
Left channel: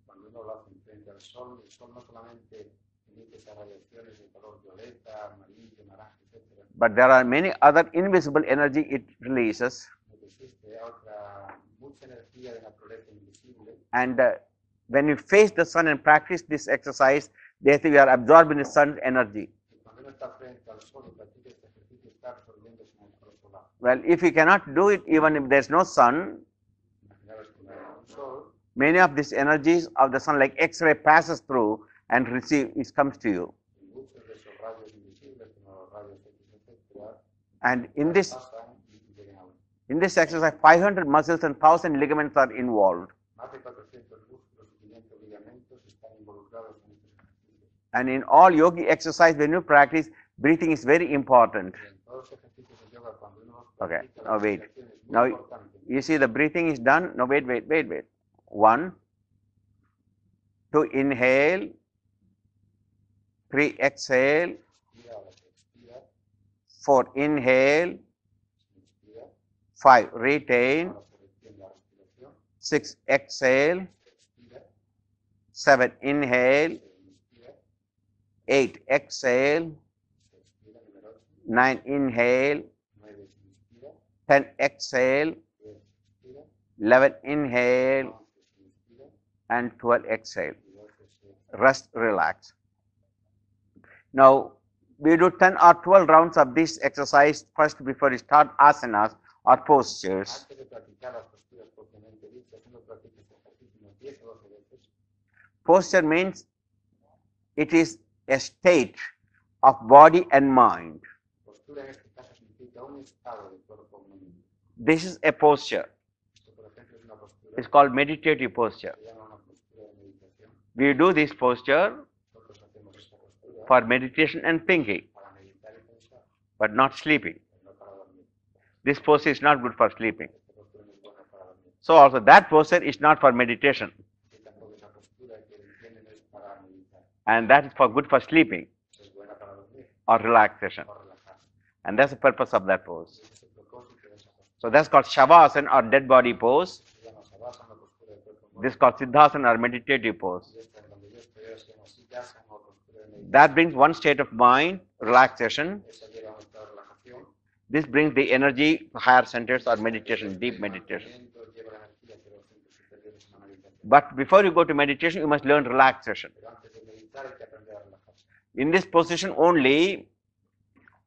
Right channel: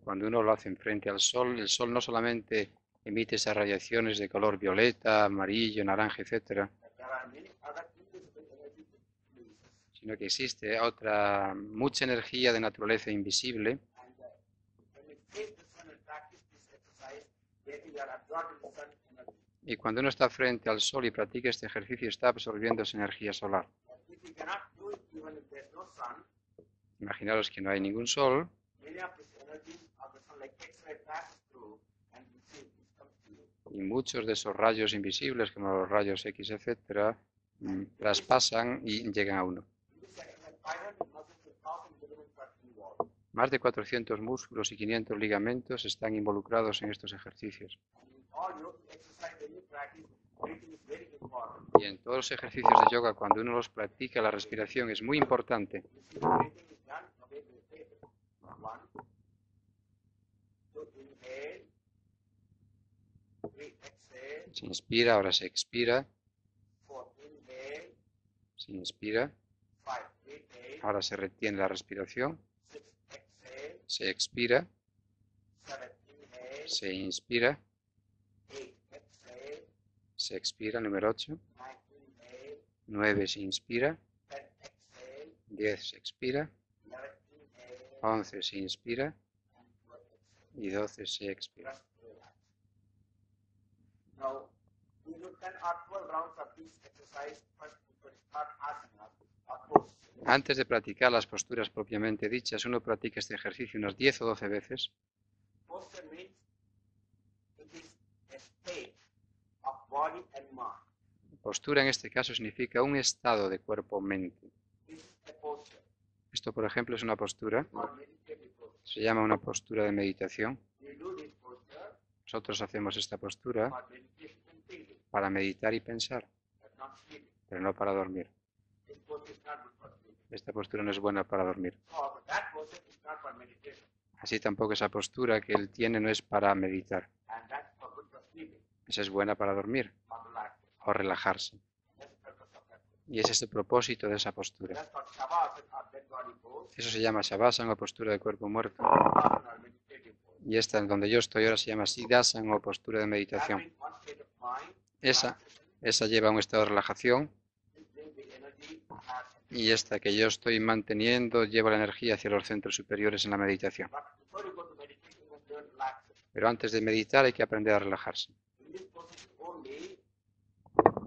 uno lo hace frente al sol. El sol no solamente emite esas radiaciones de color violeta, amarillo, naranja, etcétera, But there are many other invisible energy it releases. sino que existe mucha energía de naturaleza invisible. And when you face the sun and practice this exercise, therefore you are absorbing the sun's energy. Y cuando uno está frente al sol y practica este ejercicio, está absorbiendo esa energía solar. Well, if you cannot do it even if there's no sun, Imaginaros que no hay ningún sol, many of these energies of the sun, like X-ray, passes through and it comes to you. y muchos de esos rayos invisibles, como los rayos X, etcétera, And in this traspasan y llegan a uno. exercise, 500 muscles and 1,000 ligaments are involved. Más de 400 músculos y 500 ligamentos están involucrados en estos ejercicios. And in all yogi exercise, when you practice, breathing is very important. Y en todos los ejercicios de yoga, cuando uno los practica, la now wait. respiración es muy Now- importante. You see the breathing is done. No, wait. 1, 2, inhale. 3, exhale. Se inspira, ahora se expira. 4, inhale. Se inspira, 5, retain. ahora se retiene la respiración. 6, exhale. Se expira, 7, inhale. se inspira, 8, exhale. se expira. Número 8. 9, inhale. 9 se inspira. 10, exhale. 10 se expira. 11, inhale. 11 se inspira. And 12, exhale. Y 12 se expira. Rest, relax. Now, we do 10 or 12 rounds of this exercise first before we start asanas or postures. Antes de practicar las posturas propiamente dichas, uno practica este ejercicio unas 10 o 12 veces. Posture means it is a state of body and mind. Postura en este caso significa un estado de cuerpo-mente. This is a posture. Esto, por ejemplo, es una postura, It's called meditative posture. se llama una postura de meditación. We do this posture Nosotros hacemos esta postura for meditation and thinking, para meditar y pensar, but not sleeping. pero no para dormir. This posture is not good for sleeping. Esta postura no es buena para dormir. So also that posture is not for meditation, Así tampoco esa postura que él tiene no es para meditar. and that is for good for sleeping Esa es buena para dormir or relaxation. o relajarse. And that's the purpose of that pose. Y ese es el propósito de esa So postura. that's called Shavasana or dead body pose. Eso se llama Shavasana o postura de cuerpo This is muerto. called Siddhasana or meditative pose. Y esta, en donde yo estoy ahora, se llama Siddhasana o postura de That meditación. brings one state of mind, relaxation. Esa lleva a un estado de relajación This brings the energy to higher centers y or esta que yo meditation, estoy deep meditation. manteniendo lleva la energía hacia los centros superiores en la meditación. But before you go to meditation, you must learn relaxation. Pero antes de meditar hay que aprender a relajarse. In this position only,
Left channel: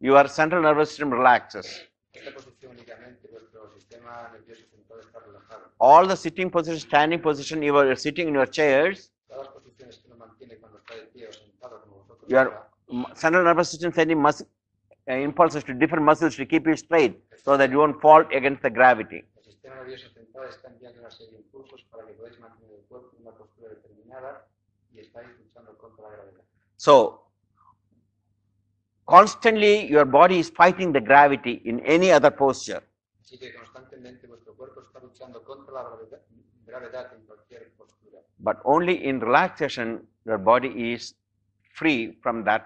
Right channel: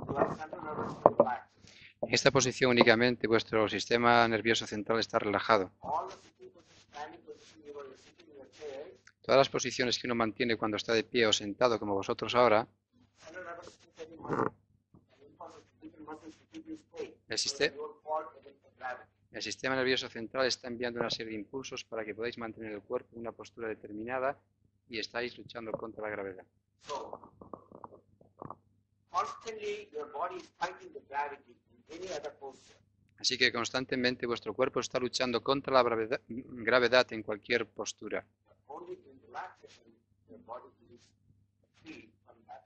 your central nervous system relaxes. En esta posición únicamente vuestro sistema nervioso central está relajado. All the sitting position, standing position, you are sitting in your chairs, Todas las posiciones que uno mantiene cuando está de pie o sentado como vosotros Yeah. ahora, central nervous system sending impulses to different muscles to keep you straight el so that sistema, you won't fall against the gravity. el sistema nervioso central está enviando una serie de impulsos para que podáis mantener el cuerpo en una postura determinada y estáis luchando contra la gravedad. So, constantly your body is fighting the gravity in any other posture. Así que constantemente vuestro cuerpo está luchando contra la gravedad en cualquier postura. But only in relaxation, your body is free from that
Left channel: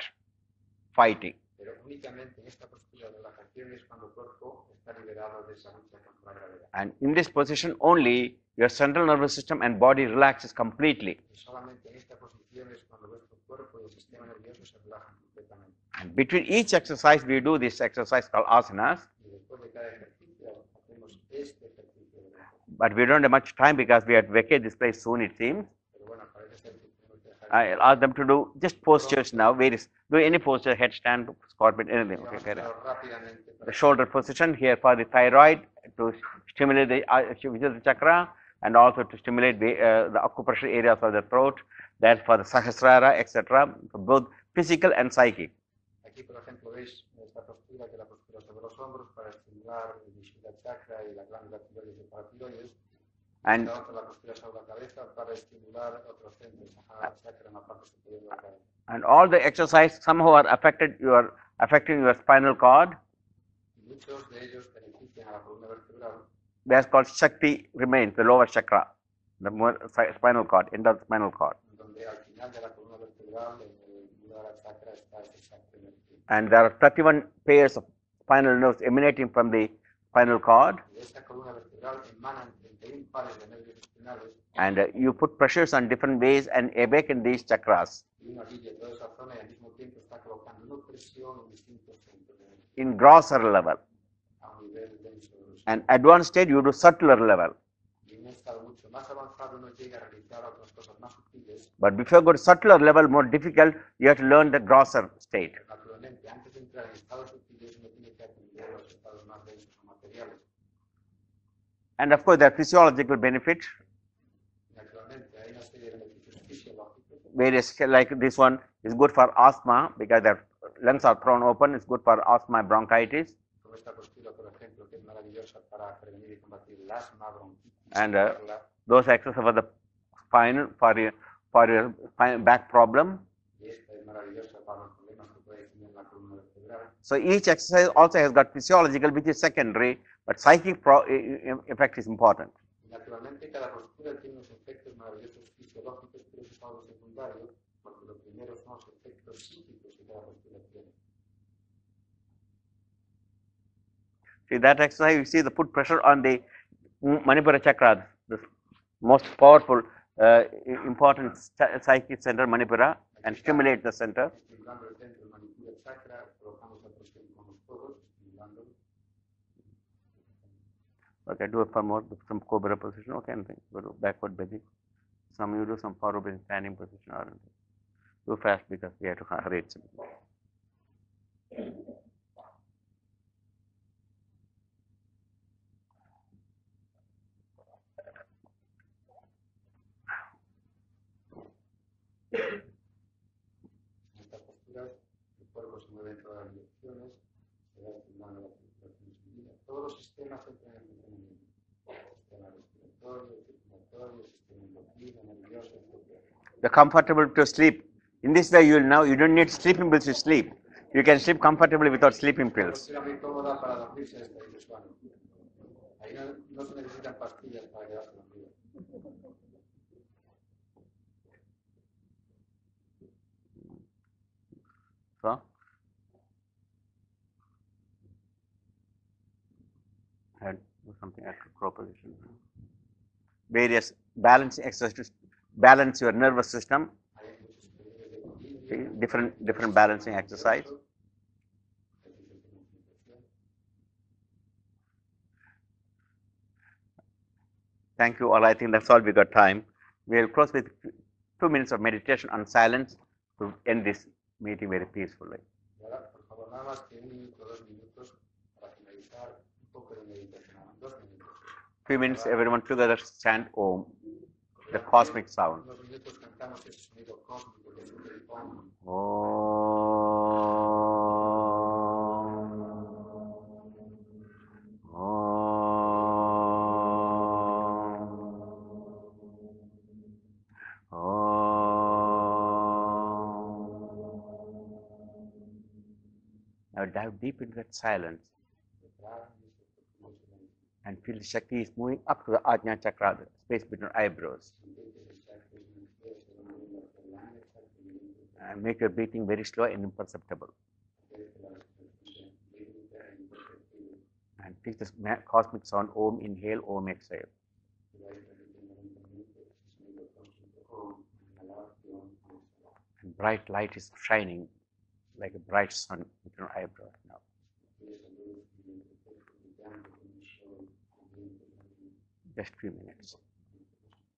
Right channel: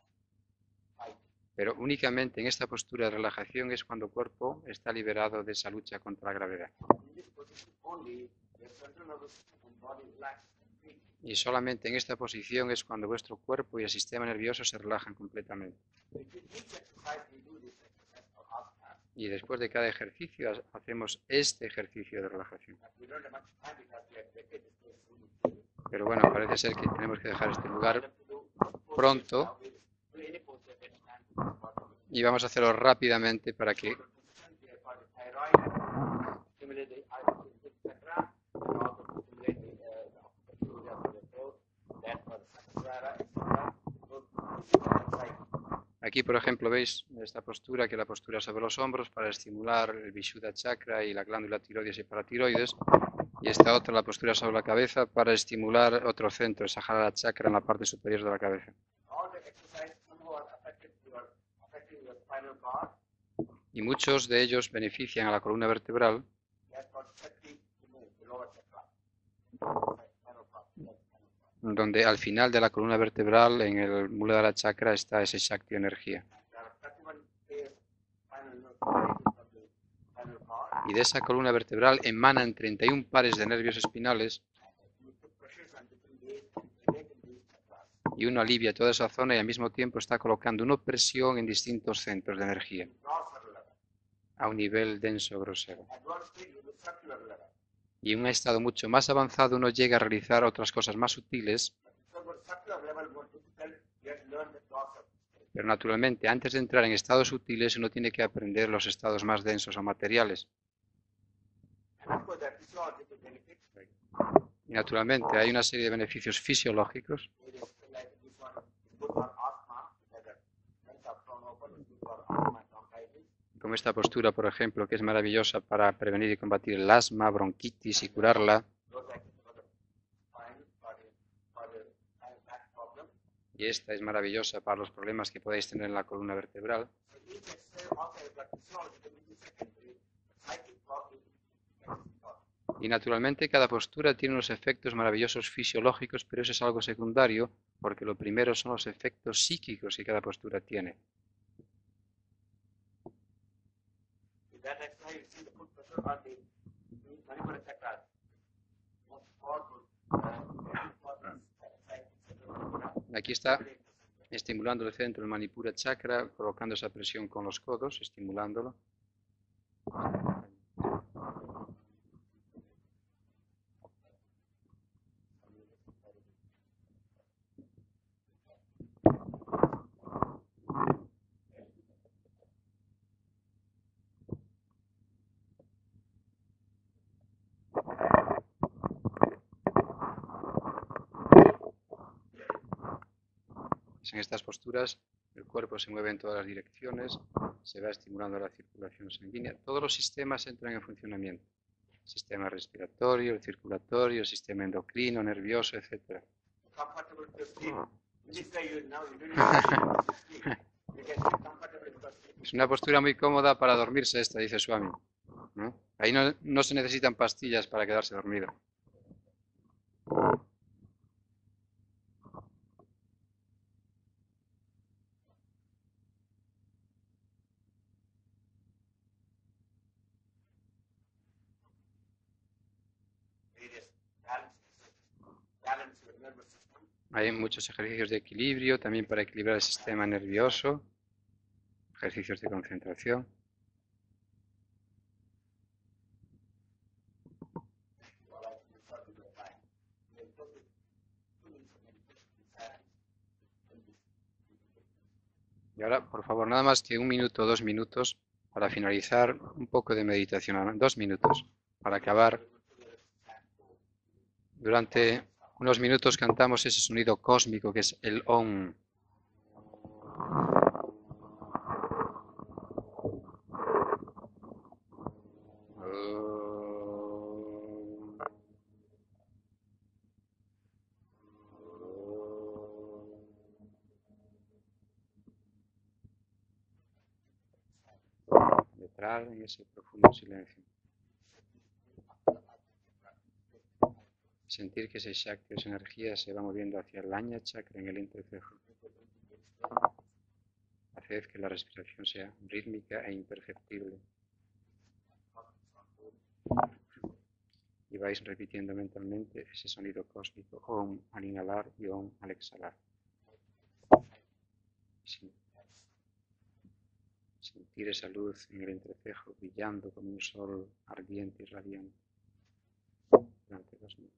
fighting. Pero únicamente en esta postura de relajación es cuando el cuerpo está liberado de esa lucha contra la gravedad. And in this position only, your central nervous system and body relaxes completely. Y solamente en esta posición es cuando vuestro cuerpo y el sistema nervioso se relajan completamente. And between each exercise, we do this exercise called asanas. Y después de cada ejercicio hacemos este ejercicio de relajación. But we don't have much time because we have to vacate this place soon, it seems. Pero bueno, parece ser que tenemos que dejar I'll esto ask claro. them to do just postures Pronto. now. Do any posture, headstand, scorpion, anything. Y vamos a Okay. hacerlo rápidamente para que Shoulder position here for the thyroid to stimulate the Visuddha chakra and also to stimulate the acupressure areas of the throat. That's for the Sahasrara, etc. For both physical and psychic. aquí, por ejemplo, veis esta postura, que es la postura sobre los hombros para estimular el Vishuddha chakra y la glándula tiroides y paratiroides. Y esta otra, la postura sobre la cabeza, para estimular otro centro, el Sahasrara chakra en la parte superior de la cabeza. And all the exercise somehow are affecting your spinal cord. Y muchos de ellos benefician a la columna vertebral, That's called Shakti remains, the lower chakra, the spinal cord, end of the spinal cord. donde al final de la columna vertebral, en el Muladhara chakra, está ese Shakti energía. And there are 31 pairs of spinal nerves emanating from the spinal cord. Y de esa columna vertebral emanan 31 pares de nervios espinales And you put pressures on different ways and awaken these chakras y uno alivia toda esa zona y al mismo tiempo está colocando una presión en distintos centros de energía in grosser level. a un nivel denso, grosero. And advanced state, you do subtler level. Y en un estado mucho más avanzado uno llega a realizar otras cosas más sutiles, But before you go to subtler level, more difficult, you have to learn the grosser state. pero naturalmente antes de entrar en estados sutiles uno tiene que aprender los estados más densos o materiales. And of course, there are physiological benefits. Y naturalmente hay una serie de beneficios fisiológicos. Various, like this one is good for asthma because their lungs are thrown open. It's good for asthma, bronchitis. Como esta postura, por ejemplo, que es maravillosa para prevenir y combatir el asma, bronquitis y And, curarla. Those exercises for the spine, for your back problem. Y esta es maravillosa para los problemas que podéis tener en la columna vertebral. So each exercise also has got physiological, which is secondary, but psychic effect is important. Y naturalmente cada postura tiene unos efectos maravillosos fisiológicos, pero eso es algo secundario, porque lo primero son los efectos psíquicos que cada postura tiene. See that exercise, you see the put pressure on the Manipura chakra, the most powerful, important psychic center, Manipura, Aquí and está. stimulate the center. Estimulando el centro del Manipura chakra, colocando esa presión con los codos, estimulándolo. Okay, do it for more, some cobra position, okay, and go to backward bending. Some you do some forward bending, standing position, or do fast because we have to hurry it. En estas posturas el cuerpo se mueve en todas las direcciones, se va estimulando la circulación sanguínea. Todos los sistemas entran en funcionamiento. El sistema respiratorio, el circulatorio, el sistema endocrino, nervioso, etc. The comfortable to sleep. In this way, you don't need sleeping pills to sleep. You can sleep comfortably without sleeping Es una pills. postura muy cómoda para dormirse esta, dice Swami, ¿no? Ahí no se necesitan pastillas para quedarse dormido. So, and do something at proposition. Various balancing exercises balance your nervous system. Hay muchos ejercicios de equilibrio, también para Different equilibrar el sistema balancing nervioso, ejercicios de concentración. Thank you all. I think that's all we got time. We'll close with 2 minutes of meditation on silence to end this meeting very peacefully. Y ahora, por favor, nada más que 1 minuto o 2 minutos para finalizar un poco de meditación. 2 minutos. Para 2 minutes, acabar, everyone together chant Om. The durante cosmic sound. unos minutos cantamos ese sonido cósmico que es el Om. Now dive deep into that silence Entrar en ese profundo silencio. and feel the Shakti is moving up to the Ajna Chakra, the space between eyebrows. Sentir que ese chakra, esa energía se va moviendo hacia el Ajna chakra en el entrecejo. And make your breathing very slow and imperceptible. Hacer que la respiración sea rítmica e imperceptible. And take this cosmic sound Om, inhale, Om, exhale. Y vais repitiendo mentalmente ese sonido cósmico Om al inhalar y Om al exhalar. And bright light is shining like a bright sun between your eyebrows now. Sentir esa luz en el entrecejo brillando como un sol ardiente y radiante Just 2 minutes. durante 2 minutos.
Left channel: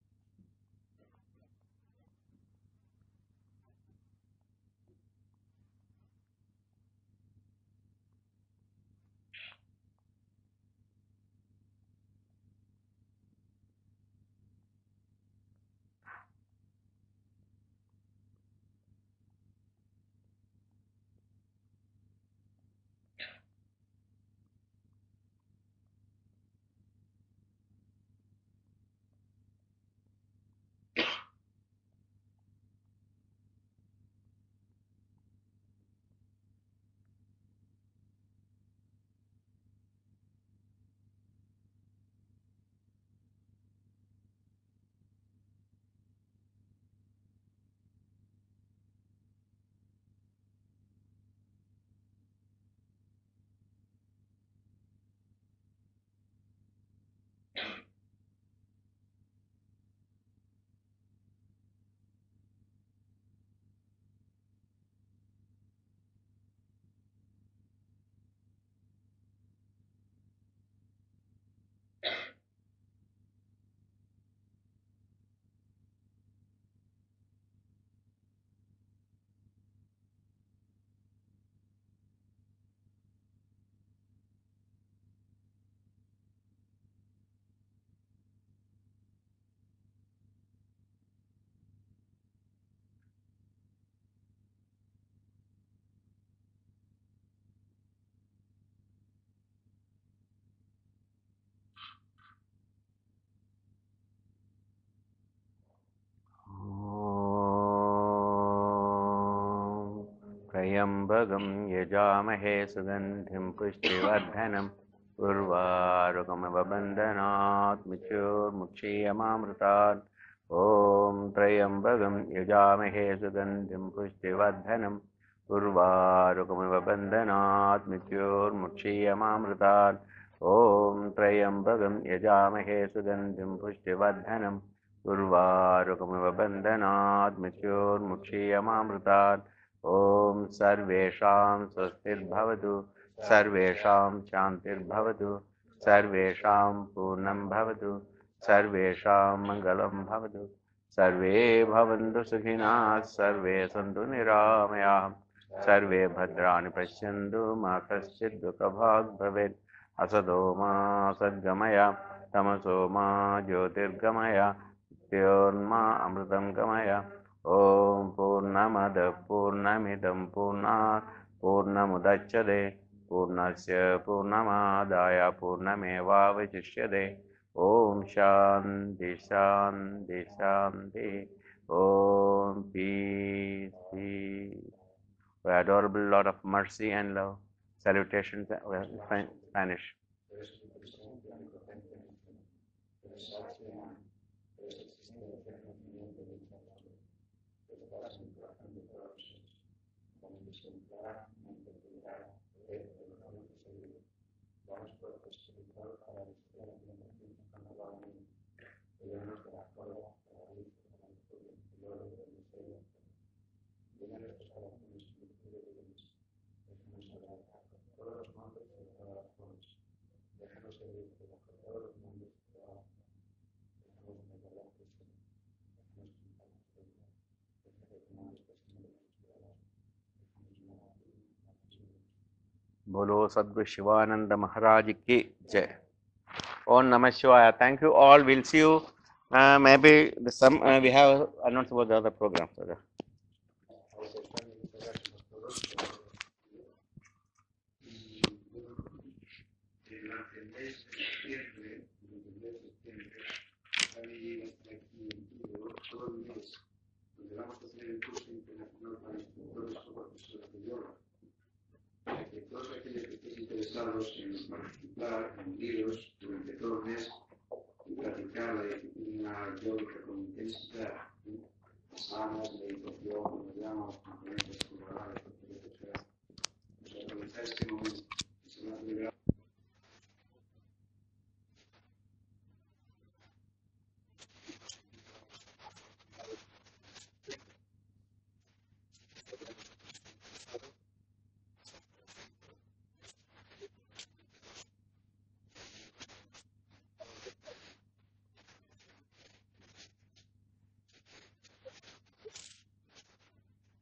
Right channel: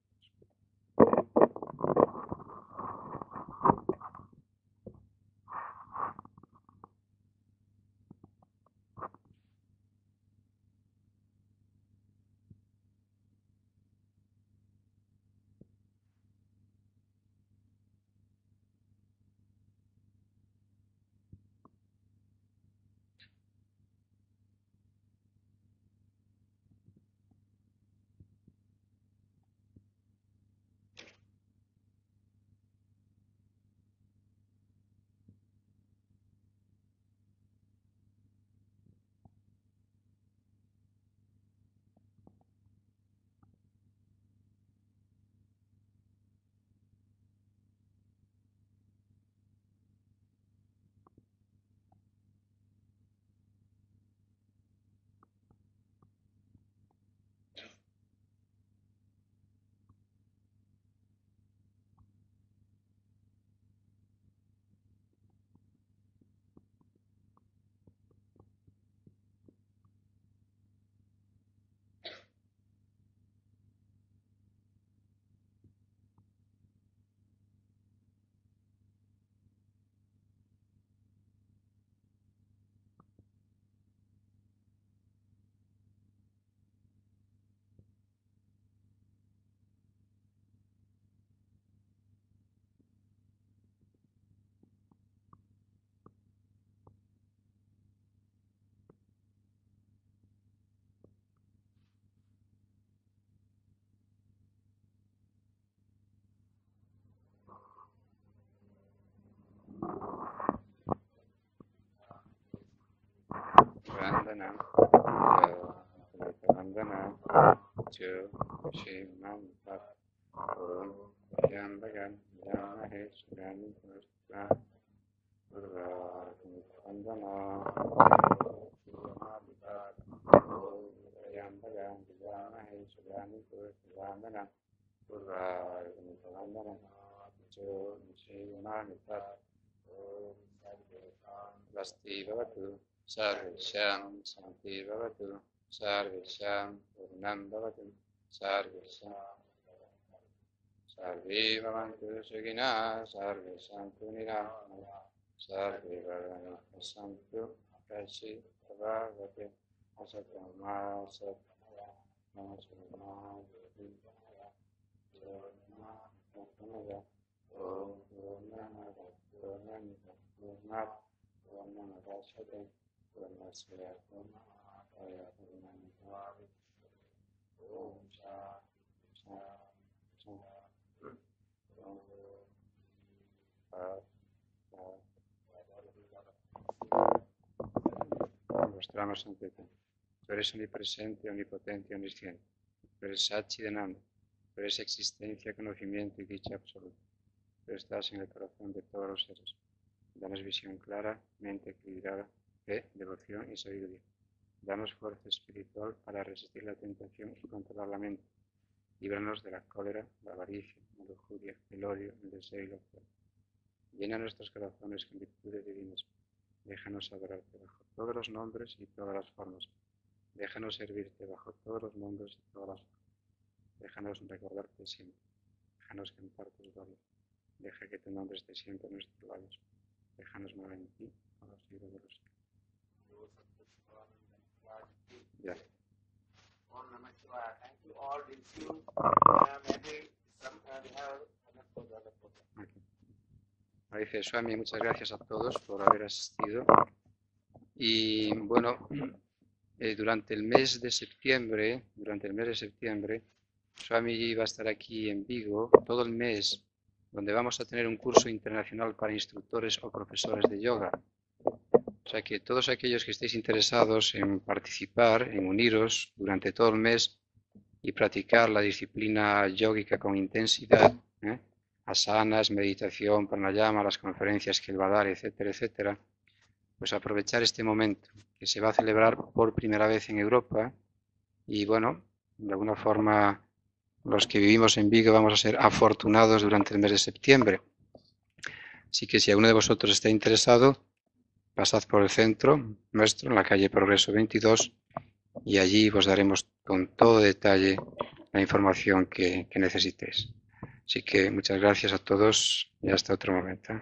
Trayambagam yajamahe sugandhim pushtivardhanam urvarugamavandanat mrityurmukshyamamrutat. Om Trayambagam yajamahe sugandhim pushtivardhanam urvarugamavandanat mrityurmukshyamamrutat. Om Trayambagam yajamahe sugandhim pushtivardhanam urvarugamavandanat mrityurmukshyamamrutat. Om Sarvesham Swastirbhavatu Sarvesham Shantirbhavatu Sarvesham Purnam Bhavatu Sarvesham Mangalam Bhavatu Sarve Bhavantu Sukhina Sarve Santu Niramayah Sarve Bhadrani Pashyantu Ma Kaschid Dukhabhag Bhavet Asado Ma Sadgamaya Tamaso Ma Jyotirgamaya Tyorma Amrutam Gamaya Om Purnamada Purnamidam Purnat Purnamudachyate Purnasya Purnamadaya Purnamevavajishyate. Om Shanti Shanti Shanti. Om Peace Peace. O adorable Lord of mercy and love. Salutation to Spanish. Tú eres omnipresente, omnipotente y omnisciente. Tú eres Satchidananda. Tú eres existencia, conocimiento y dicha absoluta. Tú estás en el corazón de todos los seres. Danos visión clara, mente equilibrada, fe, devoción y sabiduría. Danos fuerza espiritual para resistir la tentación y controlar la mente. Líbranos de la cólera, la avaricia, la lujuria, el odio, el deseo y la fe. Llena nuestros corazones con virtudes divinas. Déjanos adorarte bajo todos los nombres y todas las formas. Déjanos servirte bajo todos los mundos y todas las formas. Déjanos recordarte siempre. Déjanos cantar tus glorias. Deja que tu nombre esté siempre en nuestros labios. Déjanos morar en ti, por los siglos de los siglos. Bolo Sadguru Shivananda Maharaj Ki Jai. Om Namah Shivaya. Thank you all. We'll see you. Maybe we have announced about the other program. Dice Swami, muchas gracias a todos por haber asistido. Y bueno, durante el mes de septiembre, Swami va a estar aquí en Vigo todo el mes, donde vamos a tener un curso internacional para instructores o profesores de yoga. O sea que todos aquellos que estéis interesados en participar, en uniros durante todo el mes y practicar la disciplina yógica con intensidad, asanas, meditación, pranayama, las conferencias que él va a dar, etcétera, etcétera, pues aprovechar este momento que se va a celebrar por primera vez en Europa y bueno, de alguna forma los que vivimos en Vigo vamos a ser afortunados durante el mes de septiembre. Así que si alguno de vosotros está interesado, pasad por el centro nuestro, en la calle Progreso 22, y allí os daremos con todo detalle la información que necesitéis. Así que muchas gracias a todos y hasta otro momento.